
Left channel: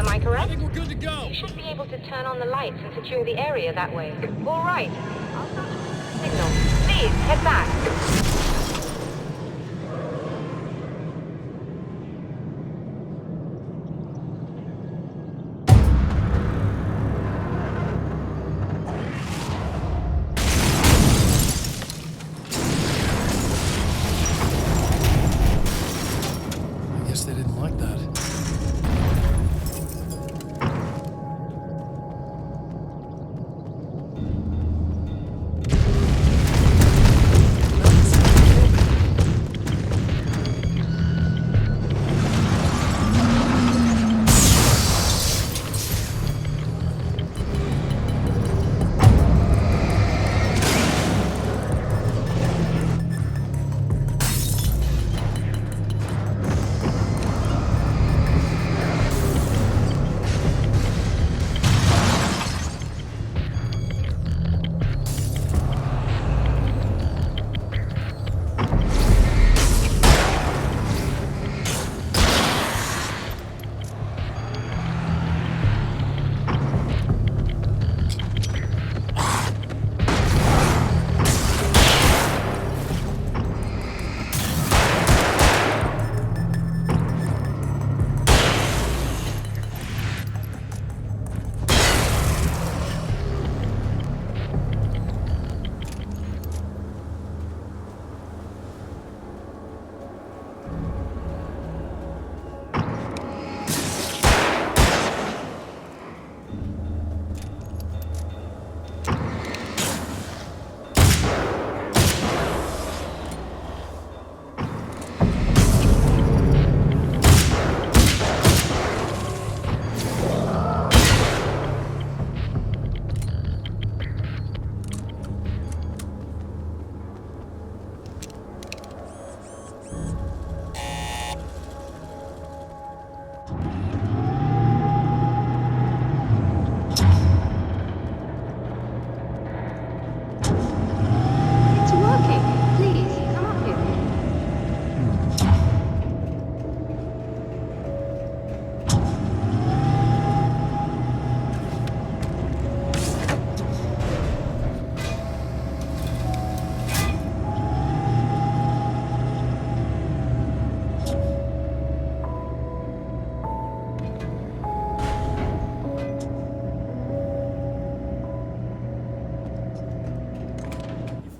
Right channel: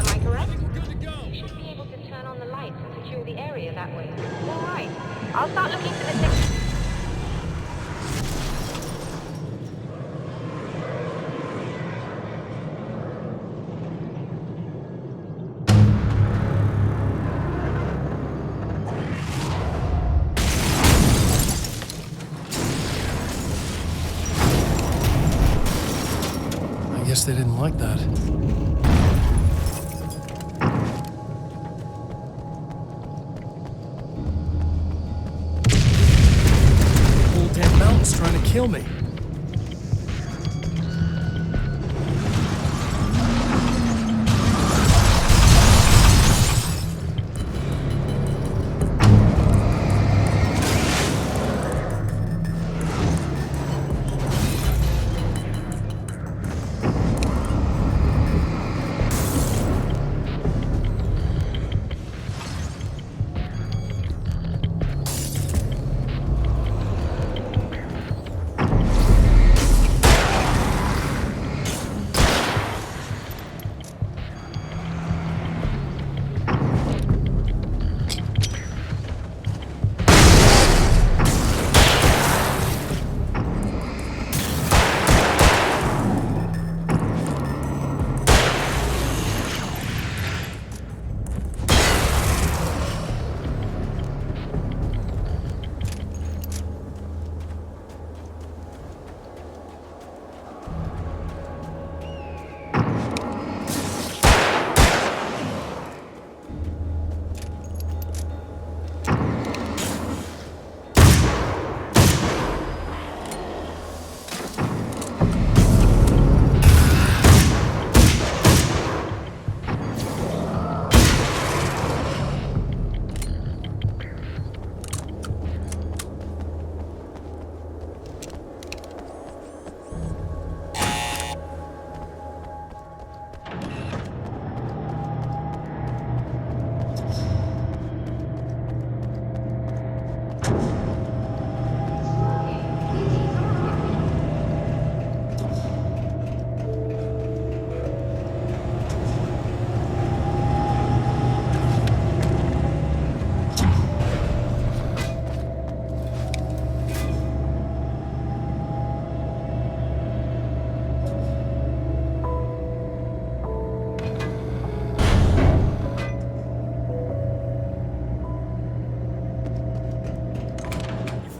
Am I correct? I think we're good to go. You should be able to turn on the lights and secure the area that way. All right. I'll start looking for the signal. Please, head back. I guess they didn't like that.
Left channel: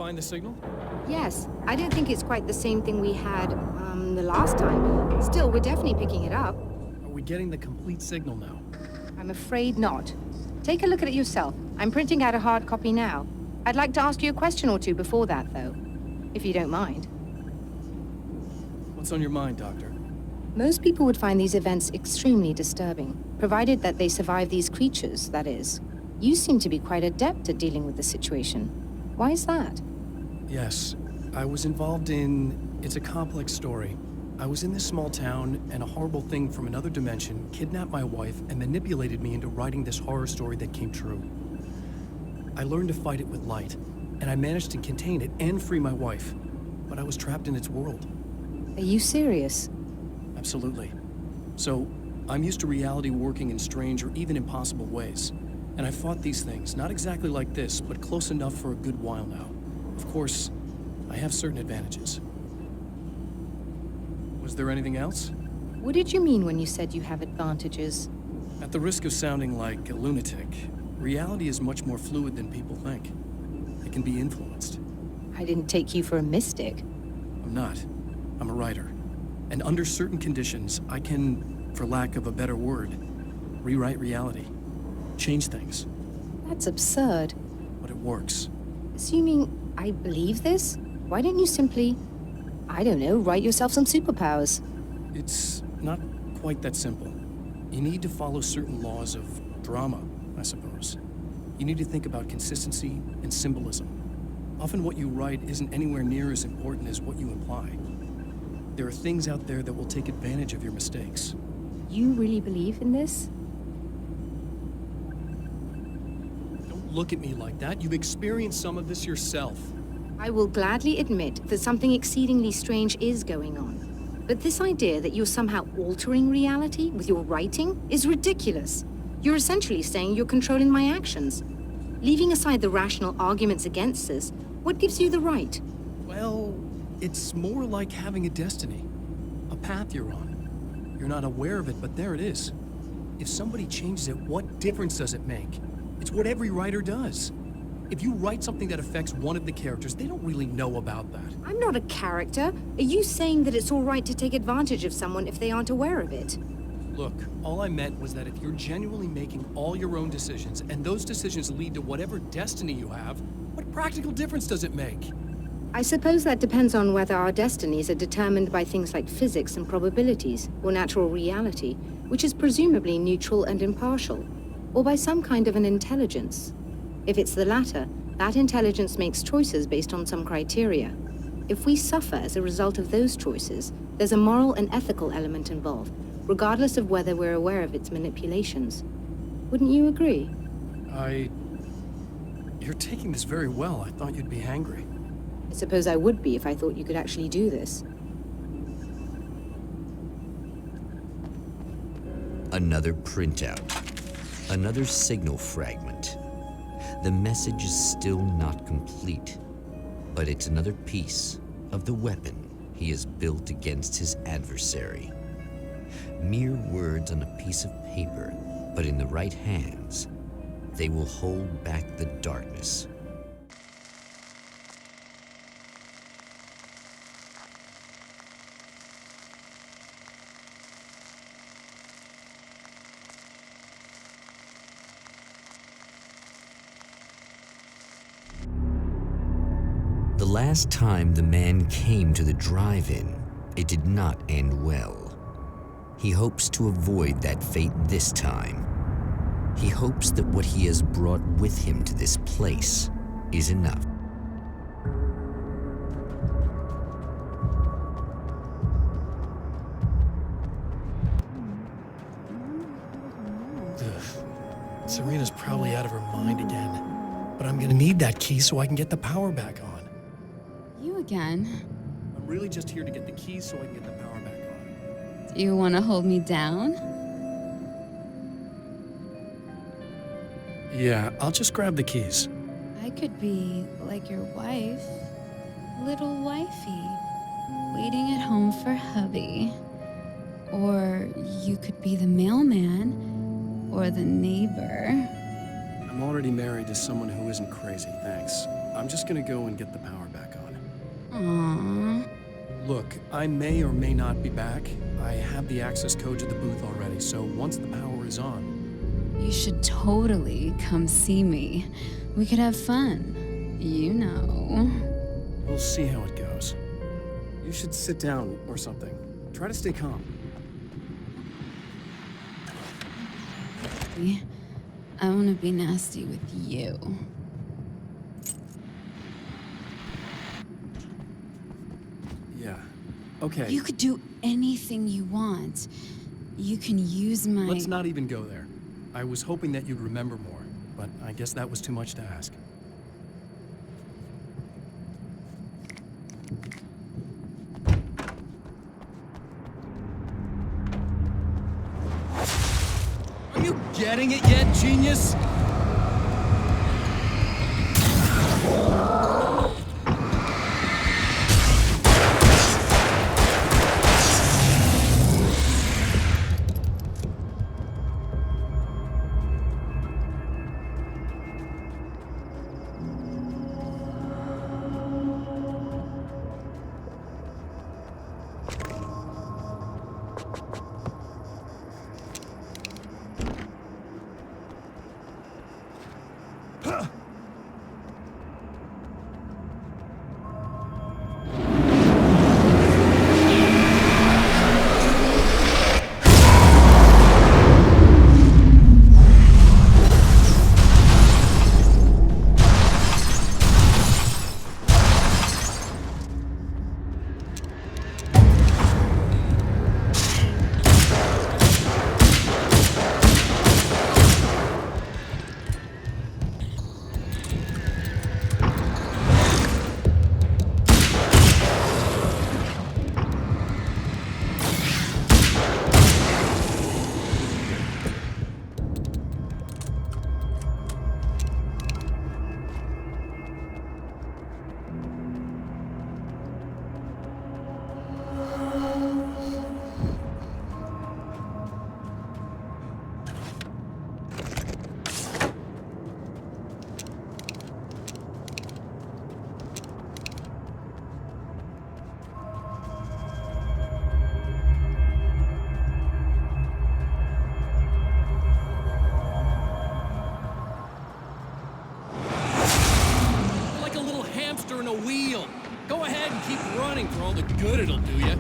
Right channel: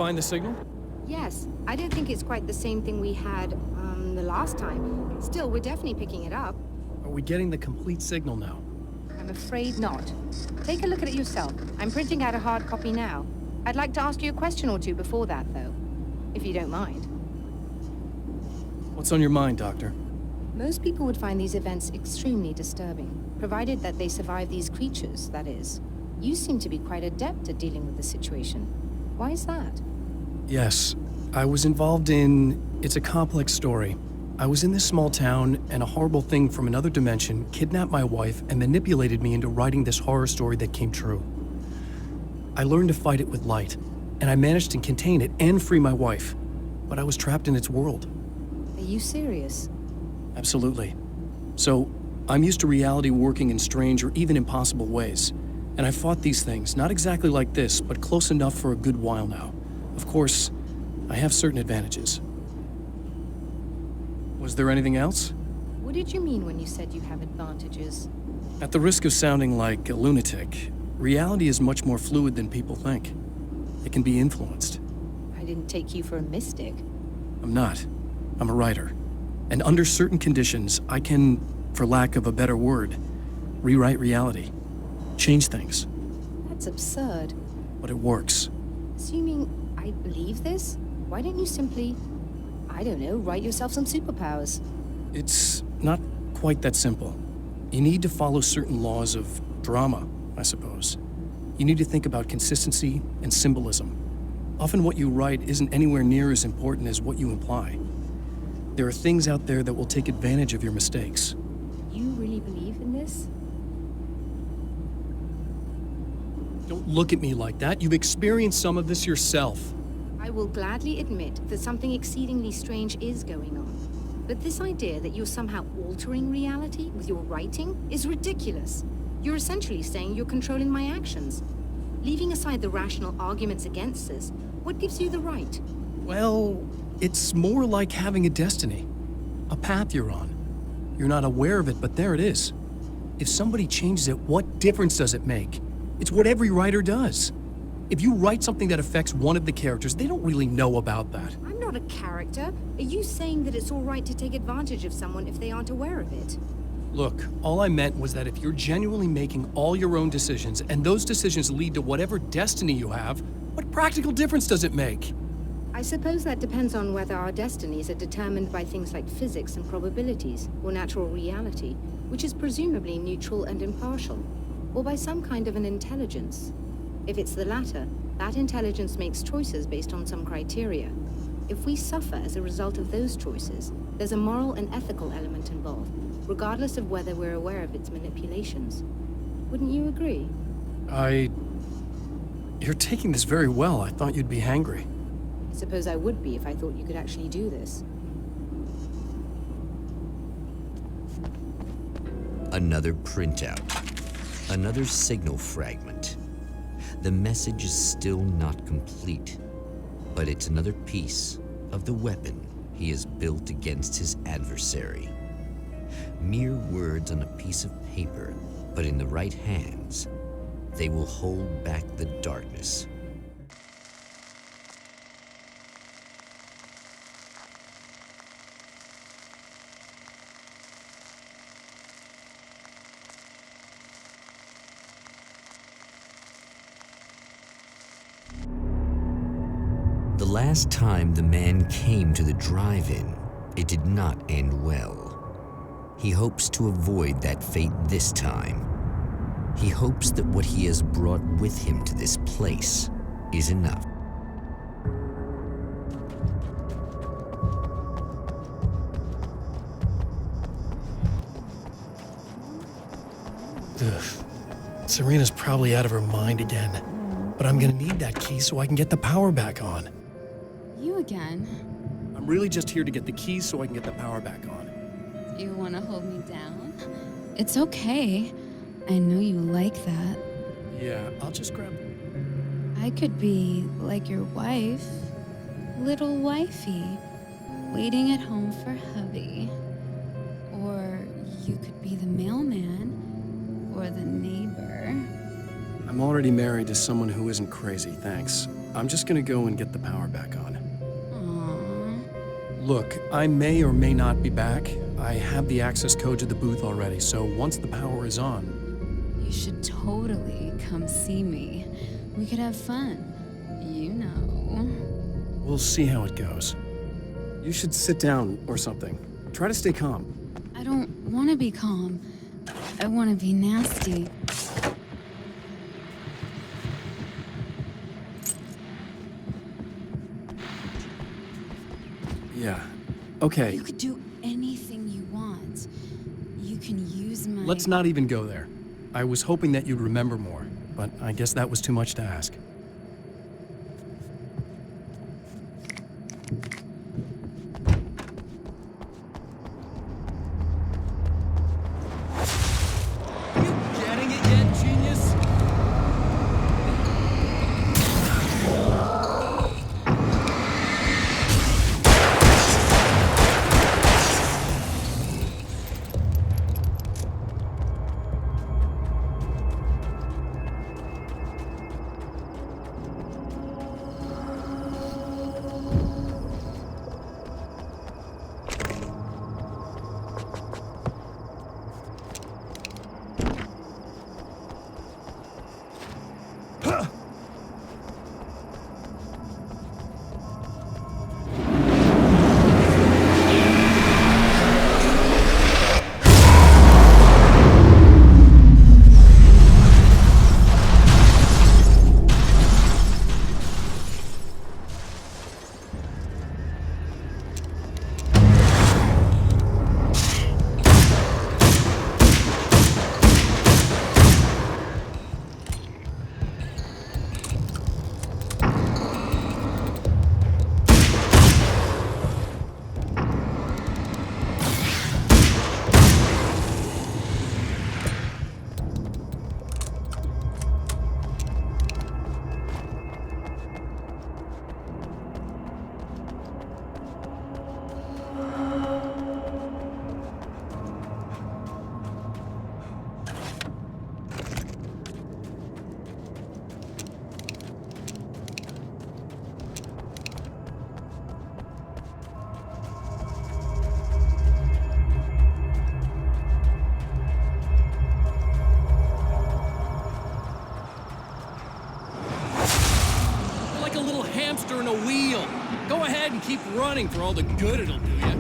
find the signal? Yes. I don't think it's quite the same thing we had, the last time. Still, we're definitely picking it up. Are we getting the complete signal now? I'm afraid not. Take a look at it yourself. I'm printing out a hard copy now. I'd like to ask you a question or two before that, though. If you don't mind. What's on your mind, Doctor? Most people would find these events extremely disturbing, provided that they survive these creatures, that is. You seem to be quite adept at dealing with the situation. Why is that? Yes, I was involved in... It's a complex story. I was in this small town, and a horrible thing from another dimension kidnapped my wife and manipulated me into writing this horror story that came true. I learned to fight it with light, and I managed to contain it and free my wife. But I was trapped in its world. Are you serious? Absolutely. So, I'm used to reality working in strange or even impossible ways. And I've fought these things, not exactly like this, but close enough for a good while now. Of course, I have certain advantages. Was there anything else? What did you mean when you said you have advantages? At the risk of sounding like a lunatic, reality is much more fluid than people think. It can be influenced. I didn't take you for a mystic. I'm not. I'm a writer. And under certain conditions, I can, for lack of a better word, rewrite reality. Change things. That's absurd. But it works. Assuming I believe this, why don't you simply, I don't know, write yourself some superpowers? It's not quite that simple. You need to follow certain laws of drama, I suppose. You need to think about consistency and symbolism. Often what you write isn't anywhere near as important as what you imply. There are things out there that will take advantage of your mistakes. You really believe in this? Don't look at me like that. You've experienced some of this yourself. I will gladly admit that something exceedingly strange is going on. But this idea that you're somehow altering reality with your writing is ridiculous. You're essentially saying you're controlling my actions. Leaving aside the rational arguments against this, what gives you the right? Well, it's more like having a destiny. A path you're on. You're not aware of it, but there it is. If somebody changes it, what difference does it make? It's what every writer does. If you write something that affects one of the characters, they don't really know about that. I'm not a character. Are you saying that it's all right to take advantage of someone if they aren't aware of it? Look, all I meant was that if you're genuinely making all your own decisions, and those decisions lead to whatever destiny you have, what practical difference does it make? I suppose that depends on whether our destinies are determined by things like physics and probabilities, or natural reality, which is presumably neutral and impartial, or by some kind of an intelligence. If it's the latter, that intelligence makes choices based on some criteria. If we suffer as a result of those choices, there's a moral and ethical element involved, regardless of whether we're aware of its manipulations. Wouldn't you agree? You're taking this very well. I thought you'd be hangry. I suppose I would be if I thought you could actually do this. Another printout. Another signal fragment. The message is still not complete, but it's another piece of the weapon he has built against his adversary. Mere words on a piece of paper, but in the right hands, they will hold back the darkness. The last time the man came to the drive-in, it did not end well. He hopes to avoid that fate this time. He hopes that what he has brought with him to this place is enough. Ugh. Serena's probably out of her mind again. But I'm gonna need that key so I can get the power back on. You again? I'm really just here to get the keys so I can get the power back on. Do you want to hold me down? It's okay. I know you like that. Yeah, I'll just grab the keys. I could be like your wife, little wifey, waiting at home for hubby. Or you could be the mailman, or the neighbor. I'm already married to someone who isn't crazy, thanks. I'm just gonna go and get the power back on. Aww. Look, I may or may not be back. I have the access code to the booth already, so once the power is on... You should totally come see me. We could have fun. You know. We'll see how it goes. You should sit down or something. Try to stay calm. I don't want to be calm. I want to be nasty. I want to be nasty with you. Yeah. Okay. You could do anything you want. You can use my... Let's not even go there. I was hoping that you'd remember more, but I guess that was too much to ask. Are you getting it yet, genius? In a wheel. Go ahead and keep running for all the good it'll do you.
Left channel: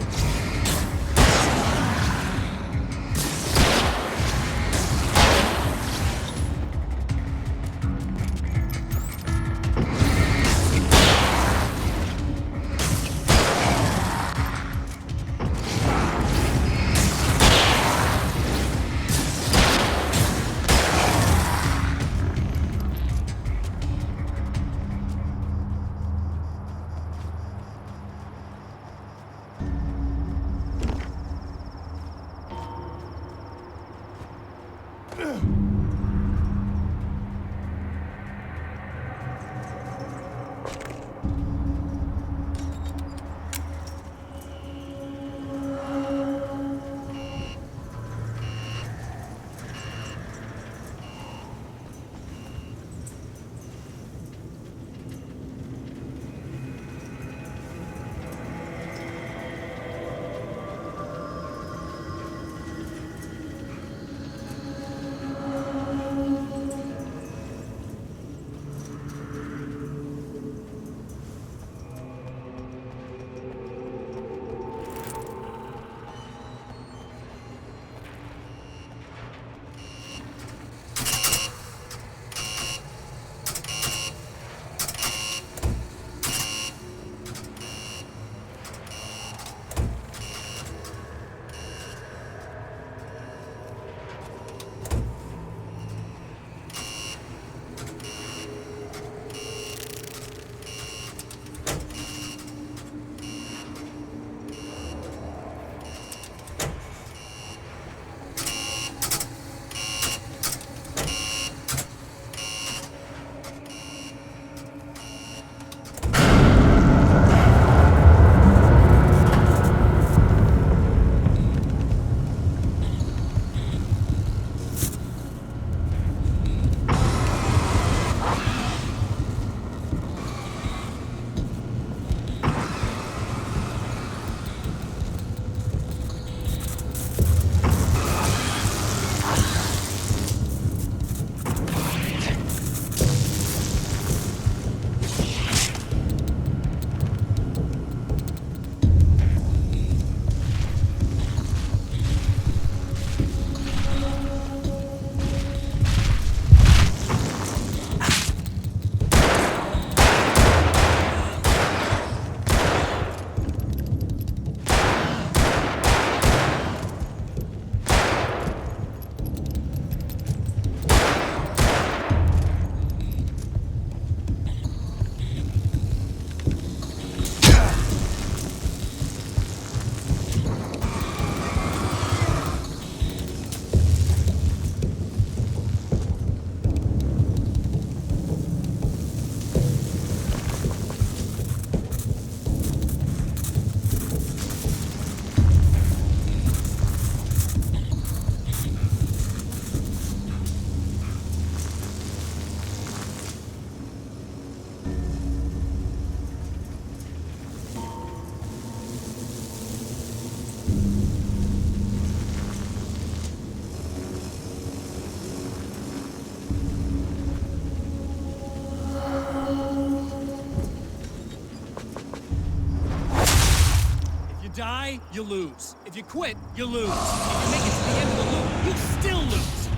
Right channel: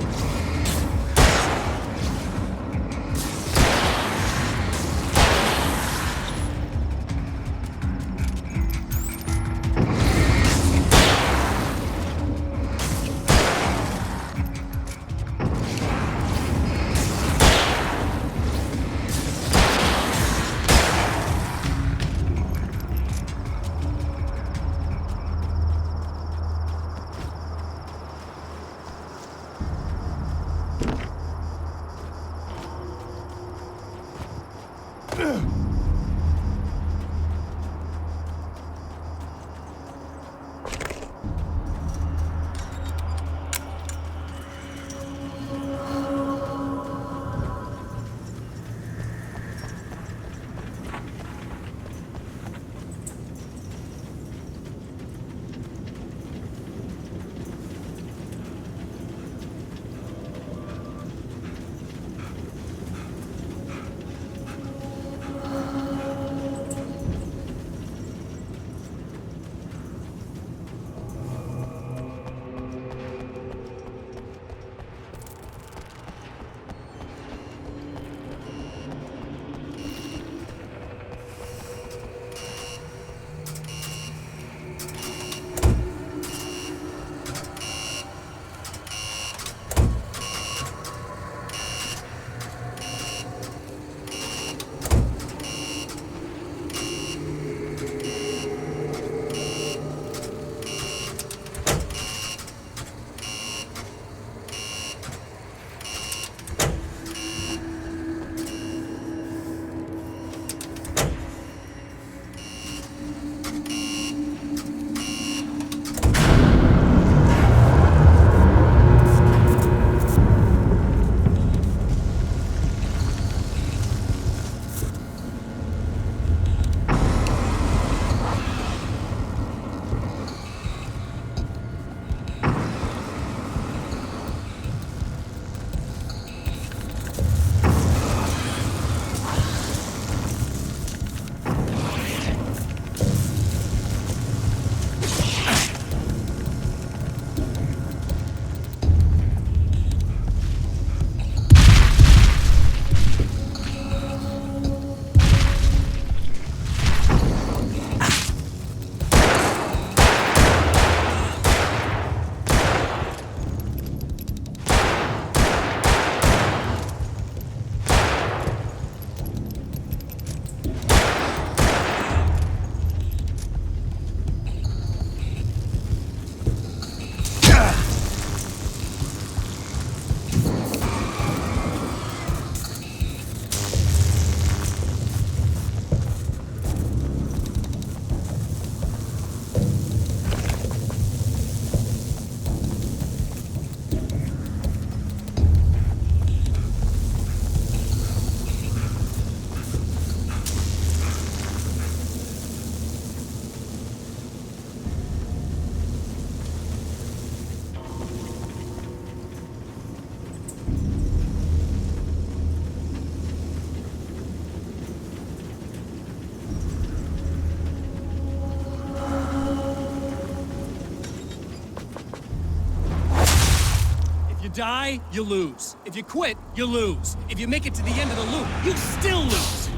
die, you lose. If you quit, you lose. If you make it to the end of the loop, you still lose.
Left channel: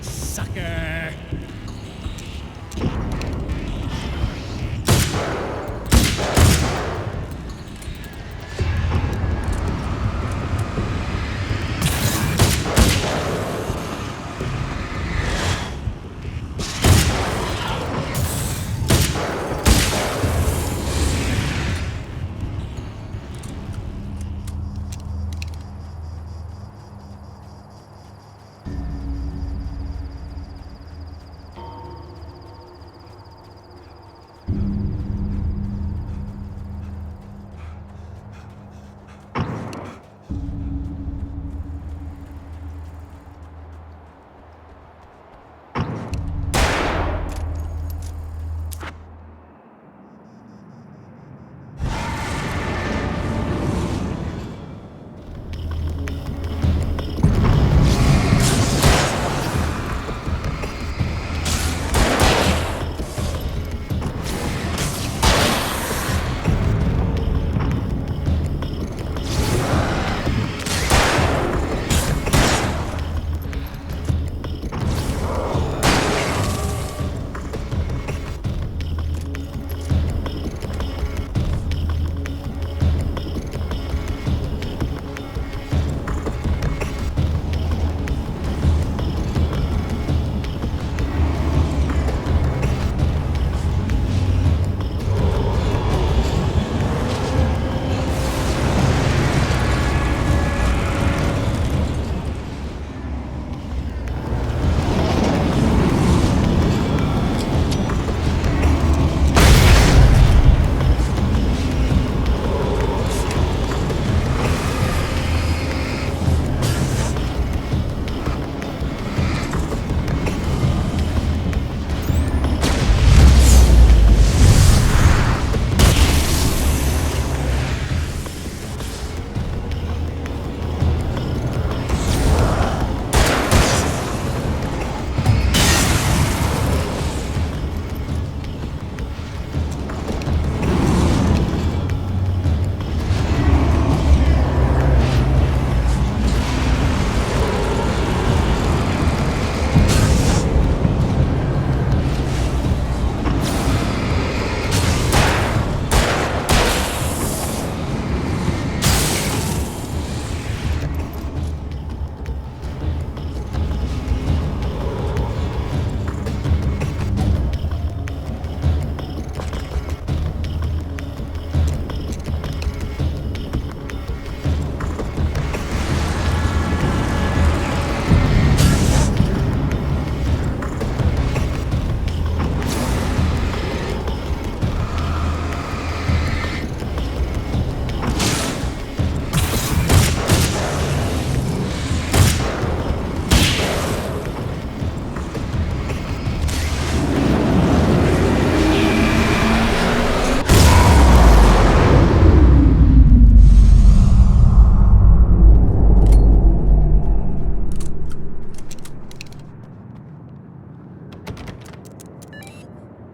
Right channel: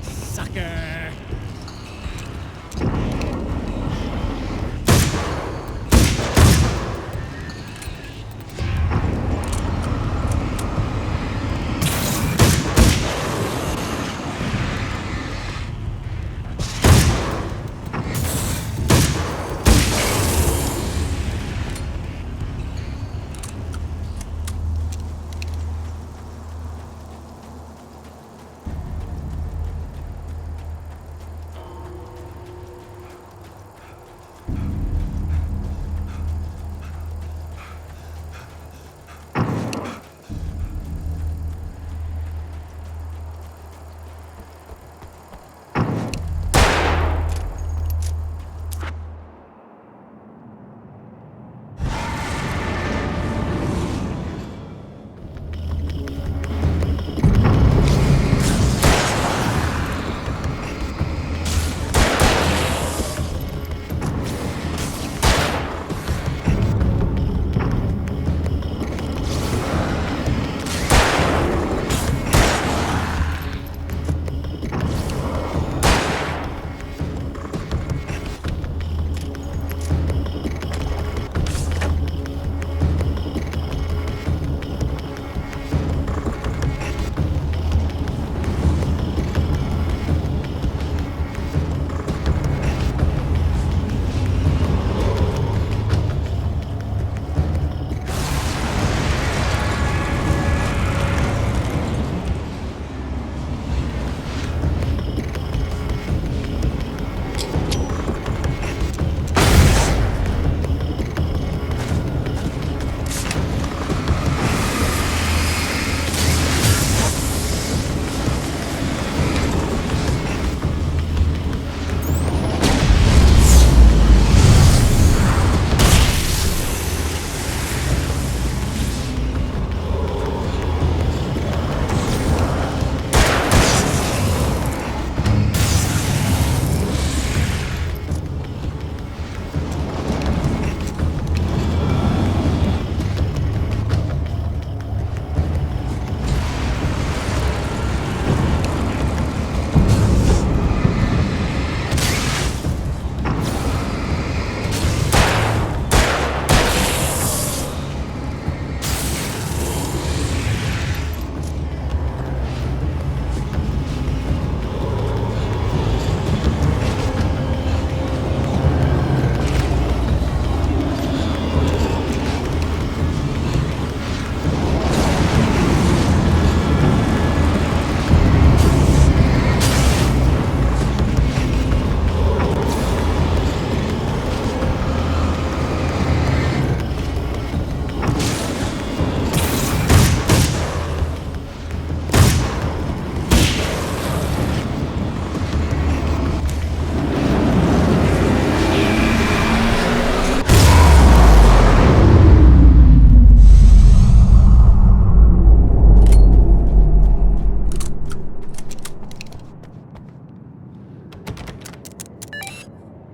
Sucker.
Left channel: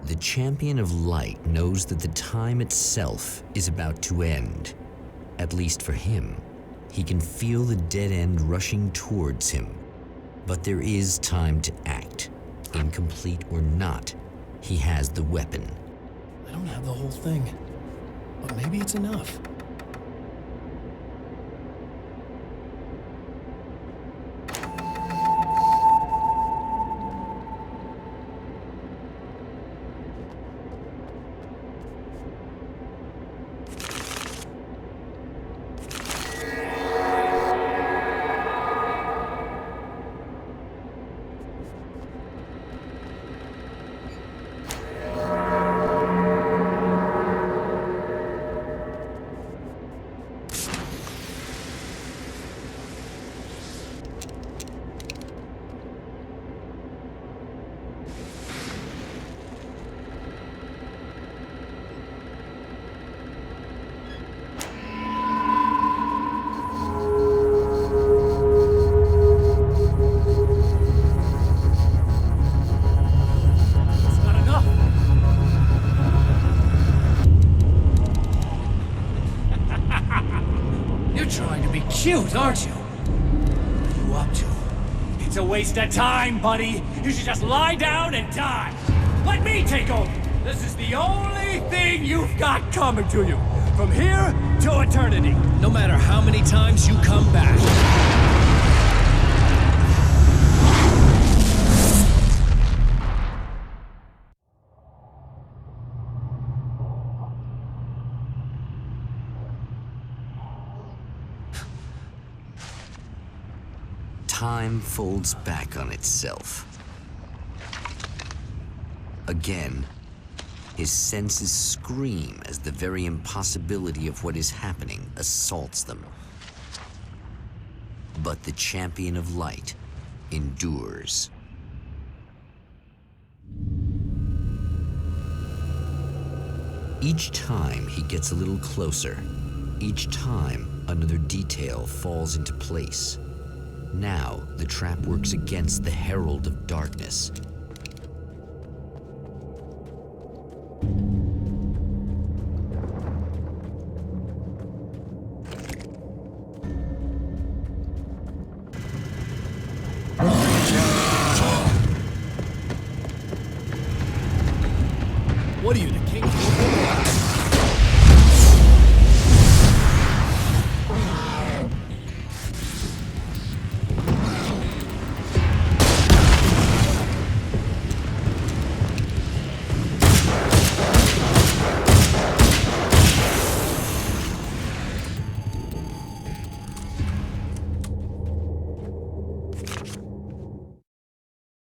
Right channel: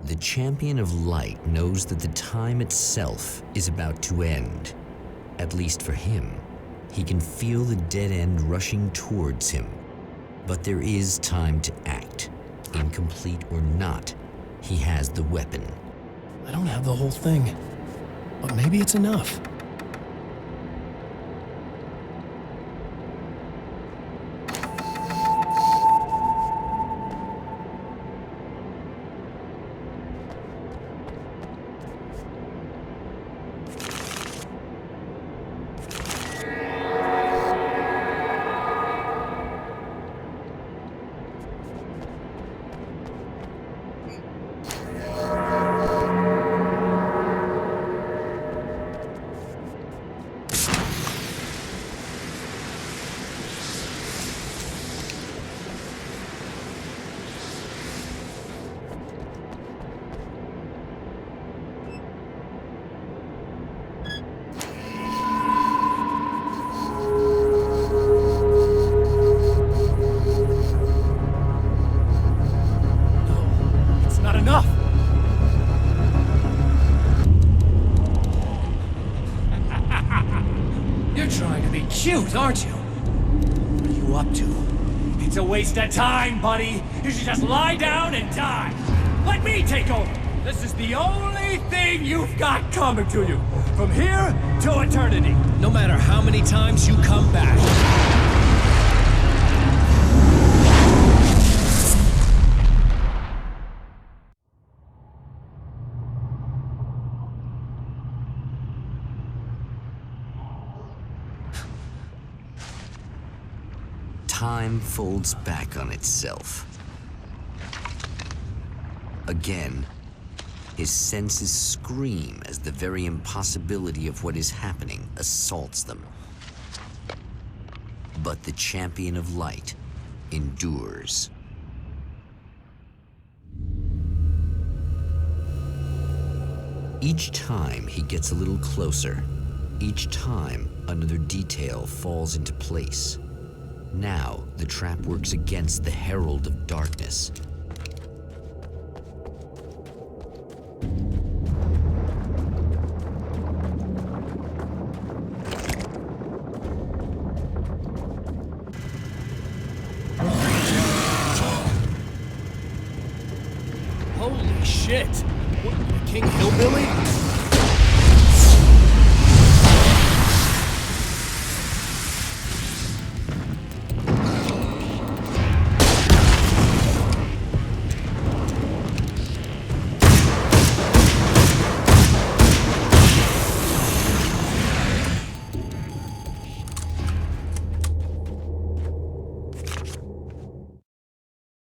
The champion of light knows that the time itself is about to end. At least for him. He can feel the dead end rushing towards him. But there is time to act. Incomplete or not, he has the weapon. I don't have the whole thing, but maybe it's enough. cute, aren't you? What are you up to? It's a waste of time, buddy. You should just lie down and die. Let me take over. This is the only thing you've got coming to you. From here to eternity. No matter how many times you come back. Time folds back on itself. Again, his senses scream as the very impossibility of what is happening assaults them. But the champion of light endures. Each time he gets a little closer, each time another detail falls into place. Now the trap works against the herald of darkness. Holy shit! What are you, the King Hillbilly?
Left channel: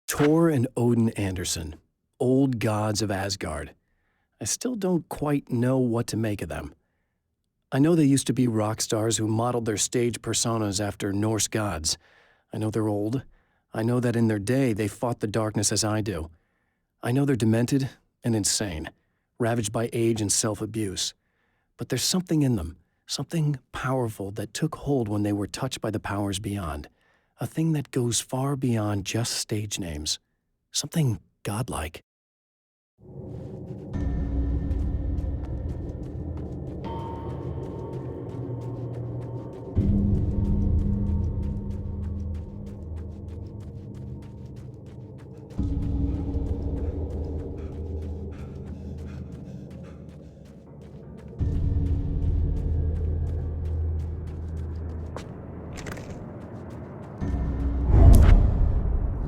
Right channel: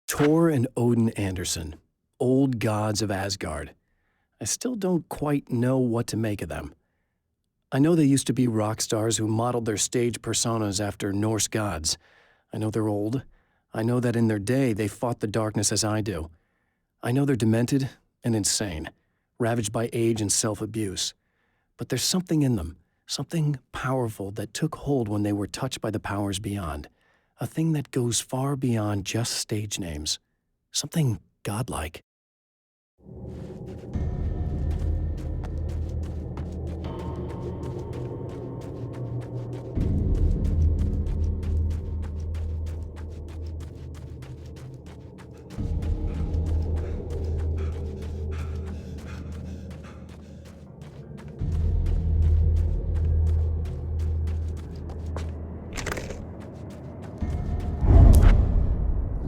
Thor and Odin Anderson, old gods of Asgard. I still don't quite know what to make of them. I know they used to be rock stars who modeled their stage personas after Norse gods. I know they're old. I know that in their day they fought the darkness as I do. I know they're demented and insane, ravaged by age and self-abuse. But there's something in them, something powerful that took hold when they were touched by the powers beyond. A thing that goes far beyond just stage names. Something godlike.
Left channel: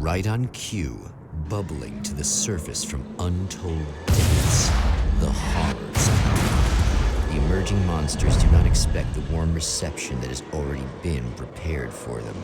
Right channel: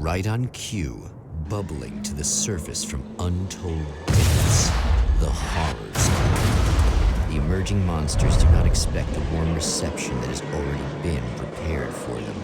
Right on cue, bubbling to the surface from untold depths, the horrors come. The emerging monsters do not expect the warm reception that has already been prepared for them.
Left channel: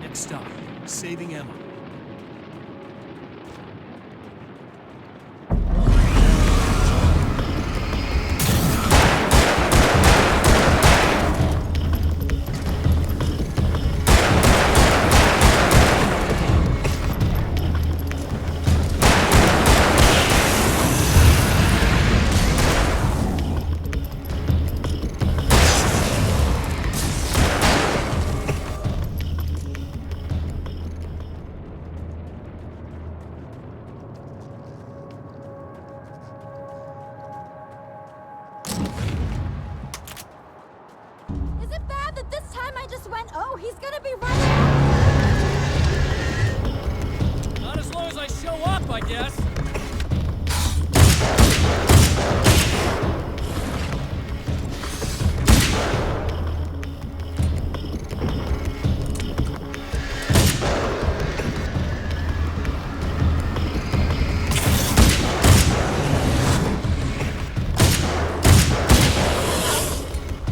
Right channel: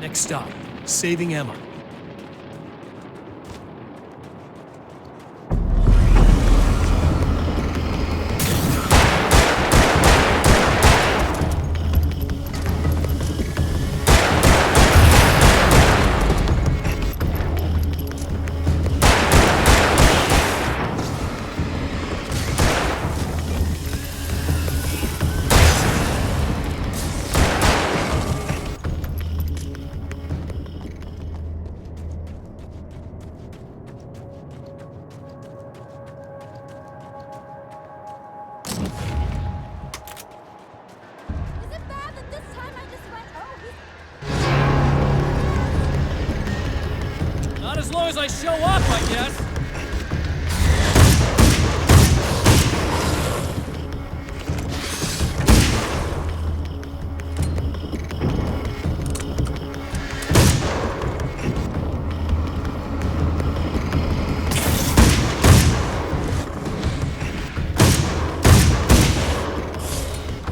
Next stop, saving Emma. gonna be right. Not as long as I show up, I guess.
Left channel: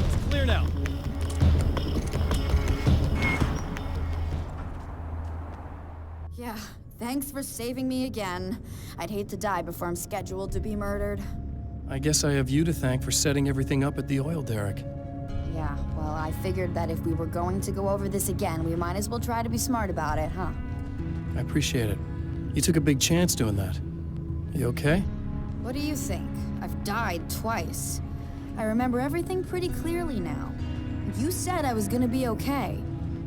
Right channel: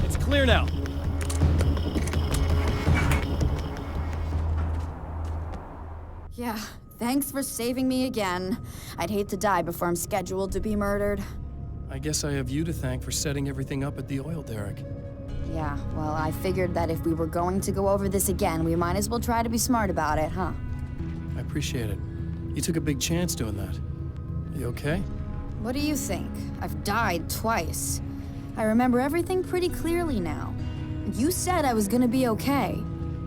It's clear now. Yeah, thanks for saving me again. I'd hate to die before I'm scheduled to be murdered. I guess I have you to thank for setting everything up at the oil derrick. Yeah, well, I figured that if we were going to go over this again, we might as well try to be smart about it, huh? I appreciate it. You took a big chance doing that. You okay? What do you think? I've died twice. I remember everything pretty clearly now. You said I was gonna be okay.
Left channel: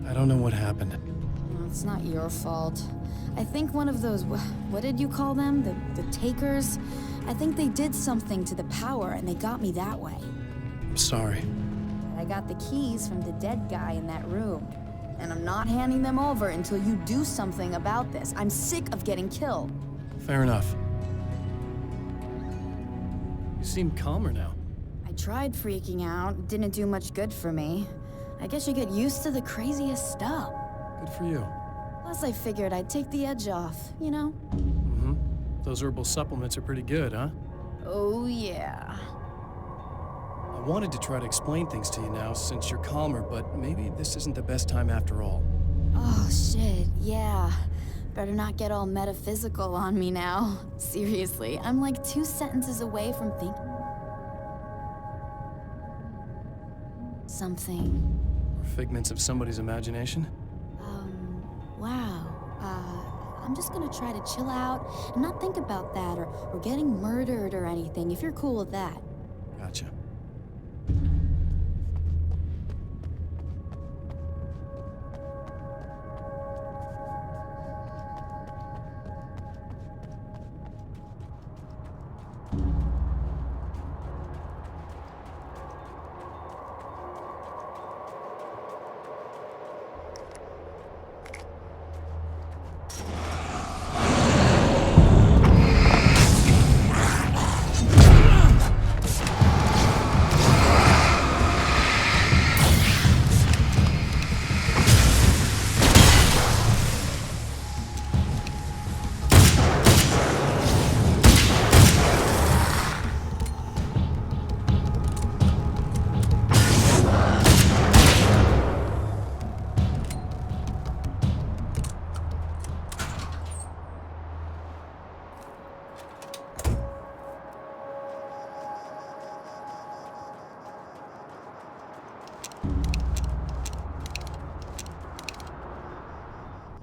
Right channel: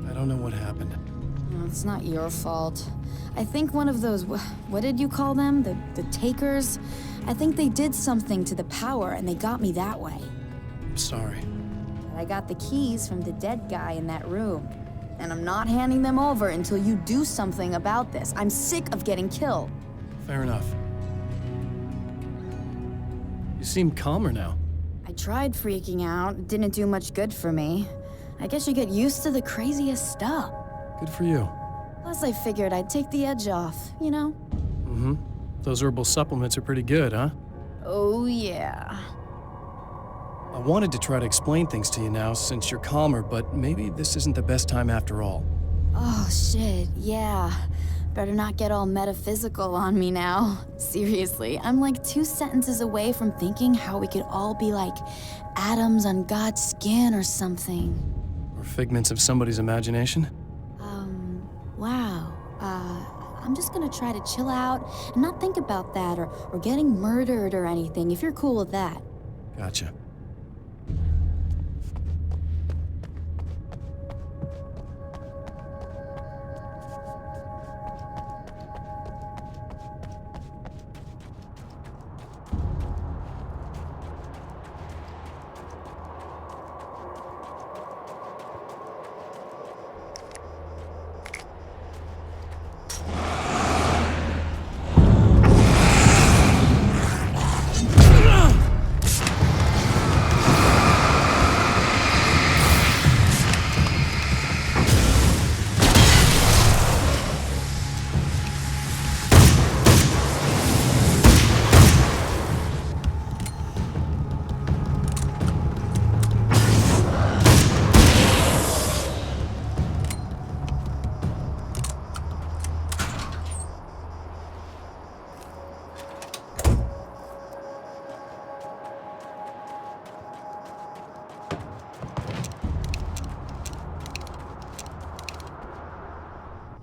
I don't know what happened. No, it's not your fault. I think one of those, what did you call them? The takers? I think they did something to the power and they got me that way. I'm sorry. But I got the keys from the dead guy in that room. And I'm not handing them over until you do something about this. I'm sick of getting killed. Fair enough. You seem calmer now. I tried freaking out. It didn't do much good for me. I guess you get used to the craziest stuff. Good for you. Plus, I figured I'd take the edge off, you know? Mm-hmm. Those herbal supplements are pretty good, huh? Oh, yeah. I wanted to try to explain things to you now since you're calmer, but maybe this isn't the best time after all. Oh, shit, yeah. Better not get all metaphysical on me now. Seriously, I'm like 2 sentences away from thinking how we could all be like atoms on God's skin or something. Or figments of somebody's imagination? Wow. I'm just gonna try to chill out and not think about that or getting murdered or anything, if you're cool with that. Gotcha.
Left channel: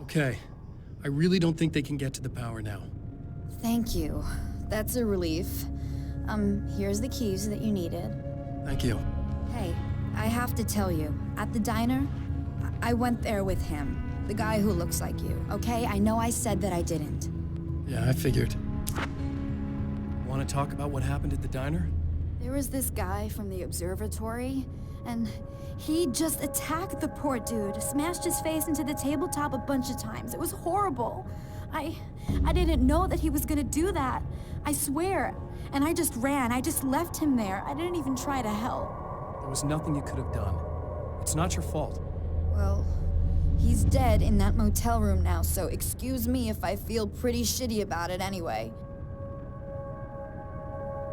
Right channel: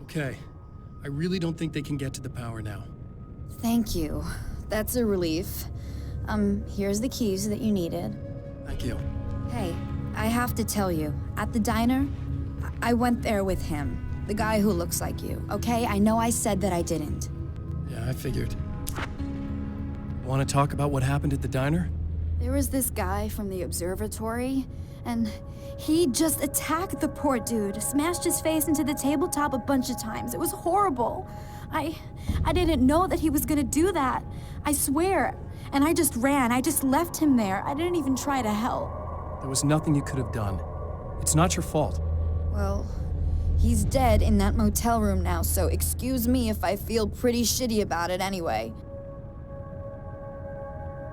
Okay. I really don't think they can get to the power now. Thank you. That's a relief. Here's the keys that you needed. Thank you. Hey, I have to tell you, at the diner, I went there with him. The guy who looks like you, okay? I know I said that I didn't. Yeah, I figured. Want to talk about what happened at the diner? There was this guy from the observatory, and he just attacked the poor dude, smashed his face into the tabletop a bunch of times. It was horrible. I didn't know that he was gonna do that. I swear. And I just ran. I just left him there. I didn't even try to help. There was nothing you could have done. It's not your fault. Well, he's dead in that motel room now, so excuse me if I feel pretty shitty about it anyway.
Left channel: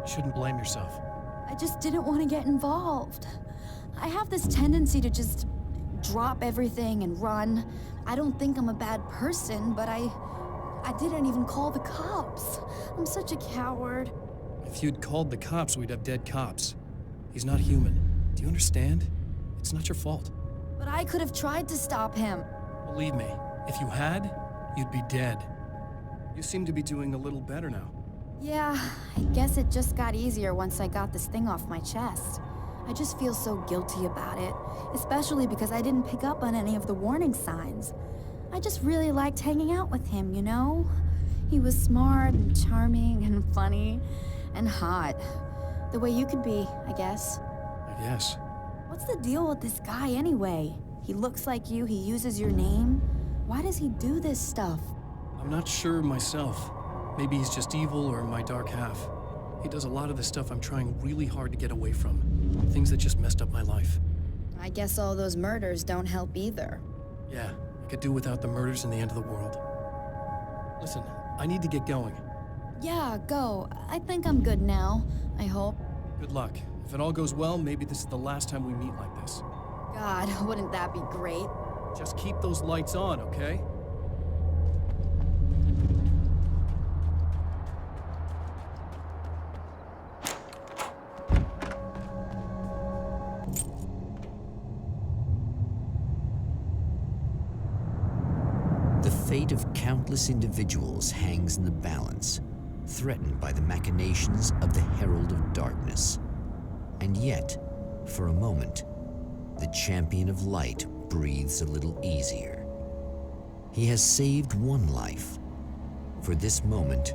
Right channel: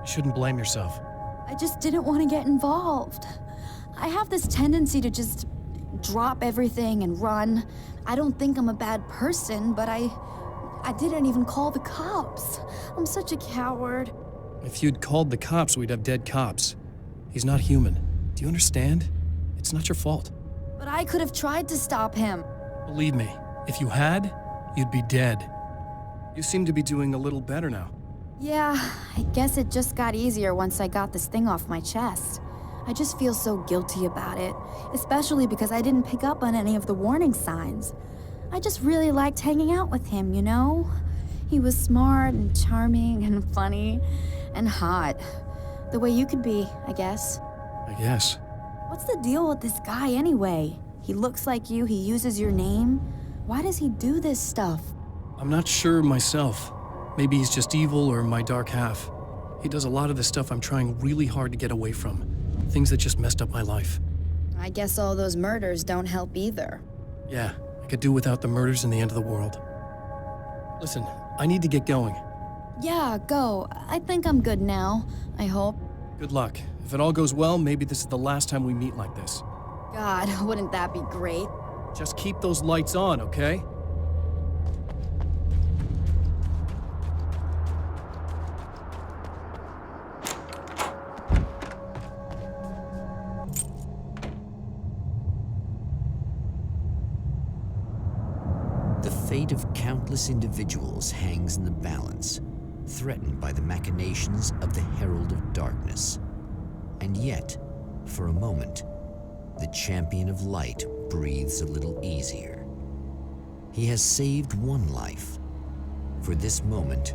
You shouldn't blame yourself. I just didn't want to get involved. I have this tendency to just drop everything and run. I don't think I'm a bad person, but I didn't even call the cops. I'm such a coward. If you'd called the cops, we'd have dead cops. He's not human. Do you understand? It's not your fault. But I could have tried to stop him. Believe me, if you had, you'd be dead. You seem to be doing a little better now. Yeah, I guess it just got easier once I got this thing off my chest. I just feel so guilty about it, especially because I didn't pick up on any of the warning signs. I just really liked hanging out with him, you know? He was smart and charming and funny and hot. The way you could be, I guess. I guess. What's the deal with this guy anyway? He looks like you, he uses your name. Why does he do this stuff? I'm not sure myself. Maybe he's just evil or my dark half. He does a lot of the stuff I'm trying really hard to get away from. Things that just messed up my life. I guess all those murders don't help either. Yeah, I could do without the murders and the end of the world. Listen, I need to get going. Yeah, go. I think I'm good now. I hope. Good luck. If it all goes well, maybe this is the last time we meet like this. God, wouldn't that be great? Just keep those lights on, okay? The fate of countless individuals hangs in the balance, threatened by the machinations of the Herald of Darkness. And yet, for a moment, the Champion of Light breathes a little easier. He has saved one life. For this moment,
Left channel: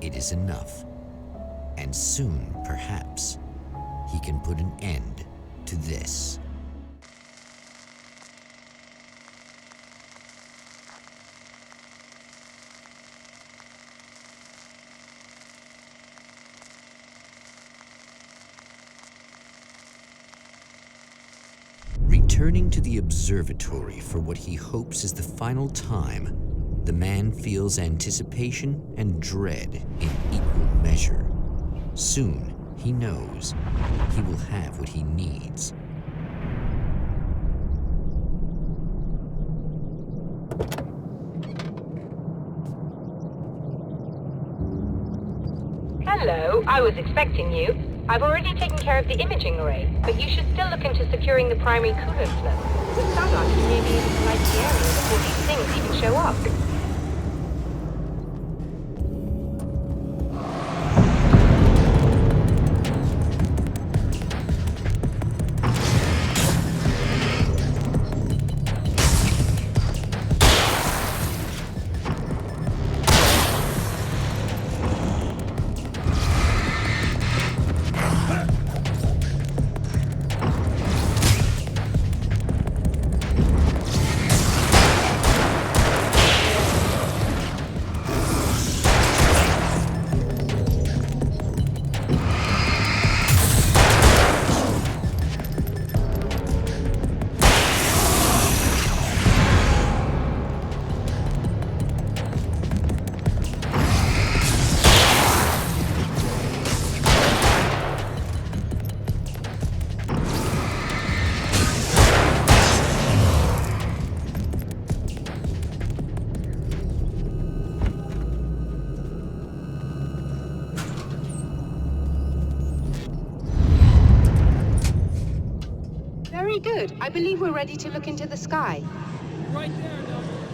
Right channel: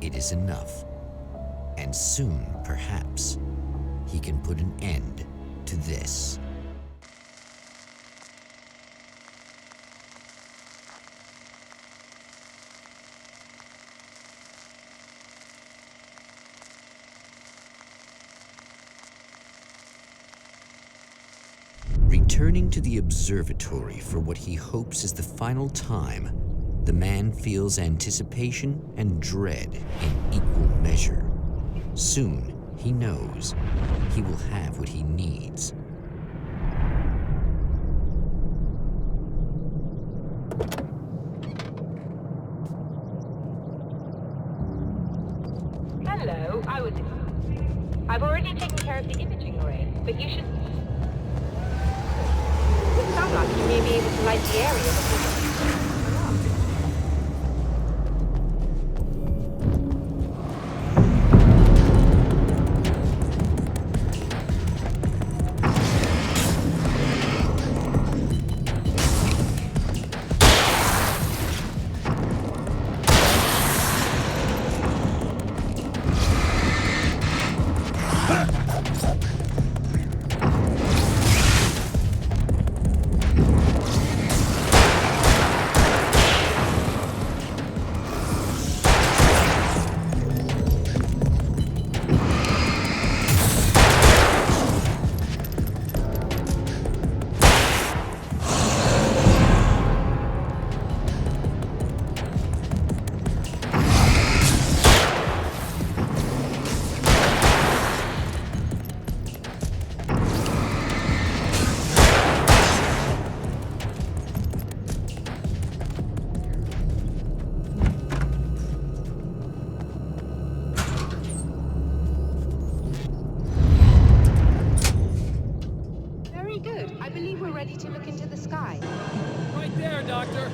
it is enough. And soon, perhaps, he can put an end to this. Returning to the observatory for what he hopes is the final time, the man feels anticipation and dread in equal measure. Soon, he knows, he will have what he needs. Hello, I was expecting you. I've already taken care of the imaging array, but you should still look into securing the primary cooler flow. With some luck, you may be able to light the area before these things even show up. Good. I believe we're ready to look into the sky. Right there, Doctor.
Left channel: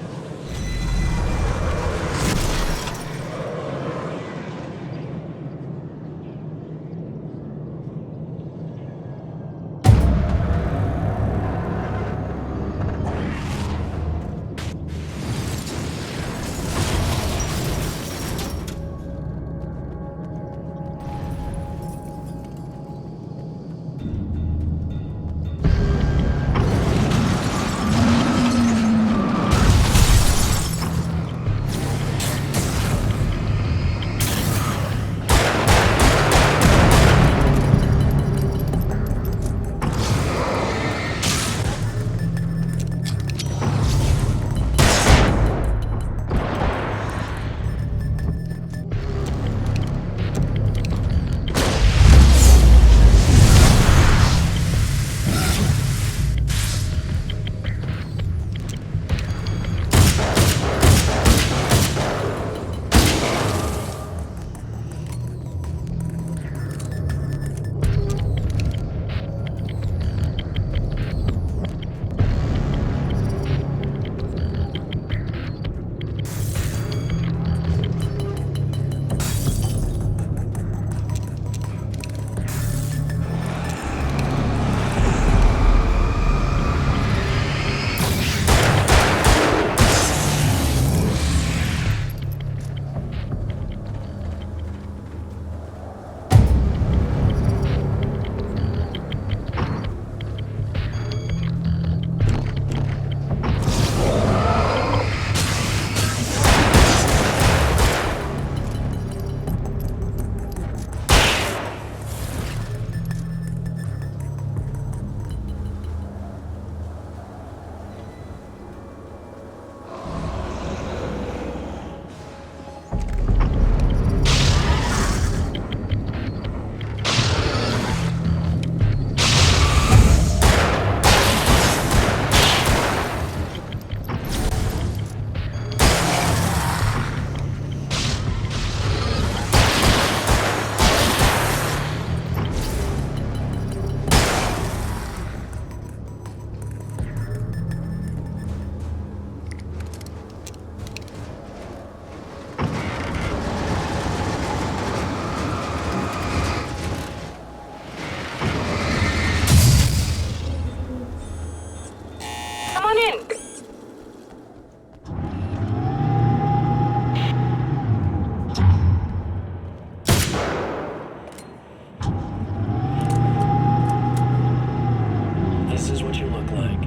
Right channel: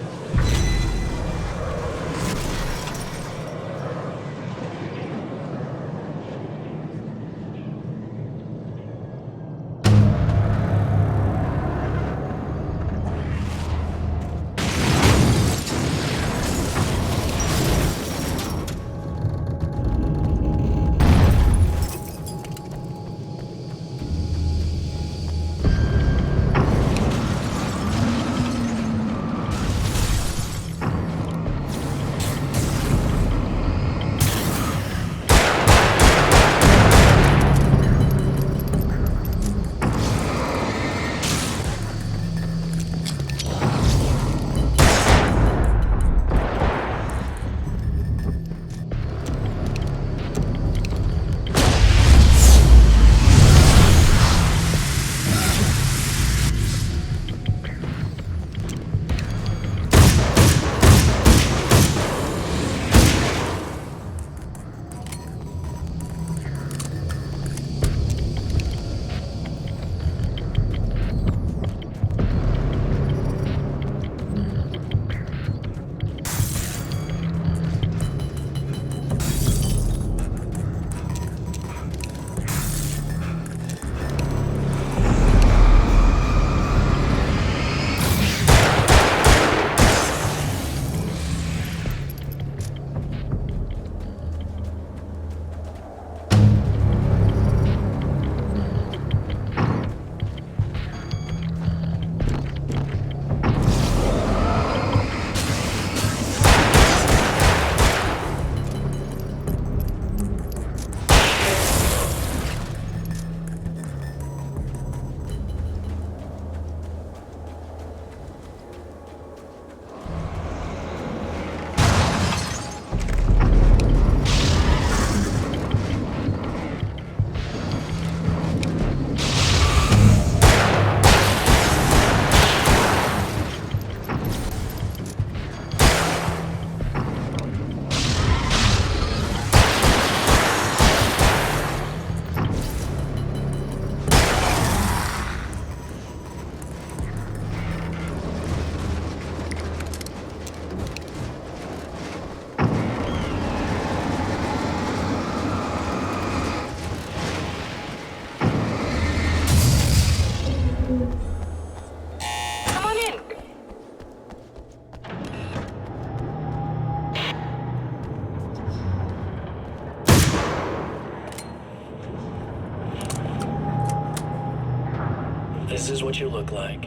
This is what you look like.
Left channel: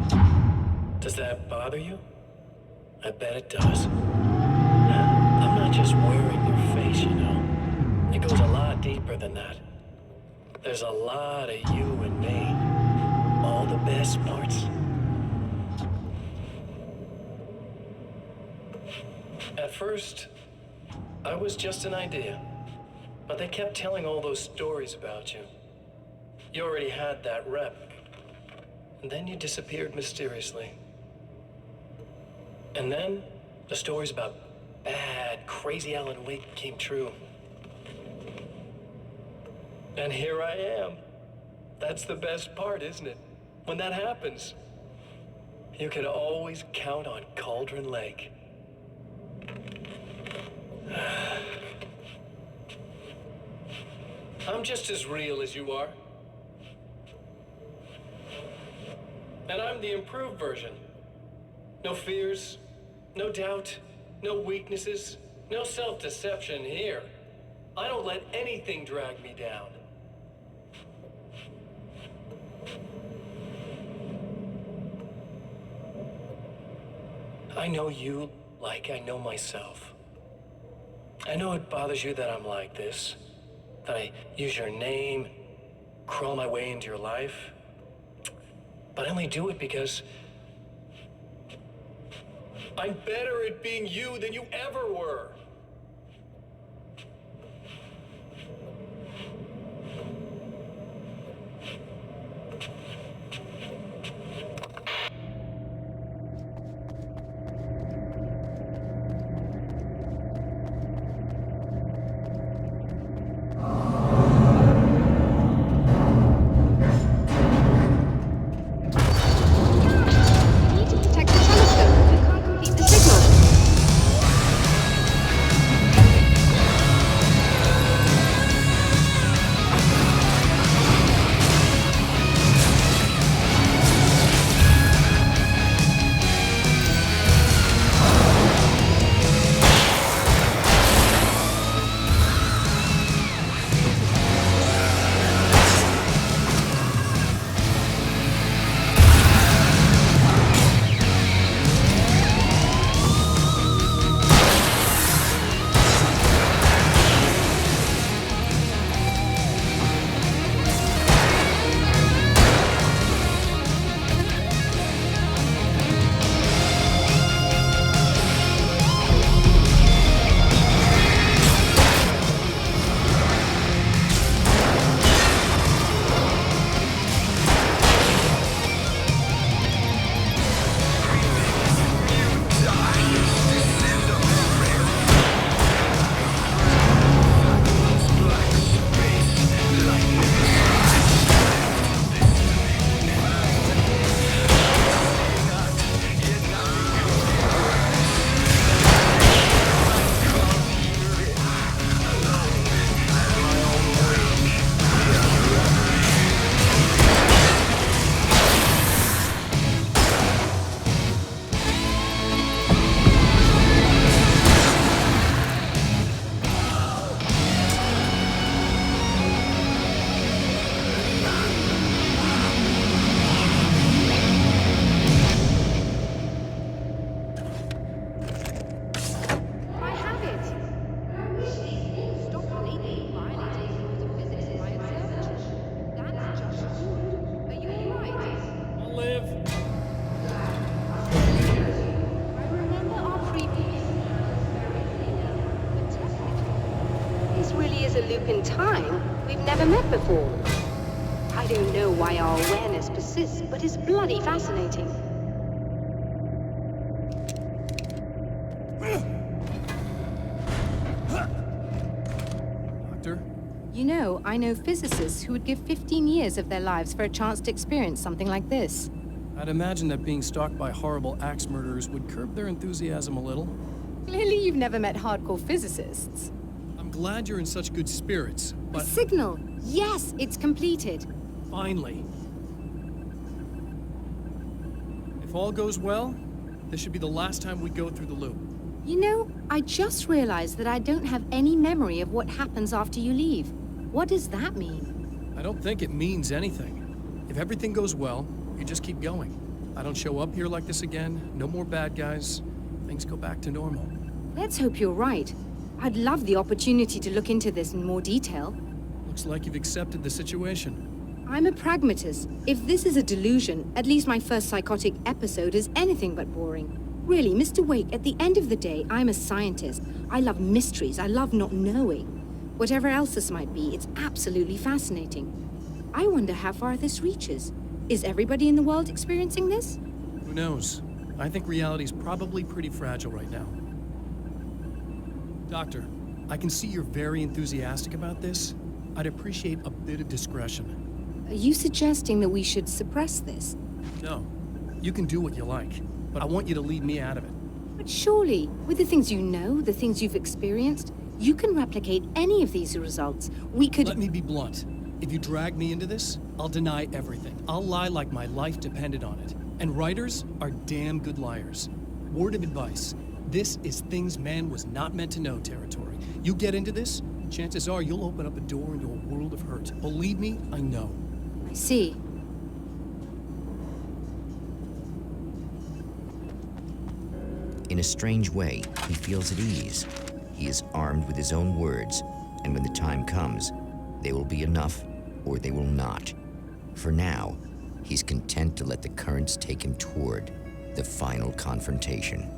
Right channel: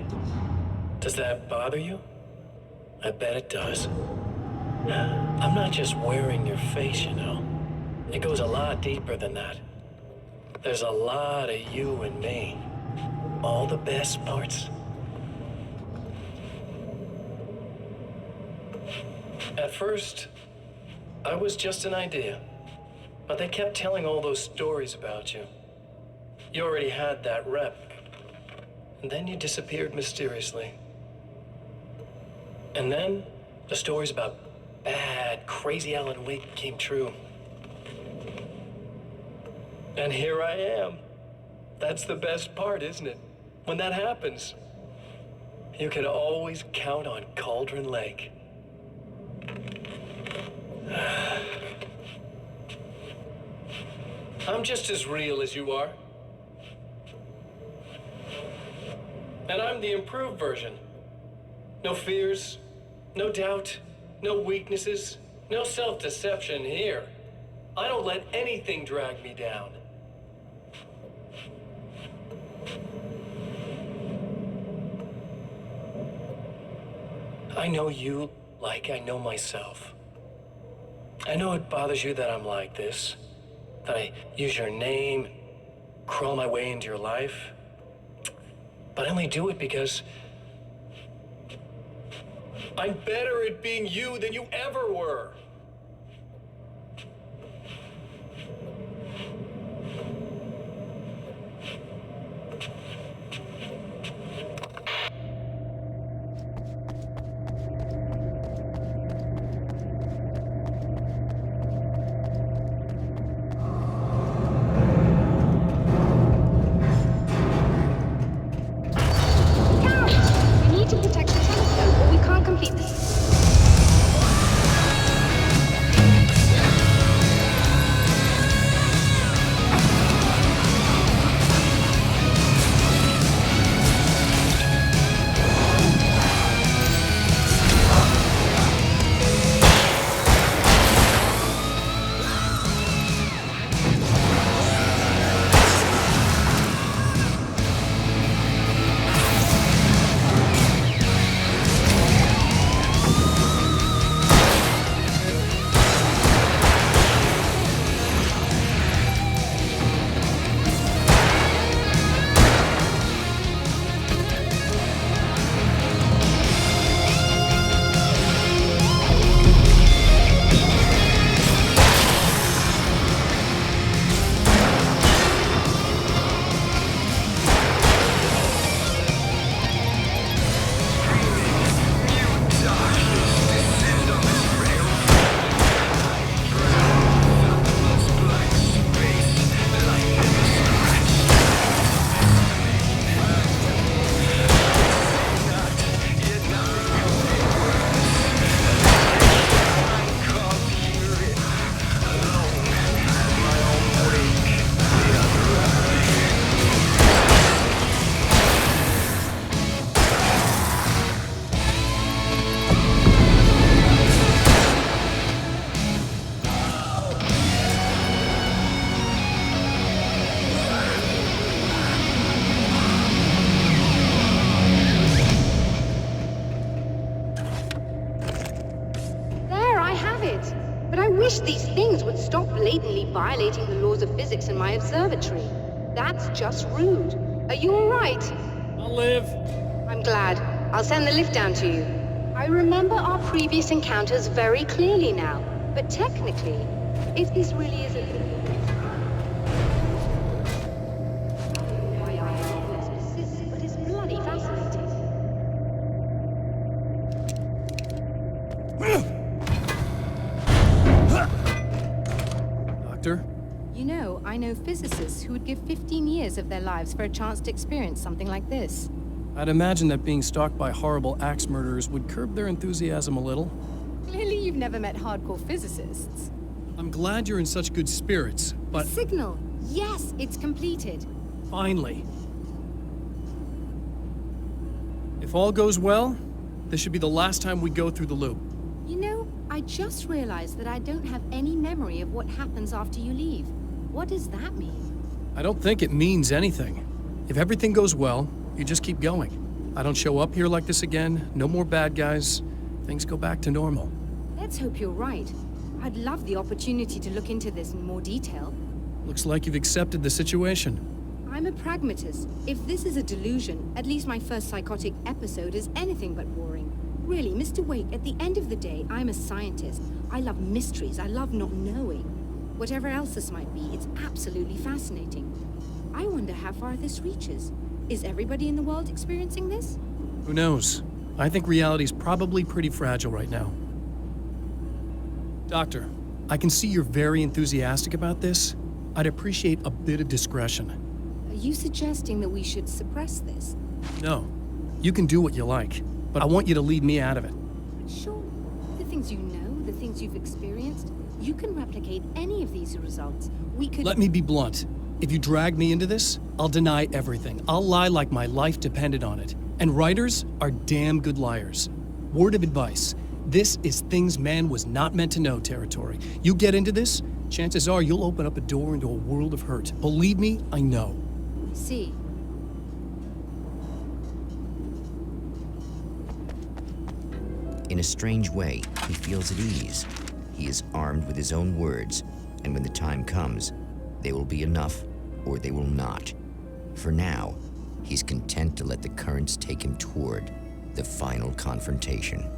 Does that bother you? I bet it does. I'm not just wearing your face, you know. It goes a lot deeper than that. There's a lot of you and me. All the best parts. At first, I was just an idea. But they kept telling all those stories about you. You already had that rep. And then you disappeared mysteriously. And then the stories about bad, crazy Alan Wake came true. And here I am. That's the best part, isn't it? When that happens, you can always count on Cauldron Lake. I'm just as real as you are. And I'm the improved version. No fears, no doubt, no weaknesses, no self-deception here. I don't let anything drag me down. I know you like I know myself. I know it bothers you that I'm like this, that I use your name, crawl my way into your life. But I only do it because I'm better at being you than you ever were. Violating the laws of physics in my observatory. That's just rude. Are you all right? I'll live. I'm glad. I'll send the lift down to you. I remember our previous encounters very clearly now. But technically, if this really is a loop in time, we've never met before. I don't know why our awareness persists, but it's bloody fascinating. Doctor? You know, I know physicists who would give 15 years of their lives for a chance to experience something like this. I'd imagine that being stalked by horrible axe murderers would curb their enthusiasm a little. Clearly you've never met hardcore physicists. I'm glad you're in such good spirits, but... The signal! Yes, it's completed. Finally. If all goes well, this should be the last time we go through the loop. You know, I just realized that I don't have any memory of what happens after you leave. What does that mean? I don't think it means anything. If everything goes well, You just keep going. I don't show up here like this again, no more bad guys. Things go back to normal. Let's hope you're right. I'd love the opportunity to look into this in more detail. Looks like you've accepted the situation. I'm a pragmatist. If this is a delusion, at least my first psychotic episode is anything but boring. Really, Mr. Wake, at the end of the day, I'm a scientist. I love mysteries. I love not knowing. Whatever else this might be, it's absolutely fascinating. I wonder how far this reaches. Is everybody in the world experiencing this? Who knows? I think reality's probably pretty fragile right now. Doctor, I can see you're very enthusiastic about this. I'd appreciate a bit of discretion. Are you suggesting that we should suppress this? No. You can do what you like, but I want you to leave me out of it. But surely, with the things you know, the things you've experienced, you can replicate any of these results. We could— Let me be blunt. If you drag me into this, I'll deny everything. I'll lie like my life depended on it. And writers are damn good liars. Word of advice. This is things man was not meant to know territory. You get into this, chances are you'll open up a door into a world of hurt. Believe me, I know. I see. In a strange way, he feels at ease. He is armed with his own words, and when the time comes, they will be enough or they will not. For now, he's content to let the currents take him toward the final confrontation.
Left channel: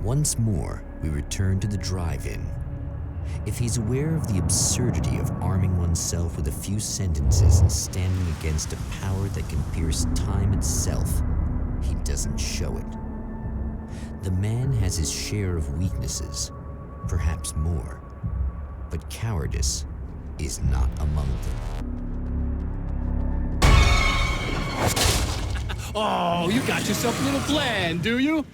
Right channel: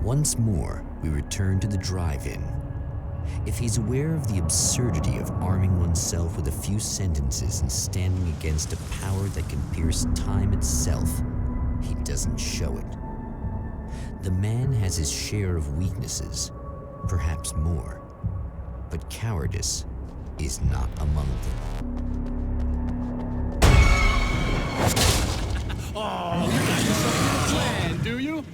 Once more, we return to the drive-in. If he's aware of the absurdity of arming oneself with a few sentences and standing against a power that can pierce time itself, he doesn't show it. The man has his share of weaknesses, perhaps more, but cowardice is not among them. Oh, you got yourself a little plan, do you?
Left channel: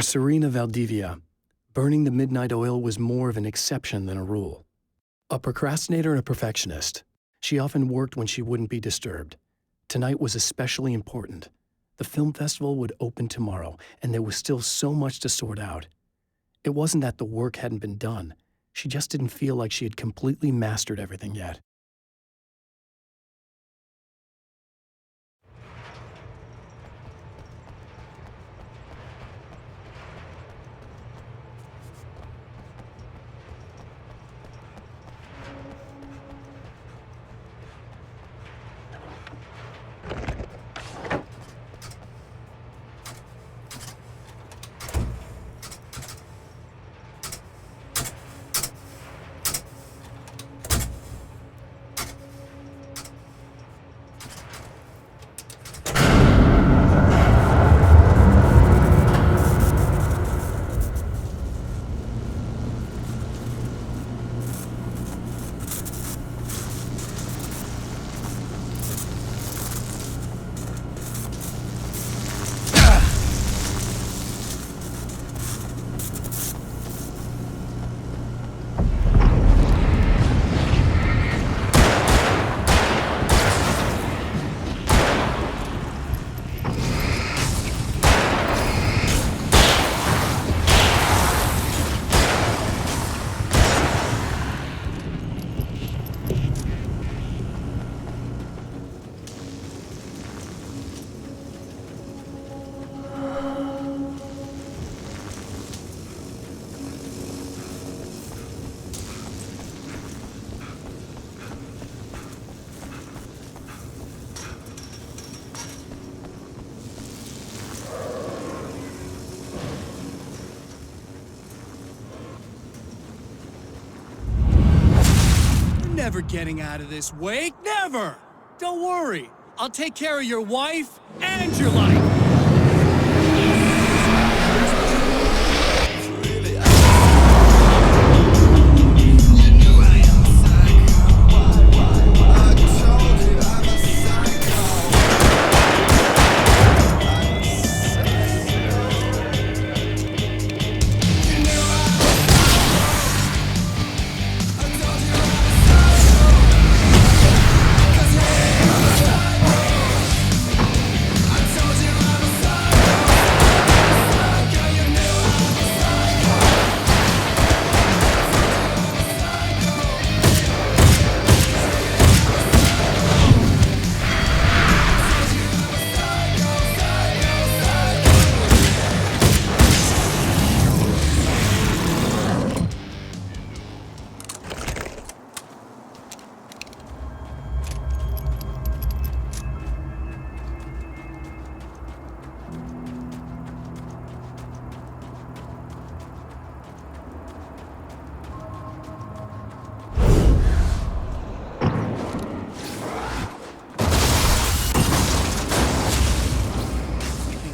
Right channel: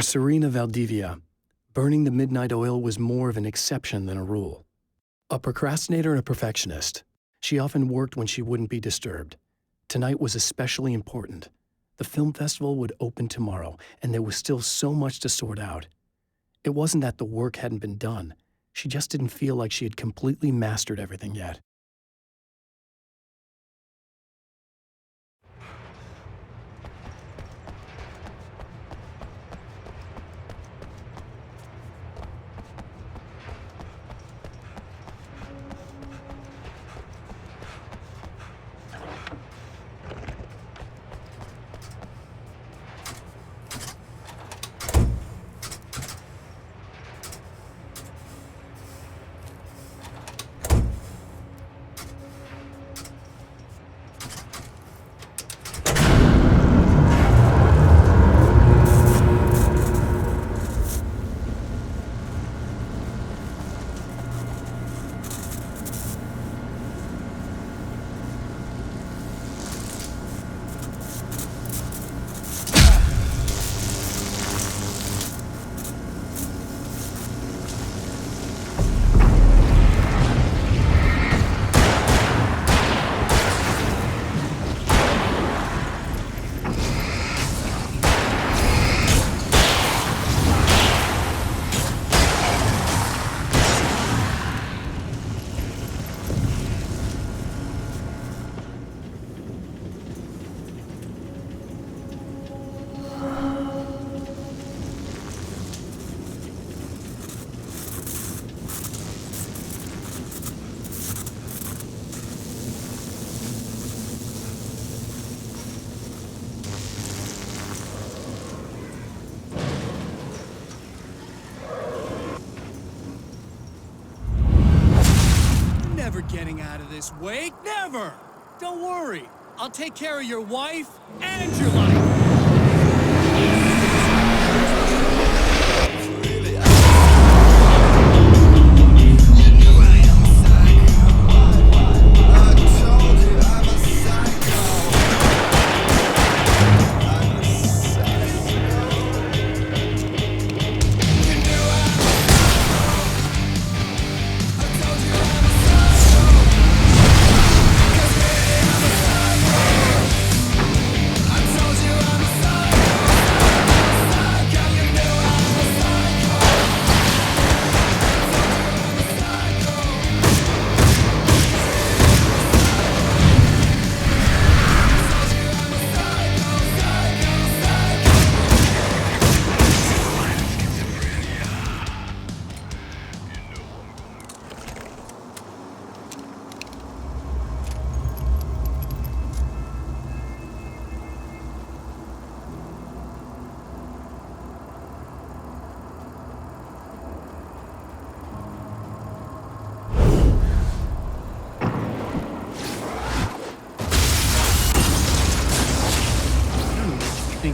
For Serena Valdivia, burning the midnight oil was more of an exception than a rule. A procrastinator and a perfectionist, she often worked when she wouldn't be disturbed. Tonight was especially important. The film festival would open tomorrow, and there was still so much to sort out. It wasn't that the work hadn't been done. She just didn't feel like she had completely mastered everything yet. getting out of this, Wake. Never! Don't worry. I'll take care of your wife and your life.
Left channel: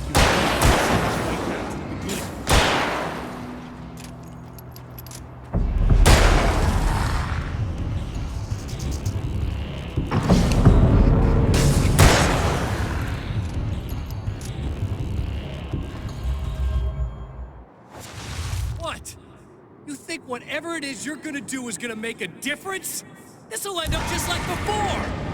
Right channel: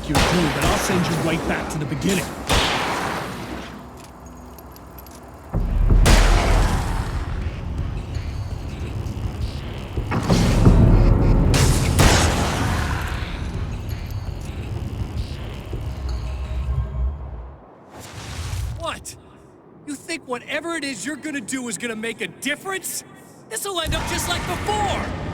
You're good, but I'll send you right back to the beginning. What? You think whatever it is you're gonna do is gonna make a difference? This'll end up just like before!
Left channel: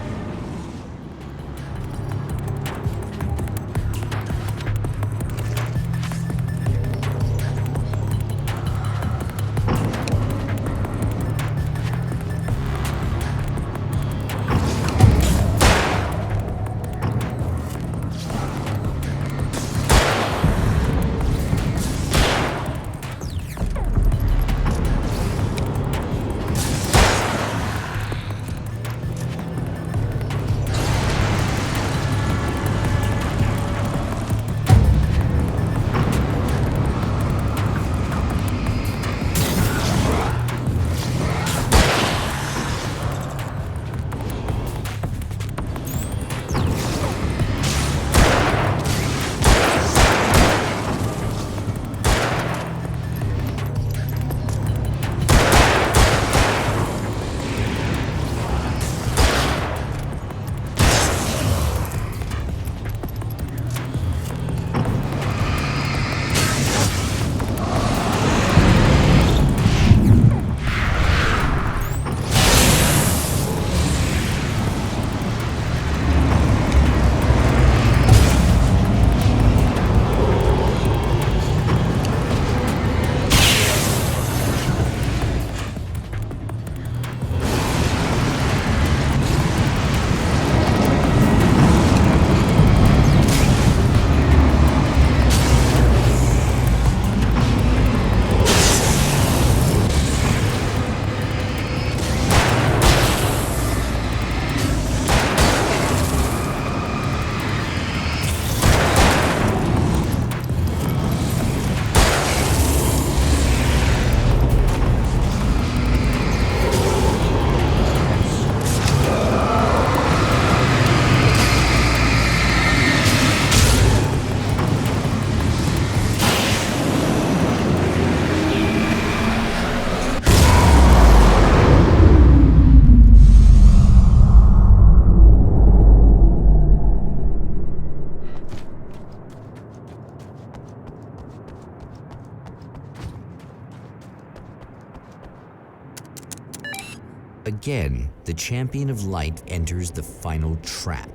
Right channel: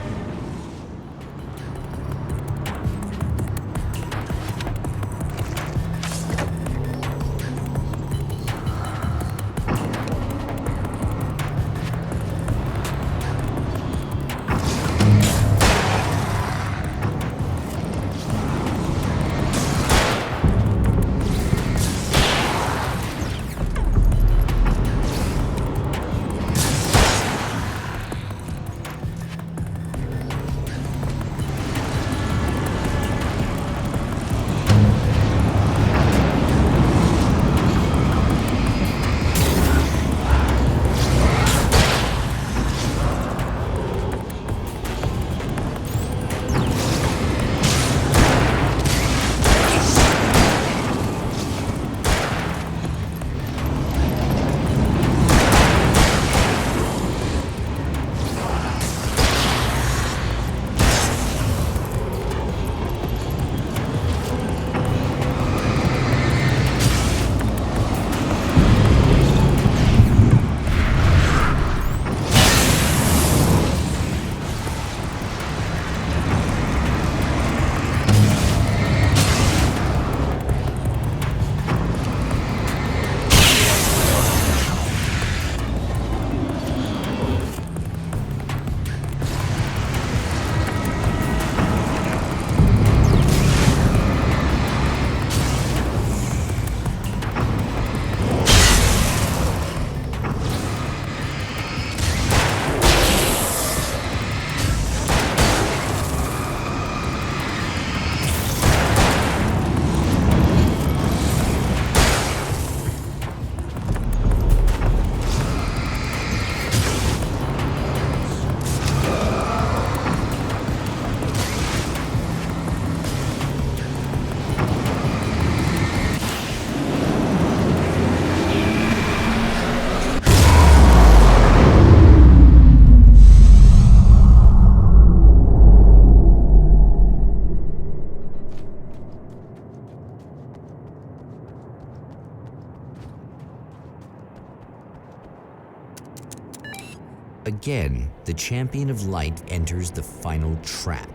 Again, the champion of light enters the final trap.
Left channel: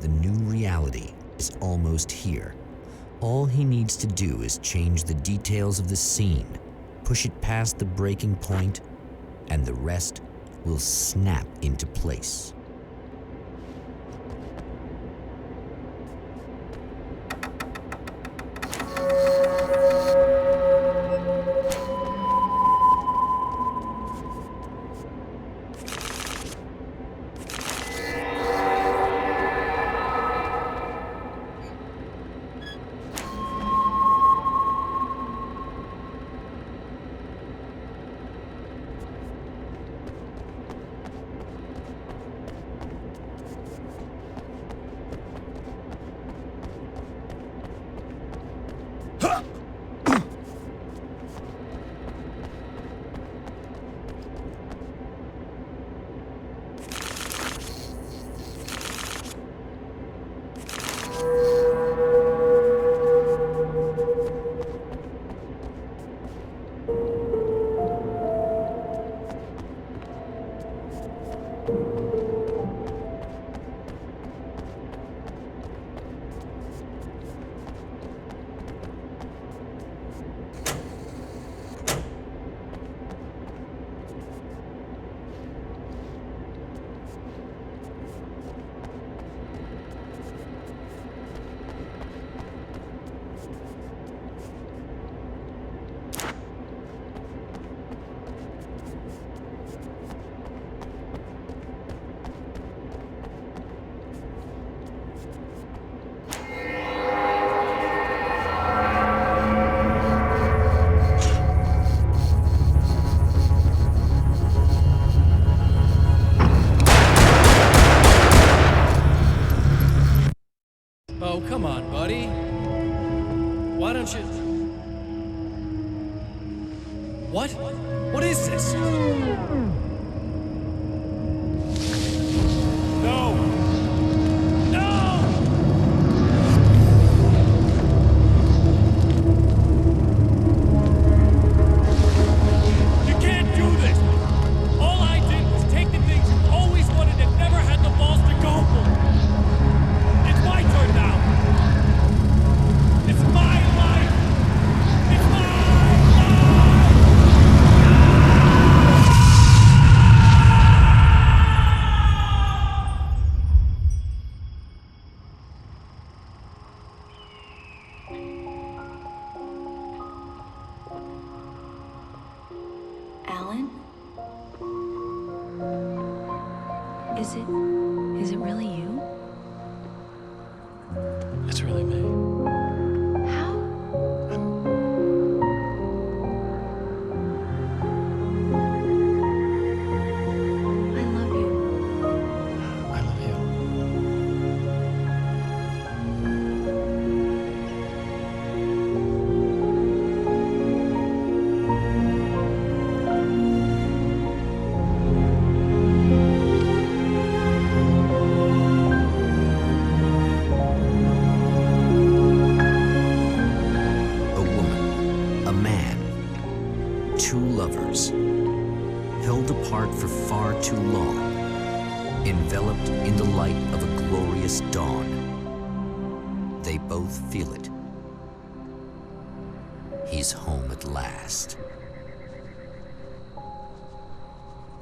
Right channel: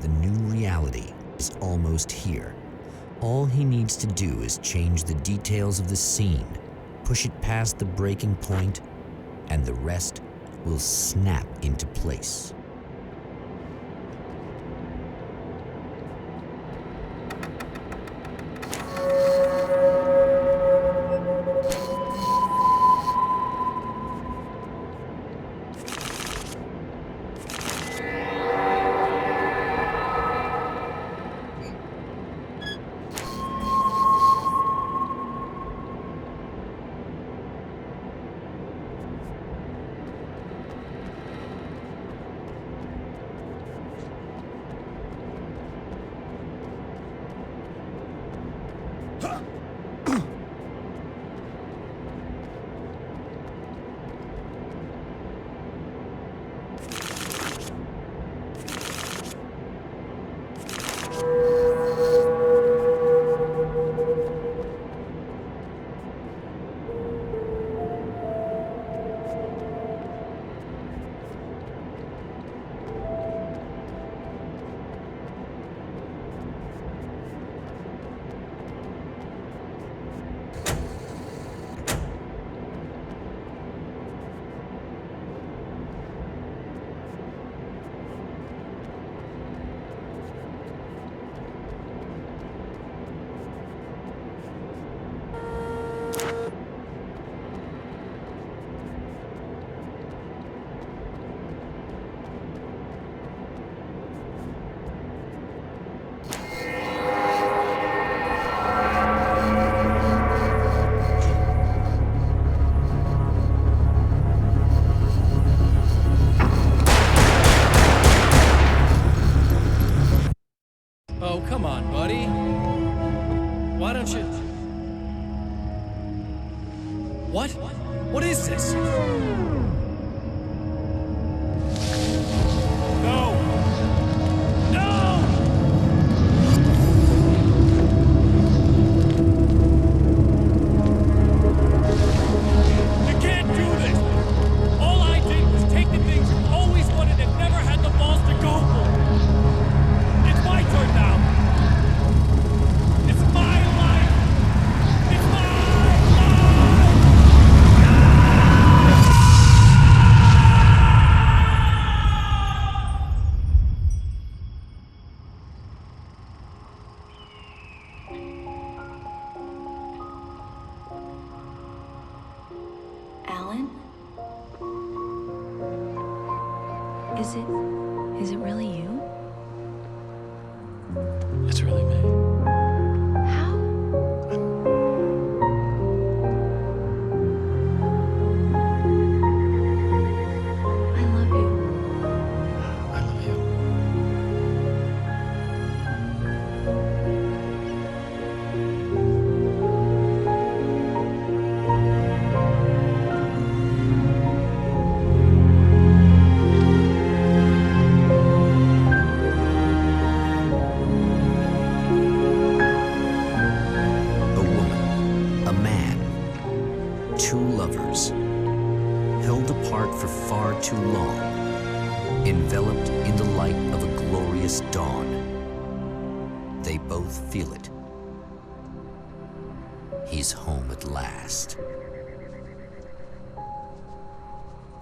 The new reality is almost here. All he needs to do is change the details of the scene, push it past the breaking point, and the rest will snap into place. Oh, come on, buddy. Why don't you... What? What is this? No! No! You can't do this! All I did was take the things you always wanted and never had the balls to go for. It's my turn now. It's my life. It's my life! Alan? Is it really you? It's really me. How? I love you. I love you. A woman, a man, two lovers, held apart for far too long, enveloped in the light of a glorious dawn. They both feel it. He's home at last.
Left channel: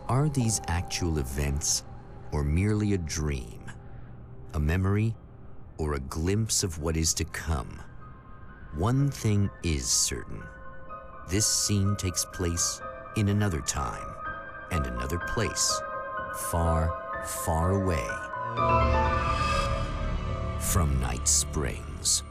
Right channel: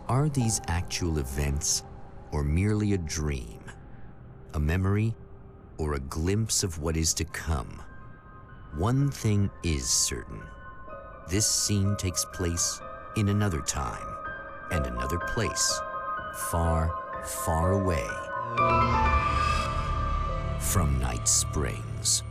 Are these actual events, or merely a dream? A memory, or a glimpse of what is to come? One thing is certain. This scene takes place in another time and another place, far, far away from Night Springs.